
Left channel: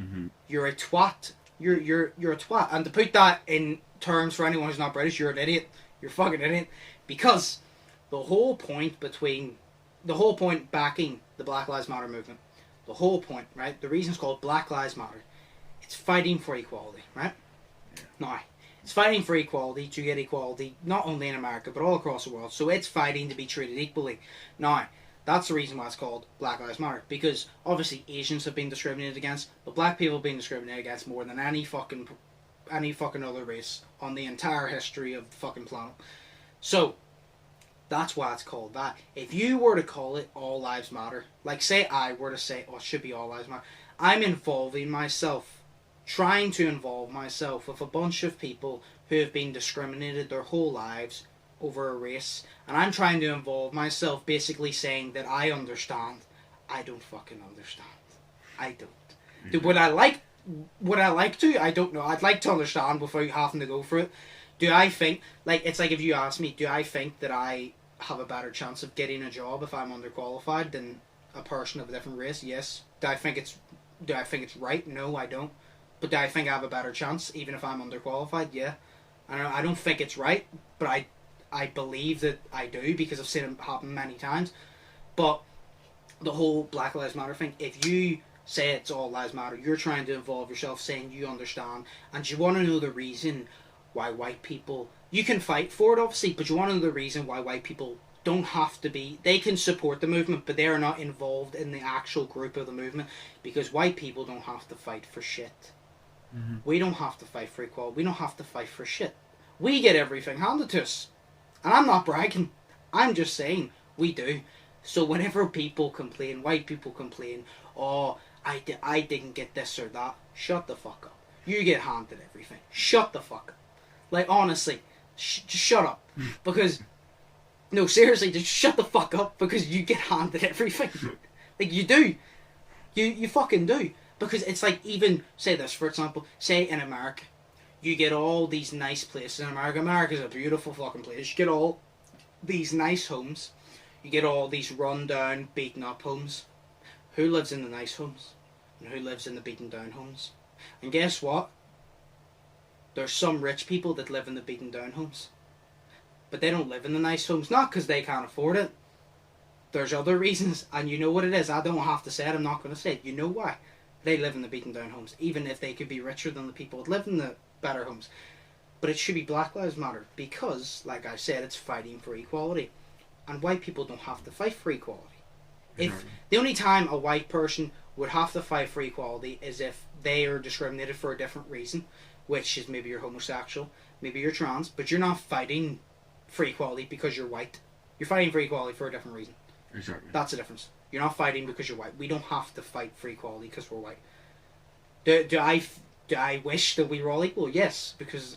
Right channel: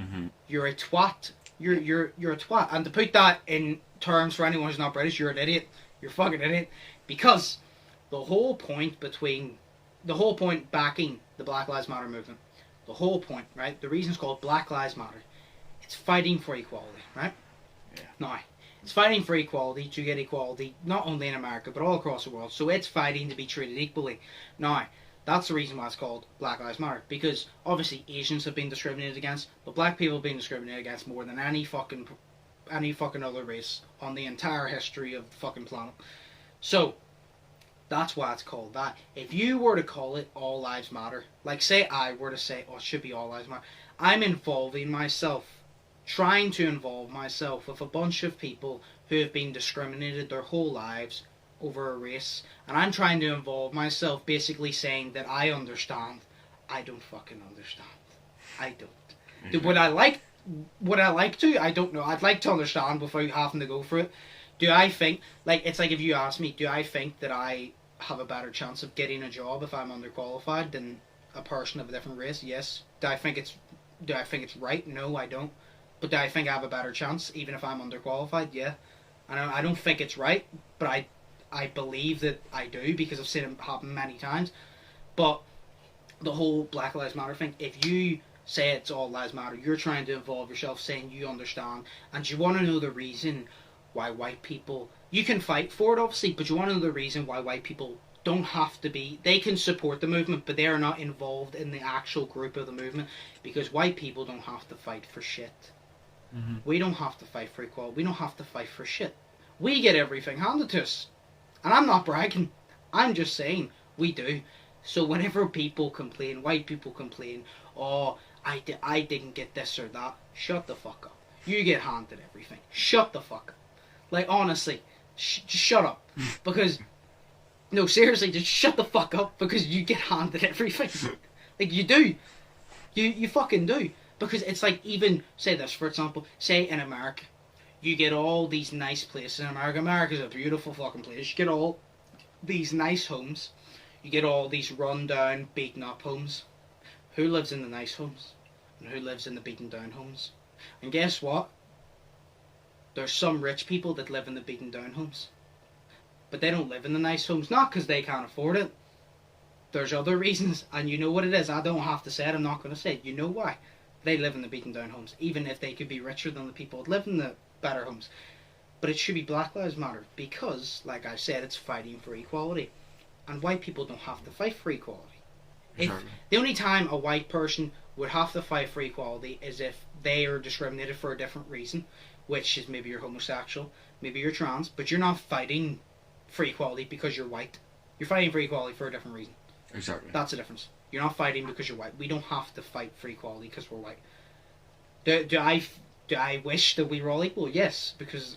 Mm-hmm. You're a twat. You're a twat. And to put that in terms for anyone who's not British, you're an idiot. You're a fucking idiot. Because the whole point backing the Black Lives Matter movement, the whole point, right? The reason it's called Black Lives Matter, it's fighting for equality, right? Yeah. Now, it's fighting for equality, to get equality, not only in America, but all across the world. So it's fighting to be treated equally. Now, that's the reason why it's called Black Lives Matter. Because, obviously, Asians have been discriminated against, but black people have been discriminated against more than any fucking other race on the entire history of the fucking planet. So, that's why it's called that. If you were to call it All Lives Matter, like say I were to say, oh, it should be All Lives Matter, I'm trying to involve myself with a bunch of people who have been discriminated their whole lives over a race, and I'm trying to involve myself basically saying that I understand. I don't fucking understand. I don't. Would I like to? I don't know. I'd like to understand without having to go for it. Do I think, like, it's like if you ask me, do I think that I have a better chance of getting a job if I'm underqualified than a person of a different race? Yes. Do I think it's right? No, I don't. But do I think I have a better chance even if I'm underqualified? Yeah. I don't think it's right, but I believe that I do because I've seen it happen many times. But the whole Black Lives Matter thing, if you say it's All Lives Matter, you're trying to involve yourself saying you understand, and you want to know the reason why white people, you can fight for it obviously, but you want to know the reason why white people don't have to be, they can support the movement, but they are not involved in the actual group of the movement, because white people don't have to fight for shit. Mm-hmm. We don't have to fight for equality. We don't have to fight for shit. We get everything handed to us. And I'm not bragging. I'm just saying, we do. So whenever people complain, white people complain, oh, I didn't get this or that, shut the fuck up. You get handed everything. Shut the fuck up. Like, honestly, just shut up. Because, no, seriously, just shut the fuck up because you get handed everything. Like, you do. You fucking do. Because it's like, even, say this, for example, say in America, you get all these nice places in America. America's a beautiful fucking place. You get all these nice homes. You get all these run-down, beaten-up homes. Who lives in the nice homes? And who lives in the beaten-down homes? And guess what? There's some rich people that live in the beaten-down homes. But they don't live in the nice homes. Not because they can't afford it. There's other reasons. And you know what it is. I don't have to say it. I'm not going to say it. You know why. They live in the beaten-down homes. Even if they could be richer than the people that live in the better homes. But it should be Black Lives Matter. Because, like I said, it's fighting for equality. And white people don't have to fight for equality. Exactly. If the only time a white person would have to fight for equality is if they are discriminated for a different reason, which is maybe you're homosexual, maybe you're trans, but you're not fighting for equality because you're white. You're fighting for equality for a different reason. Exactly. That's the difference. You're not fighting because you're white. We don't have to fight for equality because we're white. Do I wish that we were all equal? Yes, because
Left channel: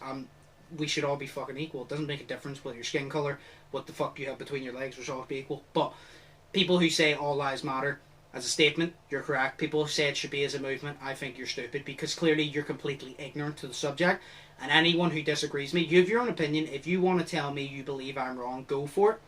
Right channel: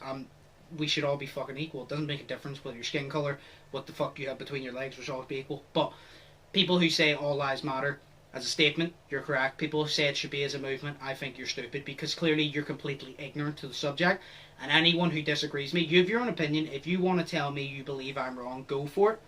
we should all be fucking equal. It doesn't make a difference with your skin colour, what the fuck you have between your legs, we should all be equal. But people who say all lives matter as a statement, you're correct. People who say it should be as a movement, I think you're stupid, because clearly you're completely ignorant to the subject. And anyone who disagrees with me, you have your own opinion. If you want to tell me you believe I'm wrong, go for it.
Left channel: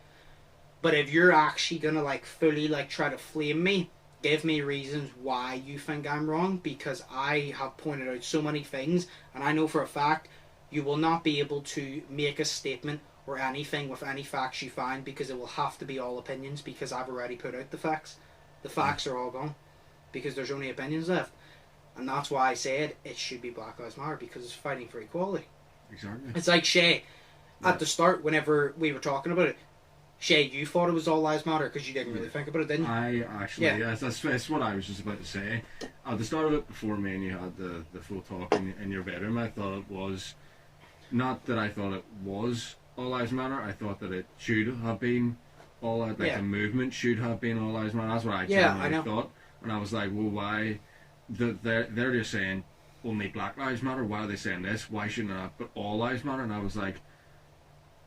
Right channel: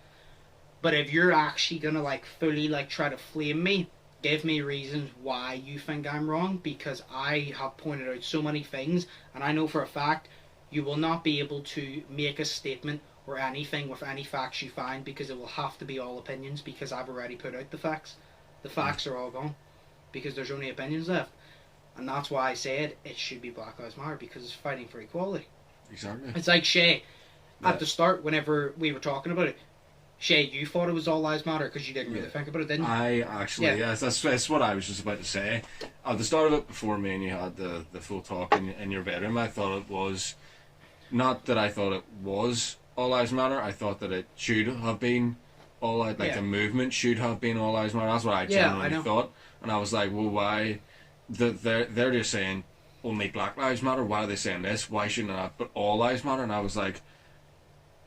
But if you're actually going to fully try to flame me, give me reasons why you think I'm wrong, because I have pointed out so many things, and I know for a fact you will not be able to make a statement or anything with any facts you find, because it will have to be all opinions, because I've already put out the facts. The facts are all gone because there's only opinions left. And that's why I said it should be Black Lives Matter, because it's fighting for equality. Exactly. It's like Shay, at the start, whenever we were talking about it, Shay, you thought it was All Lives Matter because you didn't really think about it, didn't you? I actually, yes, that's what I was just about to say. At the start of it, before me and you had the full talk in your bedroom, I thought it was, not that I thought it was All Lives Matter, I thought that it should have been the movement should have been All Lives Matter. That's what I genuinely thought. And I was like, well, why? They're just saying only Black Lives Matter. Why are they saying this? Why shouldn't I put All Lives Matter? And I was like,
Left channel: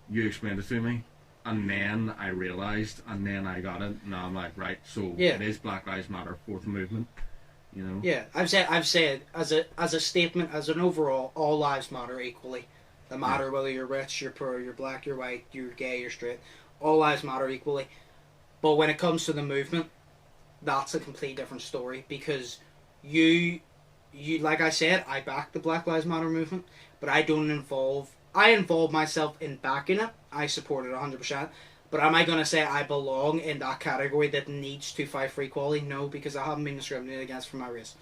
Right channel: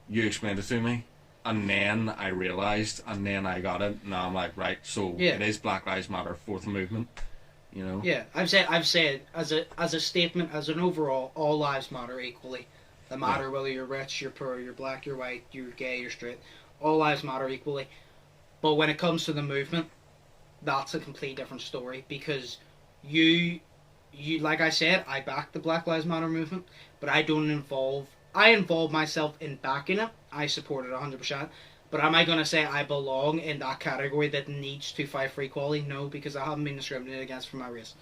you explained it to me. And then I realised, and then I got it. Now I'm like, right, so it is Black Lives Matter for the movement, you know? Yeah, I've said as a statement, as an overall, all lives matter equally. No matter whether you're rich, you're poor, you're black, you're white, you're gay, you're straight. All lives matter equally. But when it comes to the movement, that's a completely different story, because you like I said, I back the Black Lives Matter movement, but I involve myself in backing it. I support it 100%. But am I going to say I belong in that category that needs to fight for equality? No, because I haven't been discriminated against for my race.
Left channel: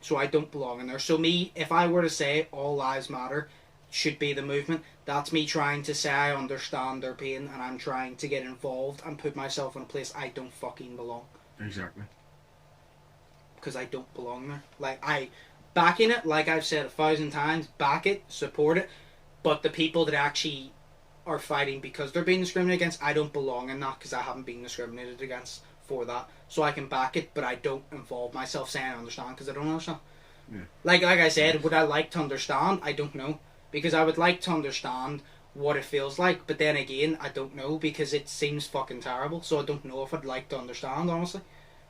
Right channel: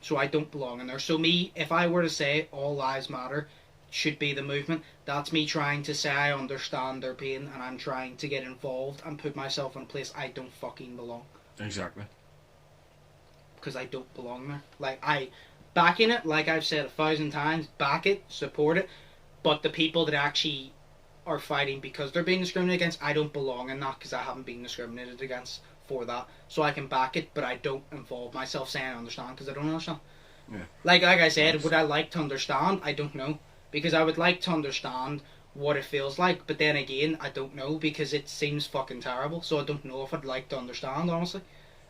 So I don't belong in there. So me, if I were to say all lives matter should be the movement, that's me trying to say I understand their pain, and I'm trying to get involved and put myself in a place I don't fucking belong. Exactly. Because I don't belong there. Like, backing it, like I've said 1,000 times, back it, support it. But the people that actually are fighting because they're being discriminated against, I don't belong in that, because I haven't been discriminated against for that. So I can back it, but I don't involve myself saying I understand, because I don't understand. Yeah. Like I said, would I like to understand? I don't know. Because I would like to understand what it feels like, but then again, I don't know, because it seems fucking terrible. So I don't know if I'd like to understand, honestly.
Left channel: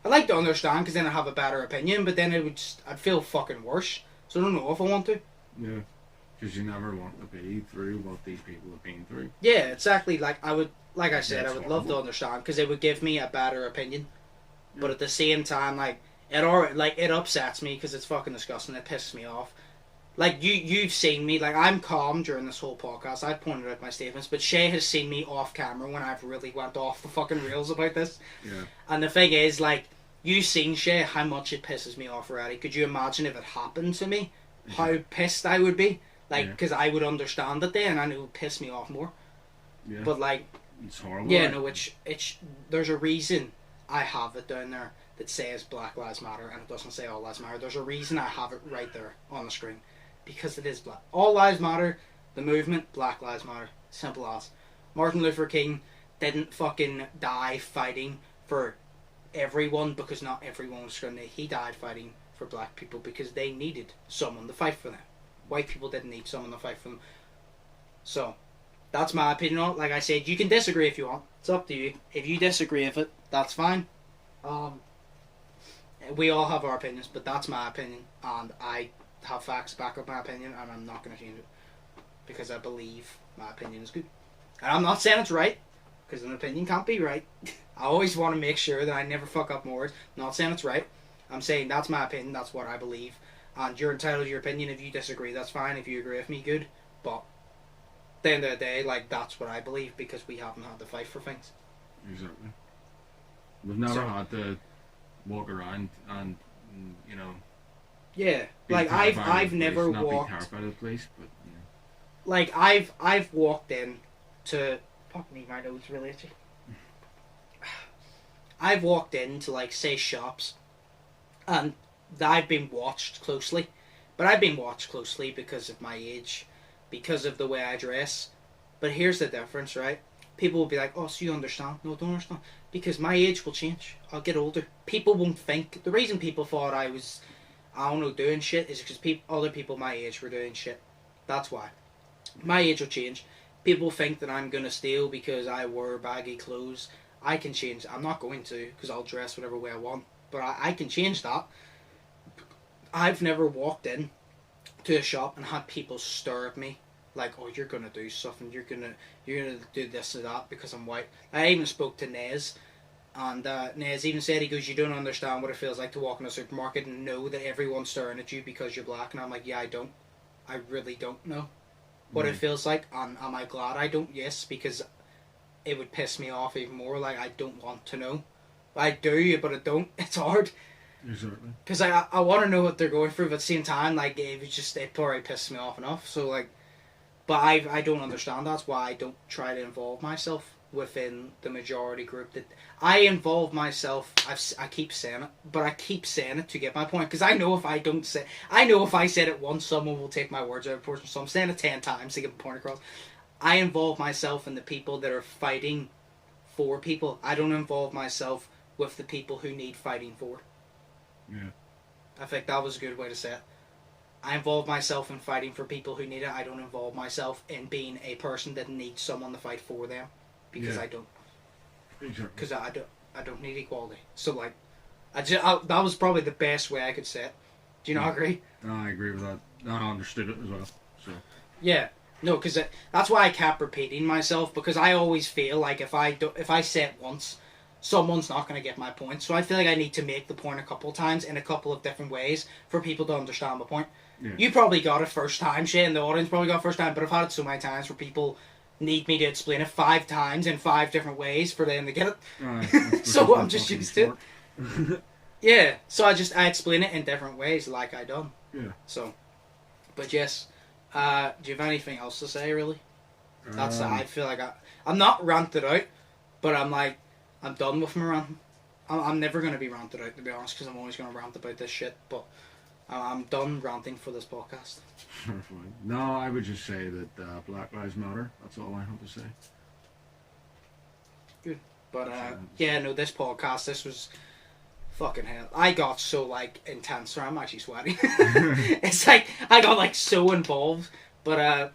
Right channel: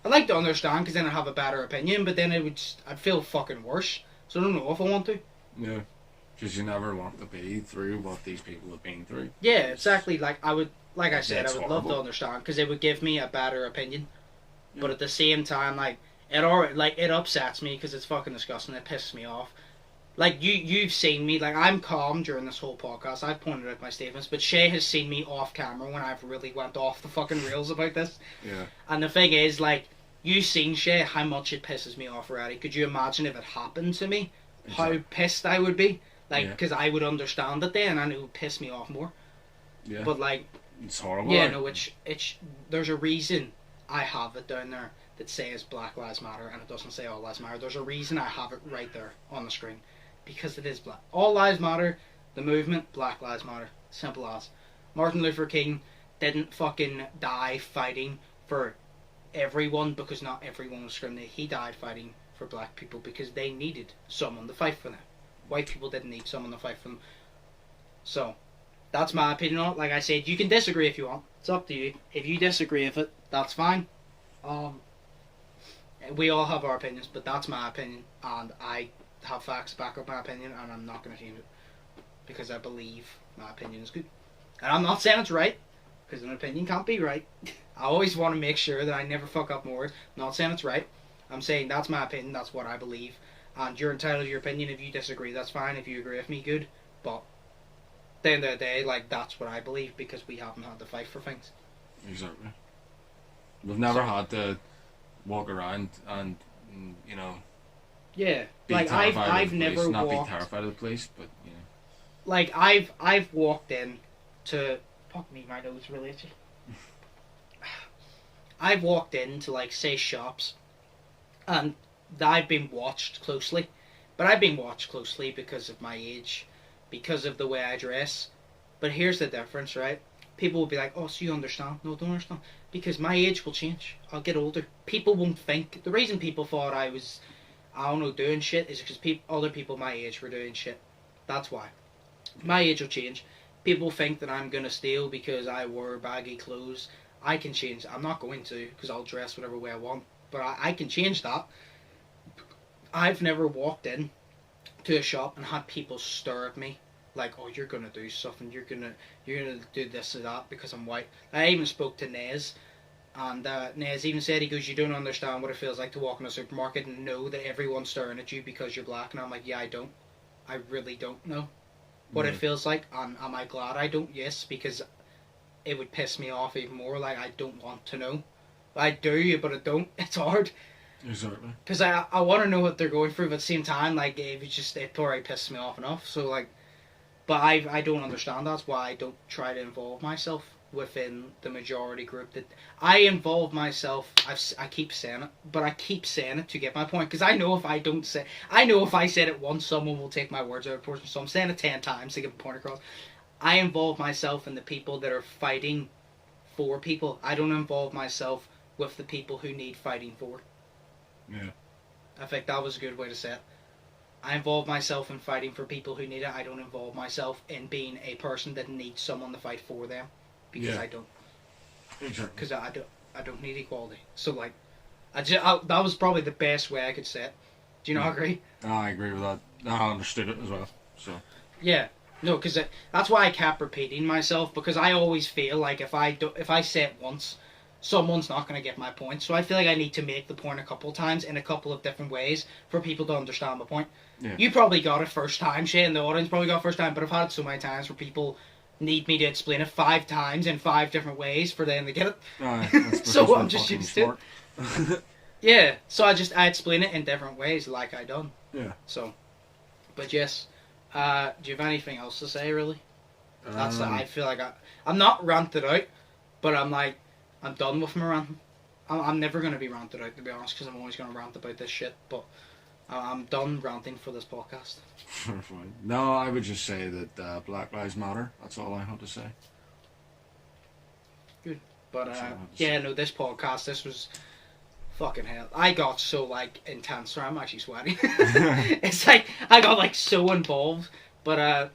I'd like to understand, because then I'd have a better opinion, but then I'd feel fucking worse. So I don't know if I want to. Yeah. Because you never want to be through what these people have been through. Yeah, exactly. Like I would love to understand, because it would give me a better opinion. Yeah. But at the same time, it upsets me, because it's fucking disgusting. It pisses me off. Like you've seen me. Like, I'm calm during this whole podcast. I've pointed out my statements, but Shay has seen me off camera when I've really went off the fucking rails about this. Yeah. And the thing is, like, you've seen, Shay, how much it pisses me off already. Could you imagine if it happened to me? How pissed I would be. Like, because I would understand it then, and it would piss me off more. Yeah. But, like... It's horrible. Yeah, no, there's a reason I have it down there that says Black Lives Matter, and it doesn't say All Lives Matter. There's a reason I have it right there on the screen. Because it is black. All Lives Matter, the movement, Black Lives Matter. Simple as. Martin Luther King didn't fucking die fighting for everyone, because not everyone was discriminated. He died fighting for black people because they needed someone to fight for them. White people didn't need someone to fight for them. So, that's my opinion on it. Like I said, you can disagree if you want. It's up to you. If you disagree with it, that's fine. We all have our opinions, but that's my opinion, and I have facts to back up my opinion, and I'm not going to change it, because I believe my opinion is good. And I'm not saying it's right, because an opinion can't be right. I always want to make sure that I never fuck up more words. I'm not saying it's right. I'm saying that's my opinion, that's what I believe. And you're entitled to your opinion. If you disagree, that's fine. If you agree with me, good. But at the end of the day, like, that's what I believe, because we haven't had to fight for things. Exactly. We've never had to walk around and, you know... Yeah, like I've never not walked... be terrified of the police, but, you know... Like, I've walked in to... Fuck me, my nose really itchy. I've walked into, like, say, shops, and I've been watched closely. But I've been watched closely because of my age, because of the way I dress. But here's the difference, right? People will be like, oh, so you understand? No, I don't understand. Because my age will change. I'll get older. People won't think. The reason people thought I was, I don't know, doing shit is because other people my age were doing shit. That's why. My age will change. People think that I'm going to steal because I wear baggy clothes. I can change. I'm not going to, because I'll dress whatever way I want. But I can change that. I've never walked in to a shop and had people stare at me like, oh, you're going to do something. You're gonna do this or that because I'm white. I even spoke to Nez. And Nez even said, he goes, you don't understand what it feels like to walk in a supermarket and know that everyone's staring at you because you're black. And I'm like, yeah, I don't. I really don't know. what it feels like, and am I glad I don't? Yes, because it would piss me off even more. Like, I don't want to know. I do, but I don't. It's hard. Exactly. Because I want to know what they're going through, but at the same time, like, it already pisses me off enough. So, like, but I don't understand. That's why I don't try to involve myself within the majority group. That I involve myself. I keep saying it, but I keep saying it to get my point. Because I know if I said it once, someone will take my words out of proportion. So I'm saying it 10 times to get the point across. I involve myself in the people that are fighting for people. I don't involve myself with the people who need fighting for. Yeah. I think that was a good way to say it. I involve myself in fighting for people who need it. I don't involve myself in being a person that needs someone to fight for them, because I don't. Exactly. Because I don't need equality. So, like, that was probably the best way I could say it. Do you not agree? I agree with that. I understood it as well. So. Yeah. No, because that's why I kept repeating myself, because I always feel like if I say it once, someone's not going to get my point. So I feel like I need to make the point a couple of times in a couple of different ways for people to understand the point. Yeah. You probably got it first time, Shay, and the audience probably got it first time, but I've had it so many times where people need me to explain it 5 times in 5 different ways for them to get it. So I'm just used to it. Yeah, so I explain it in different ways like I done. Yeah. So, but yes, do you have anything else to say, really? That's I feel like I'm not ranted out, but I'm done with my ranting. I'm never going to be ranted out, to be honest, because I'm always going to rant about this shit, but I'm done ranting for this podcast. No, I would just say that Black Lives Matter. That's all I have to say. Good. But, this podcast, this was fucking hell. I got so, like, intense, so I'm actually sweating. It's like, I got, so involved. But,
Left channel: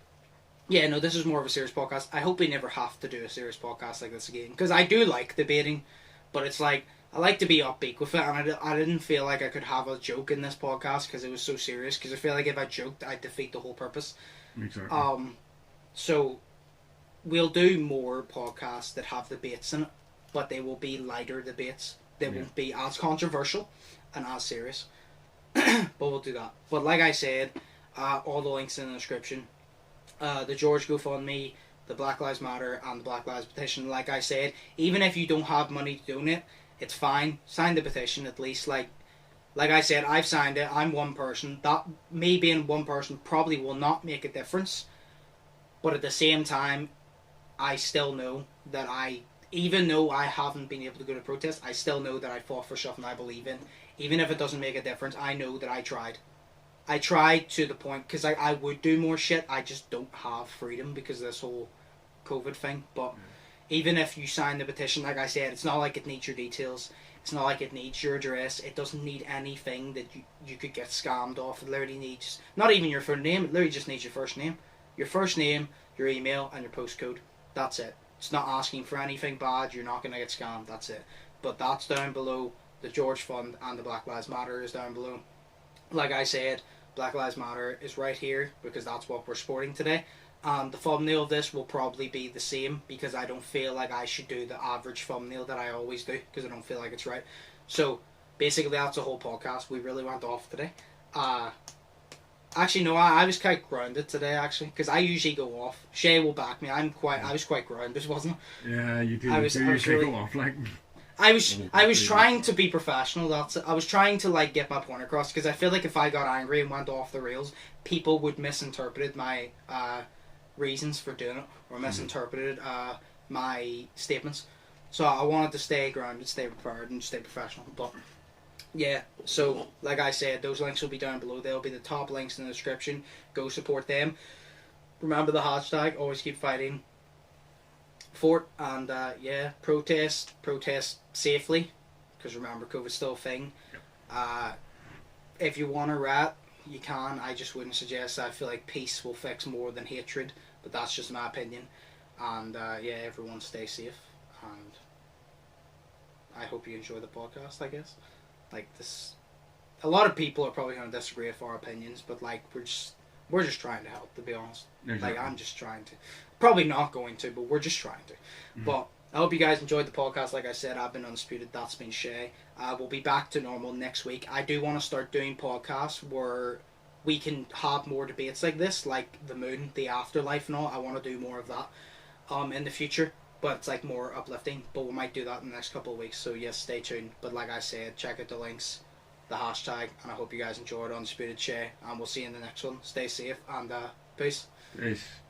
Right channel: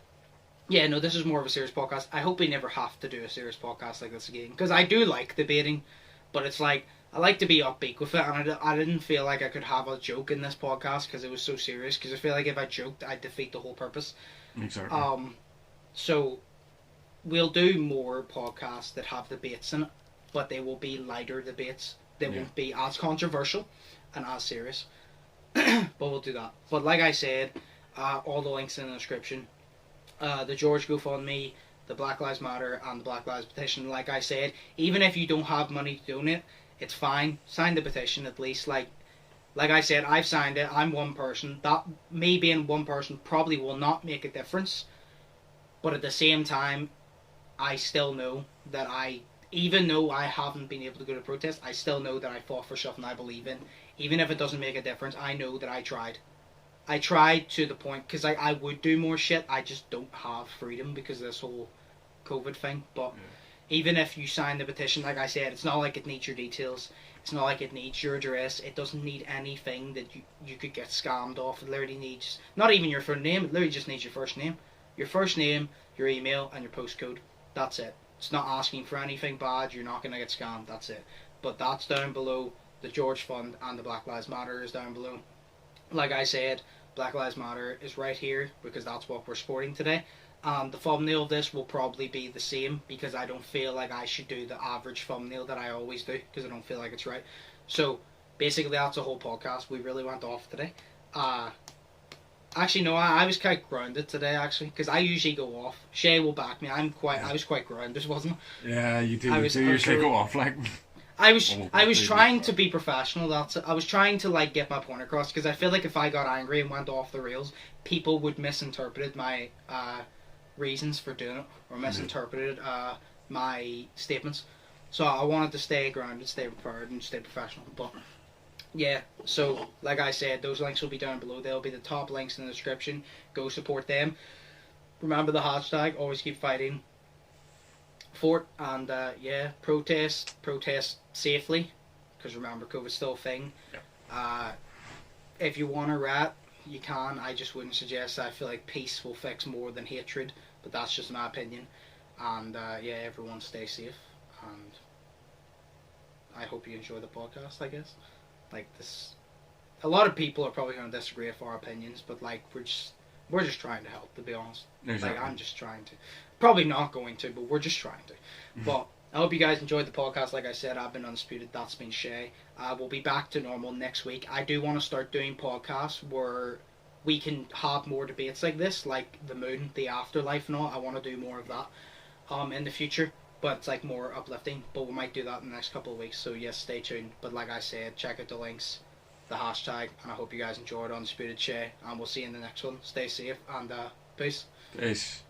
this is more of a serious podcast. I hope we never have to do a serious podcast like this again, because I do like debating, but it's like, I like to be upbeat with it, and I didn't feel like I could have a joke in this podcast because it was so serious, because I feel like if I joked, I'd defeat the whole purpose. Exactly. So, we'll do more podcasts that have debates in it, but they will be lighter debates. They won't be as controversial and as serious. But we'll do that. But like I said, all the links in the description. The George GoFundMe, the Black Lives Matter, and the Black Lives Petition. Like I said, even if you don't have money to donate, it's fine. Sign the petition at least. Like I said, I've signed it. I'm one person. That me being one person probably will not make a difference. But at the same time, I still know that even though I haven't been able to go to protest, I still know that I fought for something I believe in. Even if it doesn't make a difference, I know that I tried. I tried to the point, because I would do more shit, I just don't have freedom because of this whole COVID thing. But even if you sign the petition, like I said, it's not like it needs your details. It's not like it needs your address. It doesn't need anything that you could get scammed off. It literally needs, not even your full name, it literally just needs your first name. Your first name, your email, and your postcode. That's it. It's not asking for anything bad. You're not going to get scammed. That's it. But that's down below. The George Fund and the Black Lives Matter is down below. Like I said, Black Lives Matter is right here because that's what we're supporting today. The thumbnail of this will probably be the same because I don't feel like I should do the average thumbnail that I always do because I don't feel like it's right. So basically that's the whole podcast. We really went off today. Actually, no, I was quite grounded today, actually, because I usually go off. Shay will back me. I was quite grounded, wasn't I? Yeah, you do. You usually go off, like... I was trying to be professional. That's it. I was trying to, get my point across, because I feel like if I got angry and went off the rails, people would misinterpret my reasons for doing it, or misinterpreted my statements. So I wanted to stay grounded, stay prepared, and stay professional, but... Yeah, so like I said, those links will be down below. They'll be the top links in the description. Go support them. Remember the hashtag, always keep fighting for it. And protest safely, because remember, COVID's still a thing. Yeah. If you want to rat, you can. I just wouldn't suggest. I feel like peace will fix more than hatred, but that's just my opinion. And everyone stay safe. And I hope you enjoy the podcast, I guess. Like this, a lot of people are probably going to disagree with our opinions, but we're just trying to help, to be honest. Exactly. I'm just trying to, probably not going to, but we're just trying to. Mm-hmm. But I hope you guys enjoyed the podcast. Like I said, I've been Undisputed. That's been Shay. We'll be back to normal next week. I do want to start doing podcasts where we can have more debates like this, like the moon, the afterlife and all. I want to do more of that in the future, but it's like more uplifting, but we might do that in the next couple of weeks, so yes, stay tuned. But like I said, check out the links, the hashtag, and I hope you guys enjoyed Undisputed Share, and we'll see you in the next one. Stay safe, and peace. Peace.